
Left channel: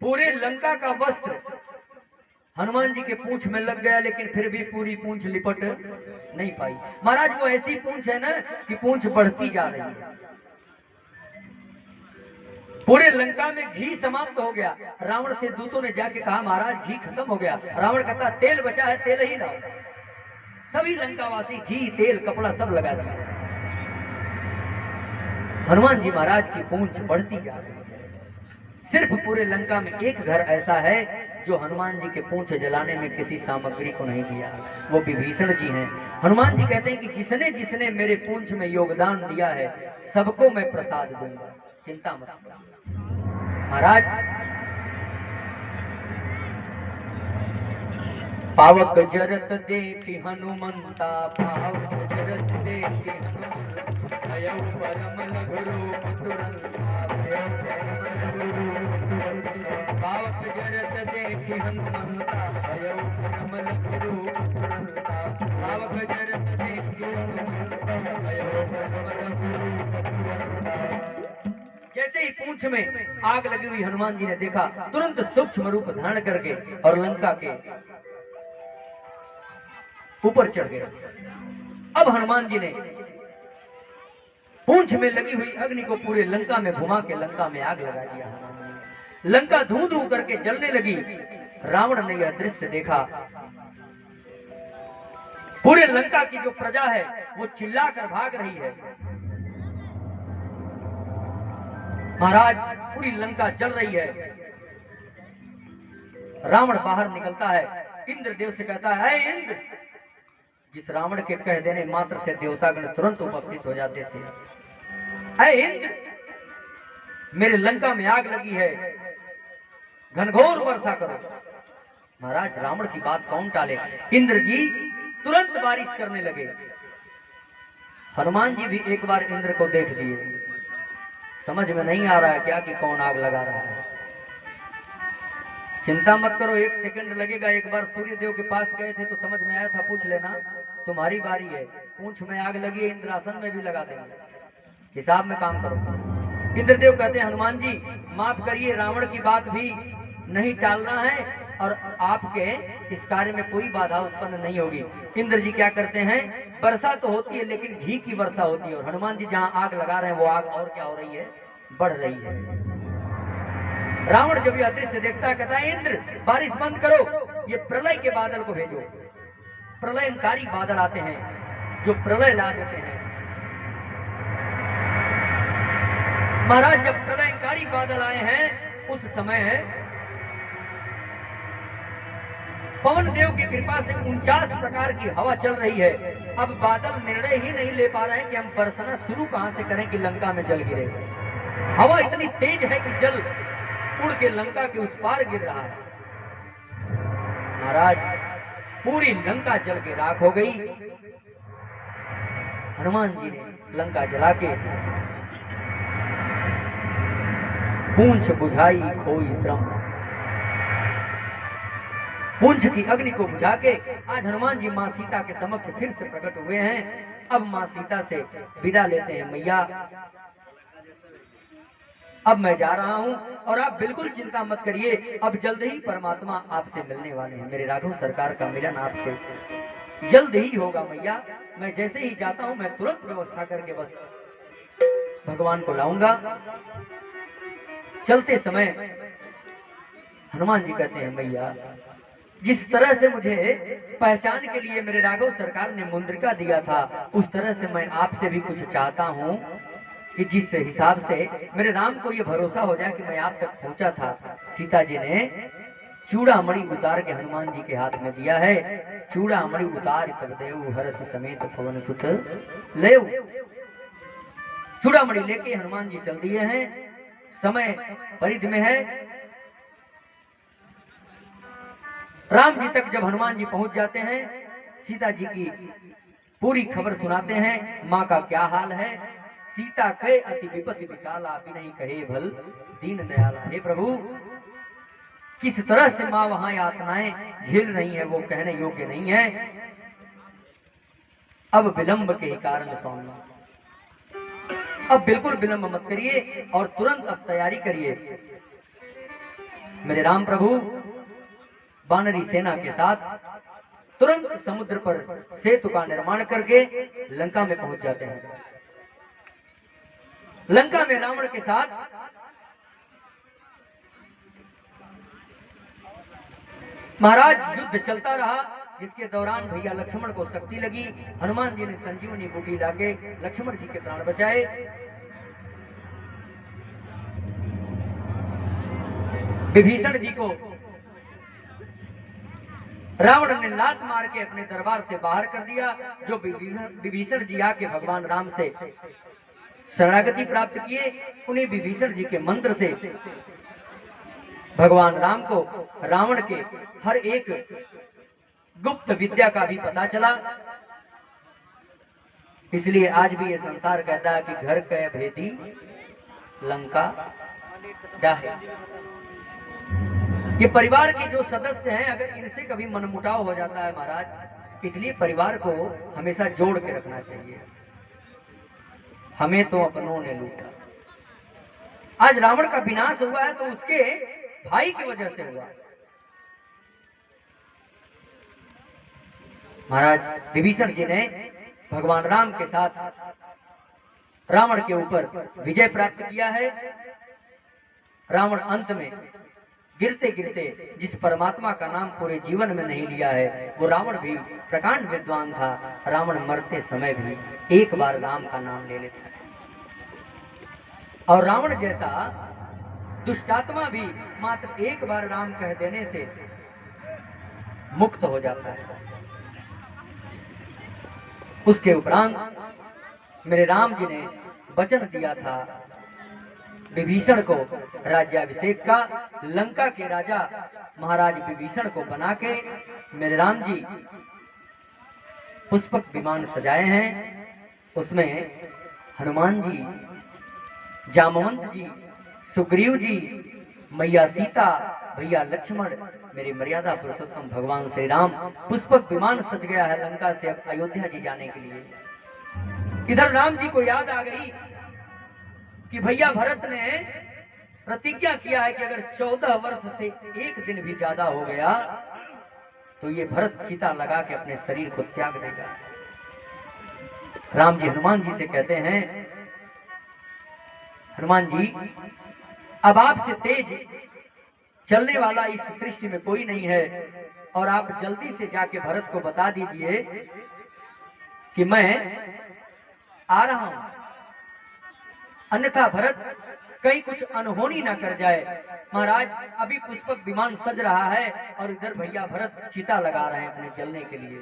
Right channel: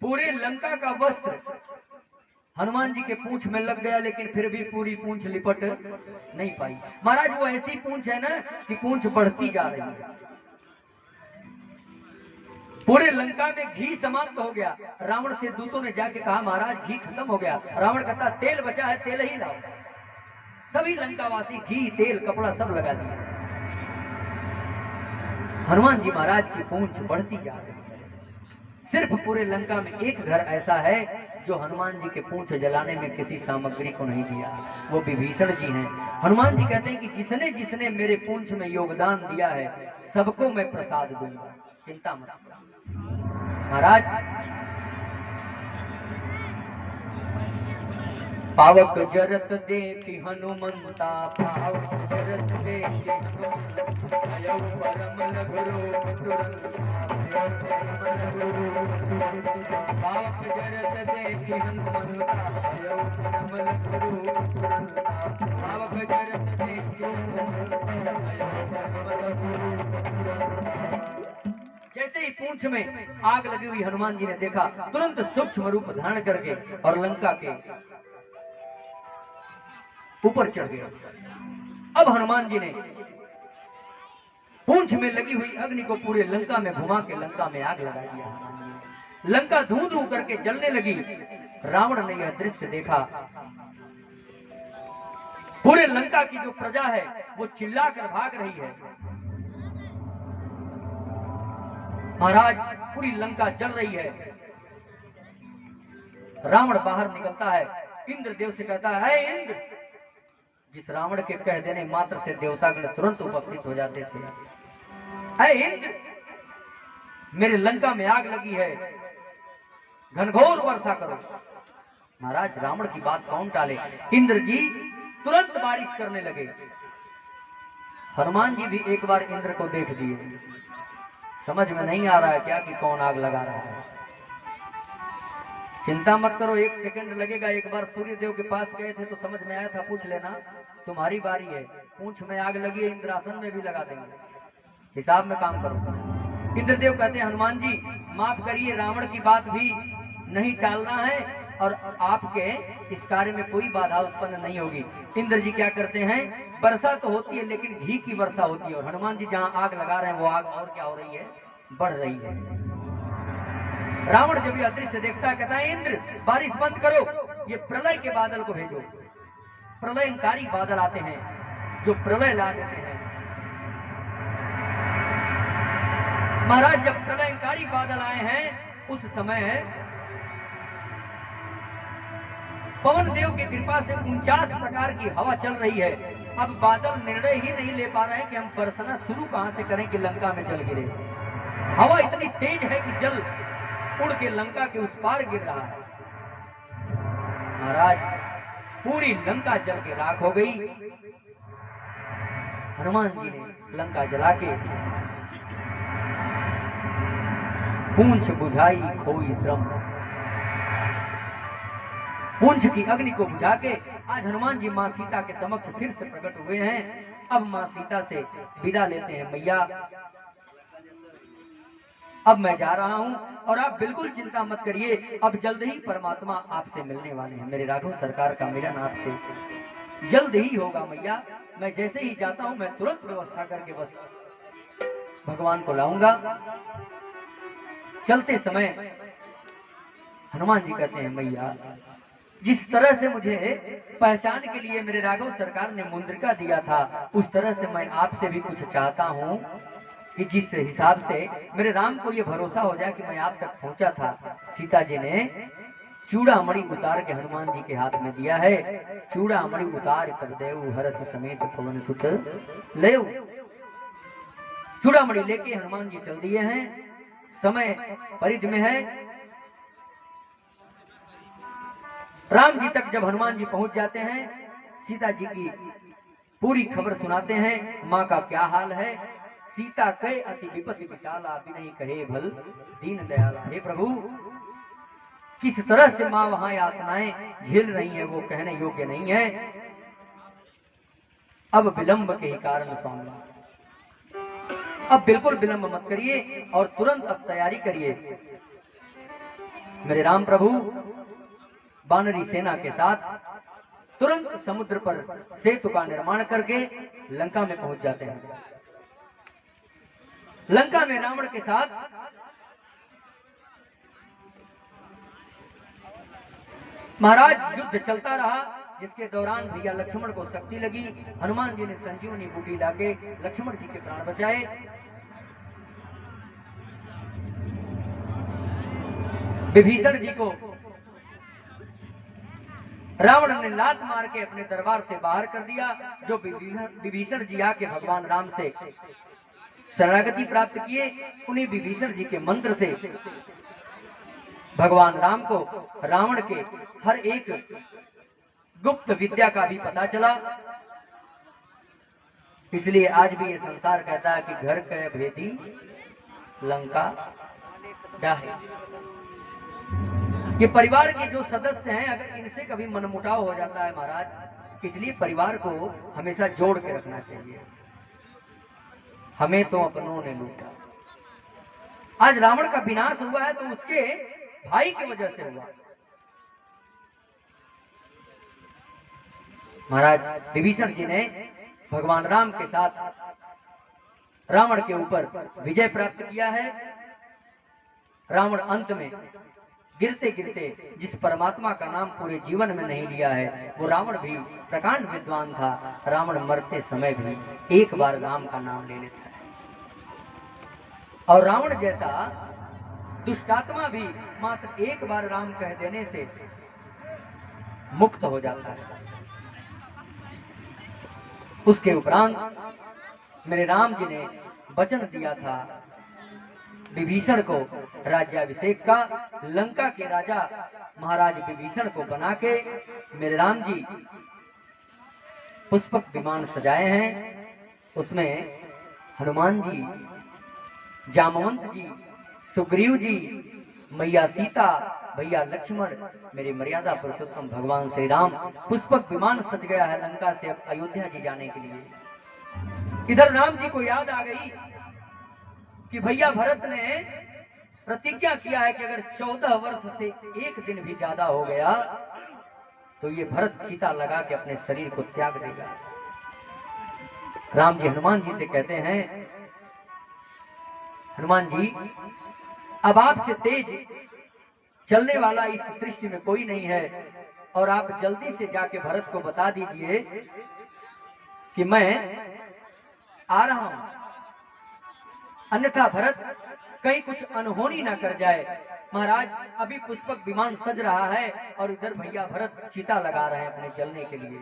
पूरे लंका का वस्त्र हनुमान जी के पूंछ में लग गया, लेकिन फिर भी पूरी पूंछ लिपट नहीं पाई। महाराज वो ऐसी पूंछ है ना कि पूंछ बढ़ती जा रही है। पूरे लंका में घी समाप्त हो गया। रावण से दूतों ने जाके कहा महाराज घी खत्म हो गया। रावण कहता तेल बचा है, तेल ही लाओ। सभी लंकावासी घी तेल कपड़ा सब लगा दिया। हनुमान जी महाराज की पूंछ बढ़ती जा रही है। सिर्फ पूरे लंका में एक घर ऐसा है जो हनुमान जी के पूंछ जलाने में किसी सामग्री को नहीं दिया, वो विभीषण जी हैं। हनुमान जी कहते हैं कि जिसने जिसने मेरे पूंछ में योगदान दिया है सबको मैं प्रसाद दूंगा, चिंता मत। महाराज पावक जरत देखी हनुमंता, पावक जरत देखी हनुमंता, अयौ परम लघुरो पावक जरत देखी हनुमंता, अयौ परम लघुरो पावक जरत देखी हनुमंता, अयौ परम लघुरो। जैसे ही पूंछ में आग लगी हुई हनुमान जी ने देखा, तुरंत सूक्ष्म रूप धारण करके और लंका के ऊपर चढ़ गए। अब हनुमान जी ने पूंछ में लगी हुई अग्नि को पूरे लंका में घुमा के लंका में आग लगा दिया। लंका धू धू करके जलने लगी। रावण ने यह दृश्य देखा पूरे लंका की जो प्रजा है वो चिल्लाकर भाग रही है। महाराज पूरी लंका जल रही है। रावण बाहर निकलता है, इंद्रदेव से कहता है, ऐ इंद्र। जिस रावण के कह देने मात्र से देवतागण तुरंत उपस्थित हो जाते थे। ऐ इंद्र, मेरे लंका में आग लगी है, घनघोर वर्षा करो। महाराज रावण की बात कौन टाले, इंद्र जी तुरंत बारिश करने लगे। हनुमान जी भी एक बार इंद्र को देख दिए। समझ में नहीं आ रहा है क्या कि कौन आग लगा रहा है। चिंता मत करो, 1 सेकंड लगेगा। एक बार सूर्य देव के पास गए थे तो समझ में आया था, पूछ लेना, तुम्हारी बारी है। पूंछ में आग लगी है, इंद्रासन में भी लगा देंगे, हिसाब में काम करो। इंद्रदेव कहते हैं, हनुमान जी माफ करिए, रावण की बात भी नहीं टालना है और आपके इस कार्य में कोई बाधा उत्पन्न नहीं होगी। इंद्र जी क्या करते हैं, वर्षा तो होती है लेकिन घी की वर्षा होती है। और हनुमान जी जहां आग लगा रहे हैं वो आग और क्या हो रही है, बढ़ रही है। रावण जब यह दृश्य देखता है, कहता है, इंद्र बारिश बंद करो, ये प्रलय के बादल को भेजो। प्रलयकारी बादल आते हैं जो प्रलय ला देते हैं। महाराज जब प्रलयकारी बादल आए हैं उस समय पवन देव की कृपा से 49 प्रकार की हवा चल रही है। अब बादल निर्णय ही नहीं ले पा रहे हैं कि हम बरसना शुरू कहां से करें कि लंका में जल गिरे। हवा इतनी तेज है कि जल उड़ के लंका के उस पार गिर रहा है। महाराज पूरी लंका जल के राख हो गई। हनुमान जी ने लंका जला के पूंछ बुझाई खोई श्रम। पूंछ की अग्नि को बुझा के आज हनुमान जी मां सीता के समक्ष फिर से प्रकट हुए हैं। अब मां सीता से विदा लेते हैं, मैया अब मैं जा रहा हूं और आप बिल्कुल चिंता मत करिए, अब जल्द ही परमात्मा आपसे मिलने वाले हैं। मेरे राघव सरकार का मिलन आपसे जल्द ही होगा मैया। मैं जैसे ही जाता हूं मैं तुरंत व्यवस्था करके बस भगवान को लाऊंगा। चलते समय हनुमान जी कहते हैं, मैया जिस तरह से मुझे पहचान के लिए मेरे राघव सरकार ने मुंद्रिका दिया था, उस तरह से मैं आपसे भी कुछ चाहता हूं कि जिस हिसाब से मेरे राम को ये भरोसा हो जाए कि मैं आप तक पहुंचा था। सीता जी ने चूड़ामणि उतार के हनुमान जी के हाथ में दिया है। चूड़ामणि उतार तब देव हरस समेत पवन सुत लेव। चूड़ामणि लेके हनुमान जी चल दिए हैं। समय परिधि में है। राम जी तक जब हनुमान जी पहुंच जाते हैं, सीता जी की पूरी खबर सुनाते हैं, माँ का क्या हाल है। सीता कहे अति विपत्ति विशाला, बिनहि कहे भल दीन दयाला। हे प्रभु, किस तरह से माँ वहां यातनाएं झेल रही हैं वो कहने योग्य नहीं है। अब विलंब के ही कारण स्वामी, अब बिल्कुल विलंब मत करिए और तुरंत अब तैयारी करिए। मेरे राम प्रभु वानरी सेना के साथ तुरंत समुद्र पर सेतु का निर्माण करके लंका में पहुंच जाते हैं। लंका में रावण के साथ महाराज युद्ध चलता रहा, जिसके दौरान भैया लक्ष्मण को शक्ति लगी। हनुमान जी ने संजीवनी बूटी लाके लक्ष्मण जी के प्राण बचाए। विभीषण जी को रावण ने लात मार के अपने दरबार से बाहर कर दिया। जो विभीषण जी आके भगवान राम से शरणागति प्राप्त किए, उन्हीं विभीषण जी के मंत्र से भगवान राम को रावण के हर एक गुप्त विद्या का भी पता चला। इसलिए आज भी ये संसार कहता है कि घर कै भेदी लंका डाहे। ये परिवार के जो सदस्य हैं, अगर इनसे कभी मनमुटाव हो जाता है महाराज, इसलिए परिवार को हमेशा जोड़ के रखना चाहिए। हमें तो अपनों ने लूटा। आज रावण का विनाश हुआ है तो उसके भाई की वजह से हुआ। महाराज विभीषण जी ने भगवान राम के साथ रावण के ऊपर विजय प्राप्त किया है। रावण अंत में गिरते गिरते जिस परमात्मा का नाम पूरे जीवन में नहीं लिया है, वो रावण भी प्रकांड विद्वान था। रावण मरते समय भी एक बार राम का नाम ले लेता है, और रावण जैसा दुष्टात्मा भी मात्र एक बार राम कह देने से मुक्त हो जाता है। उसके उपरांत मेरे राम जी ने वचन दिया था विभीषण को राज्याभिषेक का। लंका के राजा महाराज विभीषण को बना के मेरे राम जी पुष्पक विमान सजाए हैं। उसमें हनुमान जी, जामवंत जी, सुग्रीव जी, मैया सीता, भैया लक्ष्मण, मेरी मर्यादा पुरुषोत्तम भगवान श्री राम, पुष्पक विमान सज गया है लंका से अब अयोध्या जी जाने के लिए। इधर राम जी को याद आ गई कि भैया भरत ने प्रतिज्ञा किया है कि अगर 14 वर्ष से एक दिन भी ज्यादा हो गया तो ये भरत चिता लगा के अपने शरीर को त्याग देगा। राम जी हनुमान जी से कहते हैं, हनुमान जी अब आपसे तेज चलने वाला इस सृष्टि में कोई नहीं है, और आप जल्दी से जाके भरत को बता दीजिए कि मैं आ रहा हूं, अन्यथा भरत कहीं कुछ अनहोनी ना कर जाए। महाराज अभी पुष्पक विमान सज रहा है और इधर भैया भरत चिता लगा रहे हैं अपने जलने के लिए।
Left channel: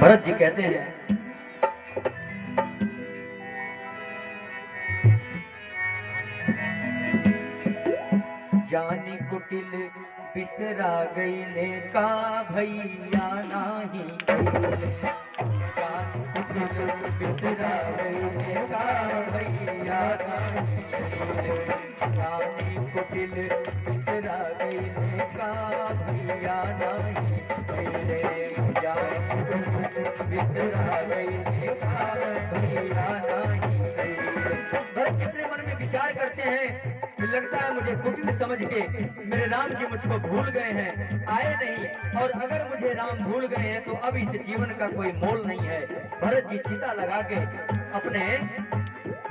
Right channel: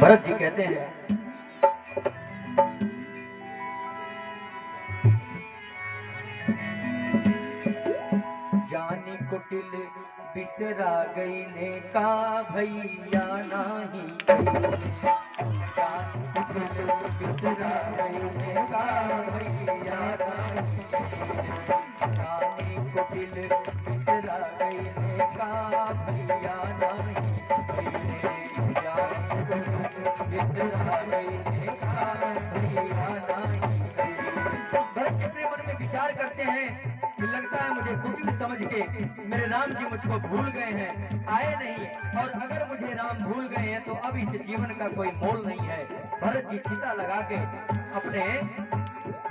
भरत जी कहते हैं, जानी कुटिल बिसरा गई ने का भैया नाही, बिसरा गई ने का भैया नाही, जानी कुटिल बिसरा गई ने का भैया नाही, जानी कुटिल बिसरा गई ने का भैया नाही। भरत अपने मन में विचार करते हैं, लगता है मुझे कुटिल समझ के मेरे राम जी मुझको भूल गए हैं, आए नहीं, और अगर मुझे राम भूल गए हैं तो अब इस जीवन का कोई मोल नहीं है। भरत जी चिता लगा के अपने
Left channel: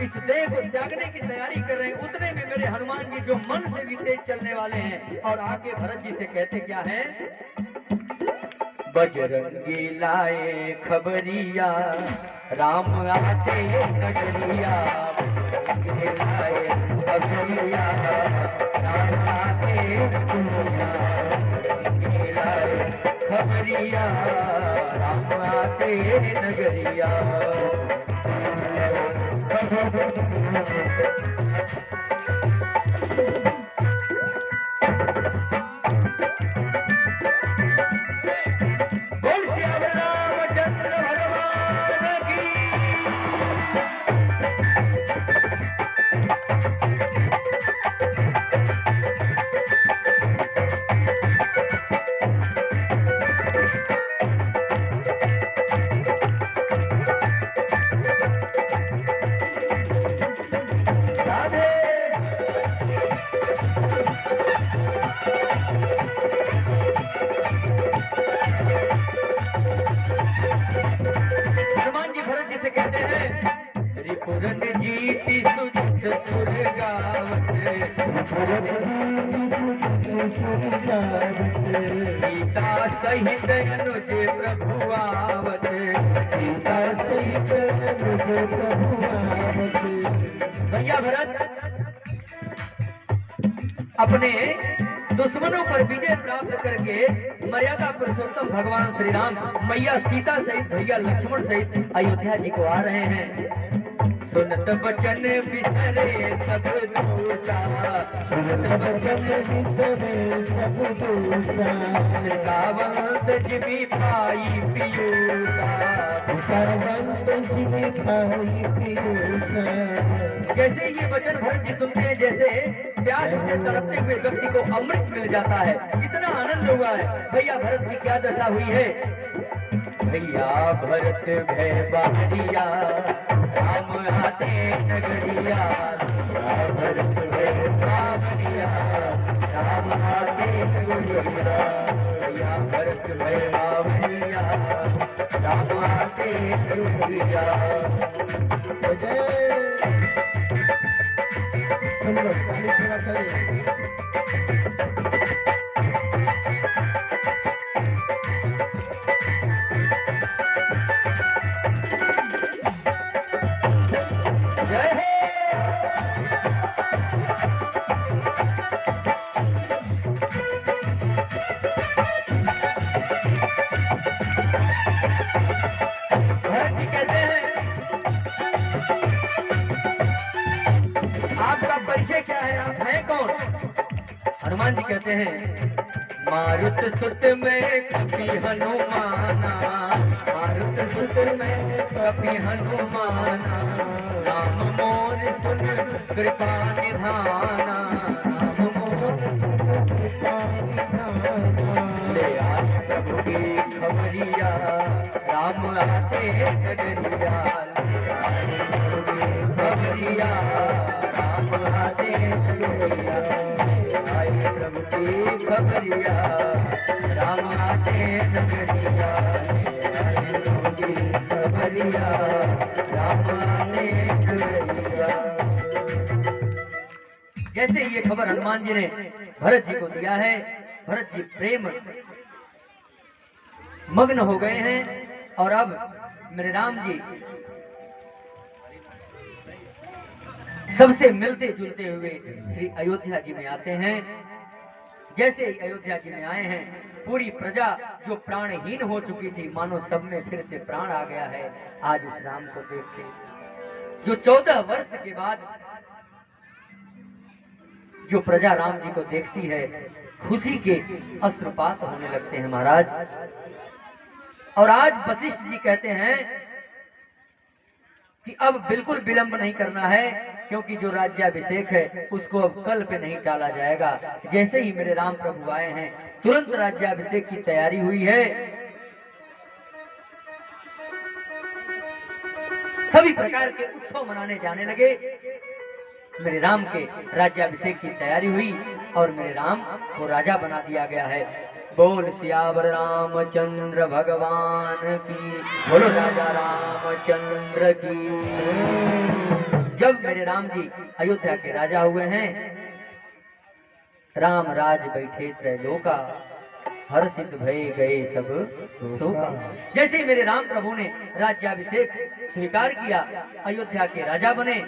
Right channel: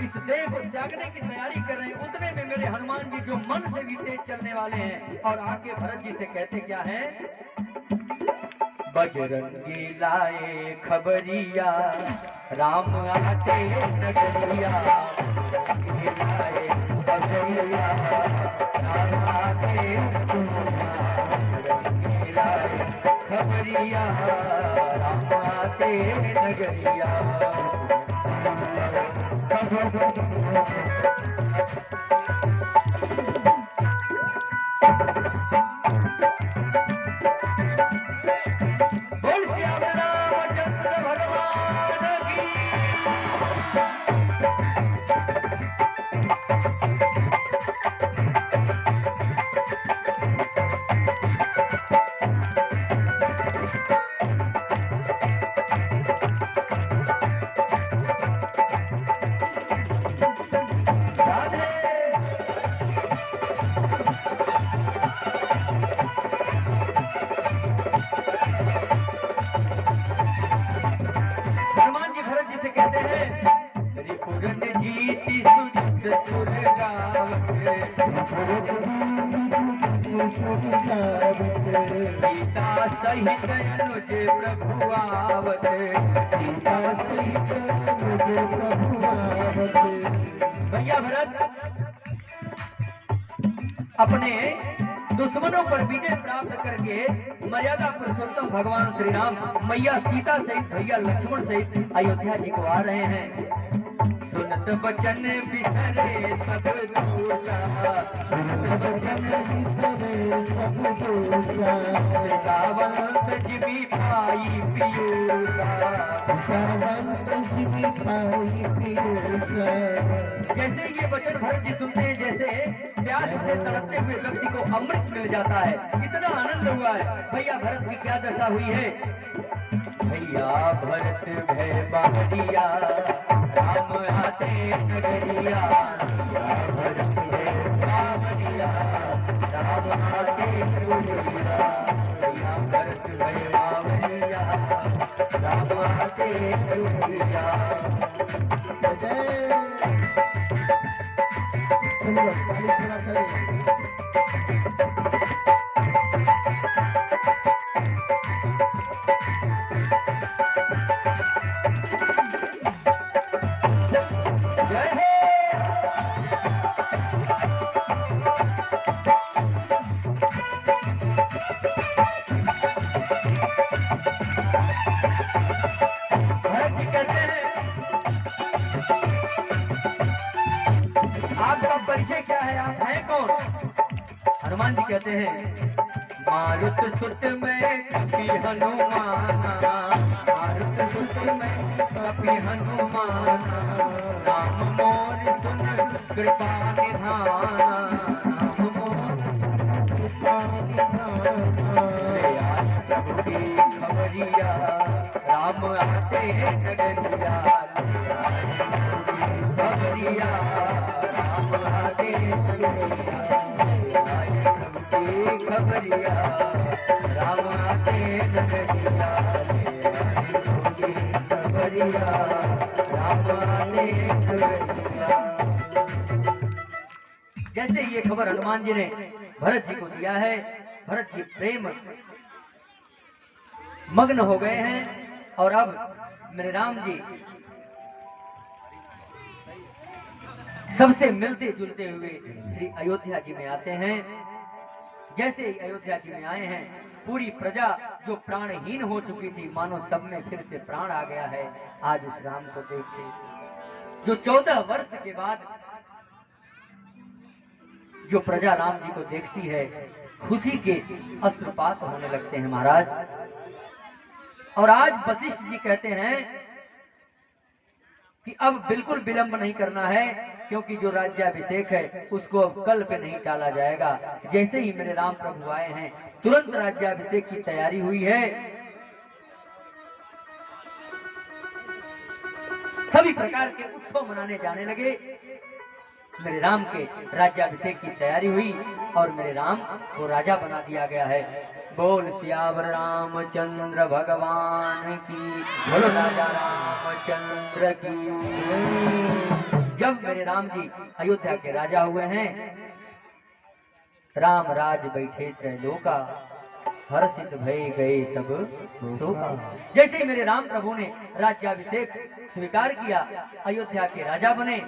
इस देह को त्यागने की तैयारी कर रहे हैं। उतने में मेरे हनुमान जी जो मन से भी तेज चलने वाले हैं, और आके भरत जी से कहते क्या है, बजरंगी लाए खबरिया राम आते नगरिया, खबरिया राम आते खबरिया राम आते नगरिया। बोल श्याम रामचंद्र भगवान की। हनुमान जी भरत जी से कहते हैं, रिपुरन जीती सुजित सुर गावत, सीता सहित अनुज प्रभु आवत, सीता सहित अनुज प्रभु आवत। भैया भरत अपने दुश्मनों पर विजय प्राप्त करके मर्यादा पुरुषोत्तम भगवान श्री राम, मैया सीता सहित भैया लक्ष्मण सहित अयोध्या जी को आ रहे हैं। सुनत बचन बिसरे सब दूसा, सुनत बचन बिसरे सब दूसा, सावंत जिबी पाई पियूसा, सावंत जिबी पाई पियूसा। जैसे ये वचन भरत जी सुनते हैं, जैसे प्यास से तड़पते हुए व्यक्ति को अमृत मिल जाता है, इतना आनंद हुआ है। भैया भरत की क्या दशा हुई है, भैया भरत भय बावरिया राम आते नगरिया, भरत भय बावरिया राम आते नगरिया, भैया भरत भय बावरिया राम आते कन्हैया। जय हो। भरत जी कहते हैं, आपका परिचय क्या है, आप हैं कौन? हनुमान जी कहते हैं, मारुत सुत में कपि हनुमाना, मारुत सुत में कपि हनुमाना, राम मोर सुन कृपा निधाना, राम मोर कृपा निधाना। ले आए प्रभु की खबरिया, राम आते नगरिया, ले आए प्रभु की खबरिया, राम आते नगरिया, ले आए प्रभु की खबरिया, राम आते नगरिया, ले आए प्रभु की खबरिया, राम आते नगरिया। जैसे ये खबर हनुमान जी ने भरत जी को दिया है, भरत जी प्रेम मग्न हो गए हैं और अब मेरे राम जी सबसे मिलते जुलते हुए श्री अयोध्या जी में आते हैं। जैसे ही अयोध्या जी में आए हैं, पूरी प्रजा जो प्राणहीन हो चुकी थी, मानो सब में फिर से प्राण आ गया है आज उस राम को देख के। जो 14 वर्ष के बाद जो प्रजा राम जी को देखती है, खुशी के अश्रुपात होने लगते हैं महाराज। और आज वशिष्ठ जी कहते हैं कि अब बिल्कुल विलंब नहीं करना है, क्योंकि जो राज्याभिषेक है उसको अब कल पे नहीं टाला जाएगा। जैसे ही मेरे राम प्रभु आए हैं, तुरंत राज्याभिषेक की तैयारी हुई है। सभी प्रकार के उत्सव मनाने जाने लगे। मेरे राम के राज्याभिषेक की तैयारी हुई और मेरे राम को राजा बना दिया गया है। बोल सियावर रामचंद्र भगवान की, बोलो राजा रामचंद्र की। जब मेरे राम जी अयोध्या के राजा हुए हैं, राम राज बैठे त्रैलोका, हर्षित भय गए सब शोका। जैसे ही मेरे राम प्रभु ने राज्याभिषेक स्वीकार किया, अयोध्या के राजा बने।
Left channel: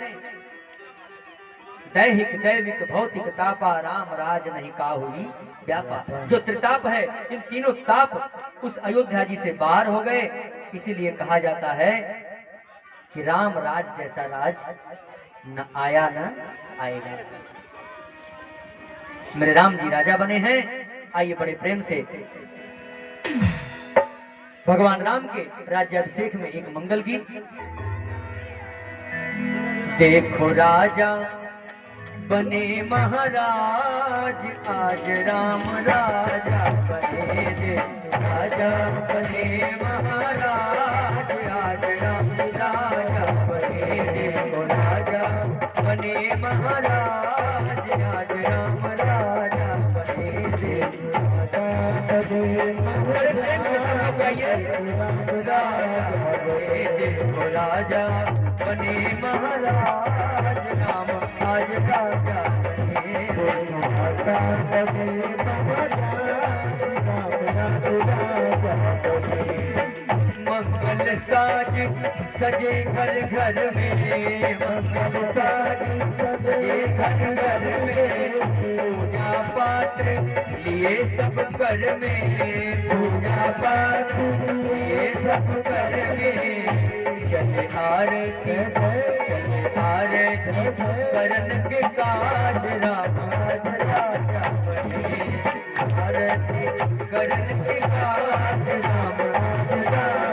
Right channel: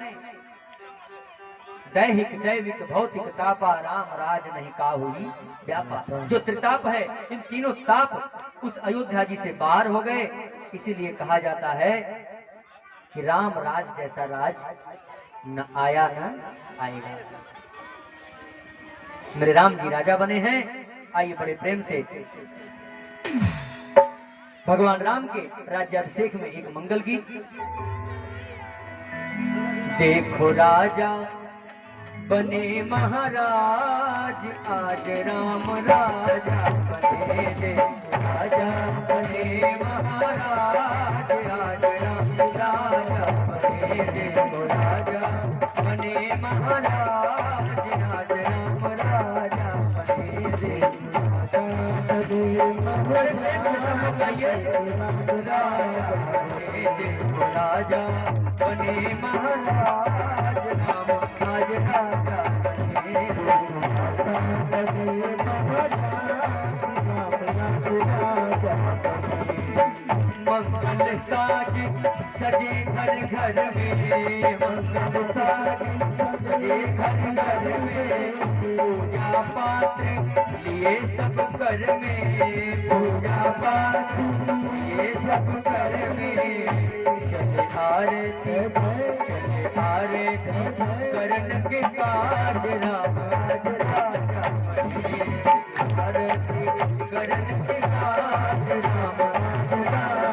दैहिक दैविक भौतिक तापा, राम राज नहीं काहुरी व्यापा। जो त्रिताप है, इन तीनों ताप उस अयोध्या जी से बाहर हो गए। इसीलिए कहा जाता है कि राम राज जैसा राज न आया न आएगा। मेरे राम जी राजा बने हैं। आइए बड़े प्रेम से भगवान राम के राज्याभिषेक में एक मंगल गीत। देखो राजा बने महाराज, आज राम राजा बने। देखो राजा बने महाराज, आज राम राजा बने। देखो राजा बने महाराज, आज राम राजा बने। देखो राजा बने महाराज, राम आज राजा मंगल साज सजे घर घर में, मंगल साज सजे घर घर में। पूजा पाठ लिए सब घर में, पूजा पाठ लिए सब घर में। चले आरती चले आरती करन के काज, राम आज राजा बने। आरती करन के काज, राम आज राजा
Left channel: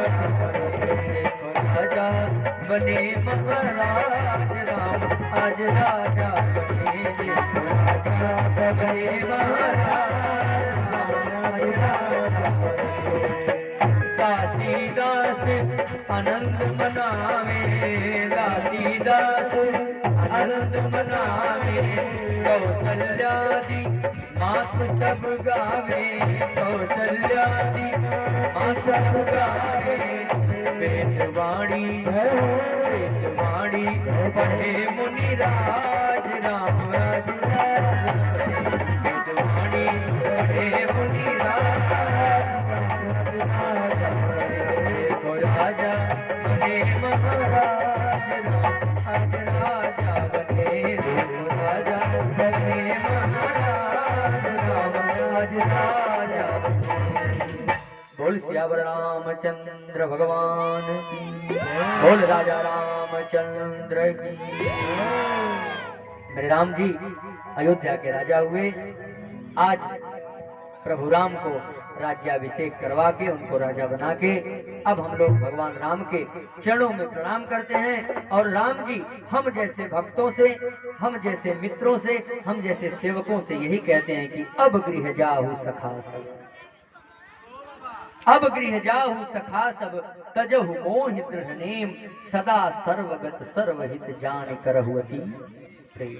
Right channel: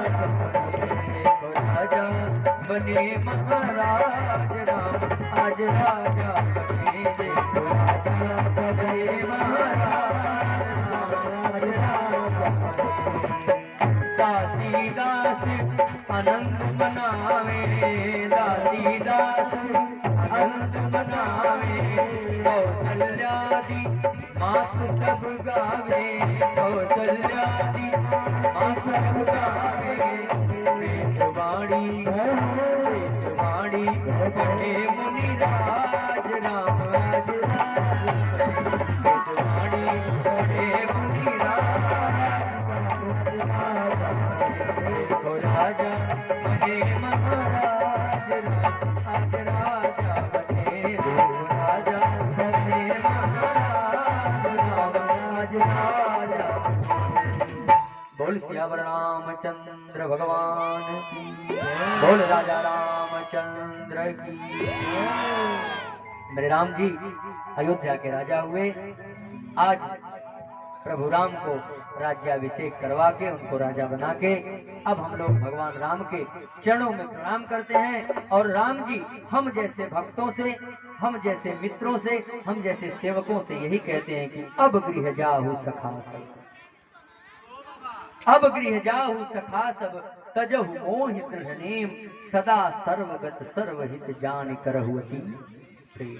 बने। महाराज राम आज राजा बने। राजा बने महाराज, दासीदास आनंद मनावे, दासीदास आनंद मनावे। गावे कौशल्या जी मात सब गावे कौशल्या जी मात सब गावे वेदवाणी पढ़े मुनिराज राम राज वेदवाणी पढ़े मुनिराज राजा बने महाराज आज राजा बने राजा बने महाराज राज राजा बोल सियावर रामचंद्र भगवान की बोल राजा रामचंद्र की। मेरे राम जी अयोध्या के राजा हुए। आज प्रभु राम को राज्याभिषेक करवा के उनको राजा बना के अब हम लोग भगवान राम के चरणों में प्रणाम करते हैं। और राम जी हम जैसे भक्तों से, हम जैसे मित्रों से, हम जैसे सेवकों से यही कहते हैं कि अब गृह जाहु सखा सब, अब गृह जाहु सखा सब, तजहु मोहित नेम, सदा सर्वगत सर्वहित जान करहु अति प्रेम।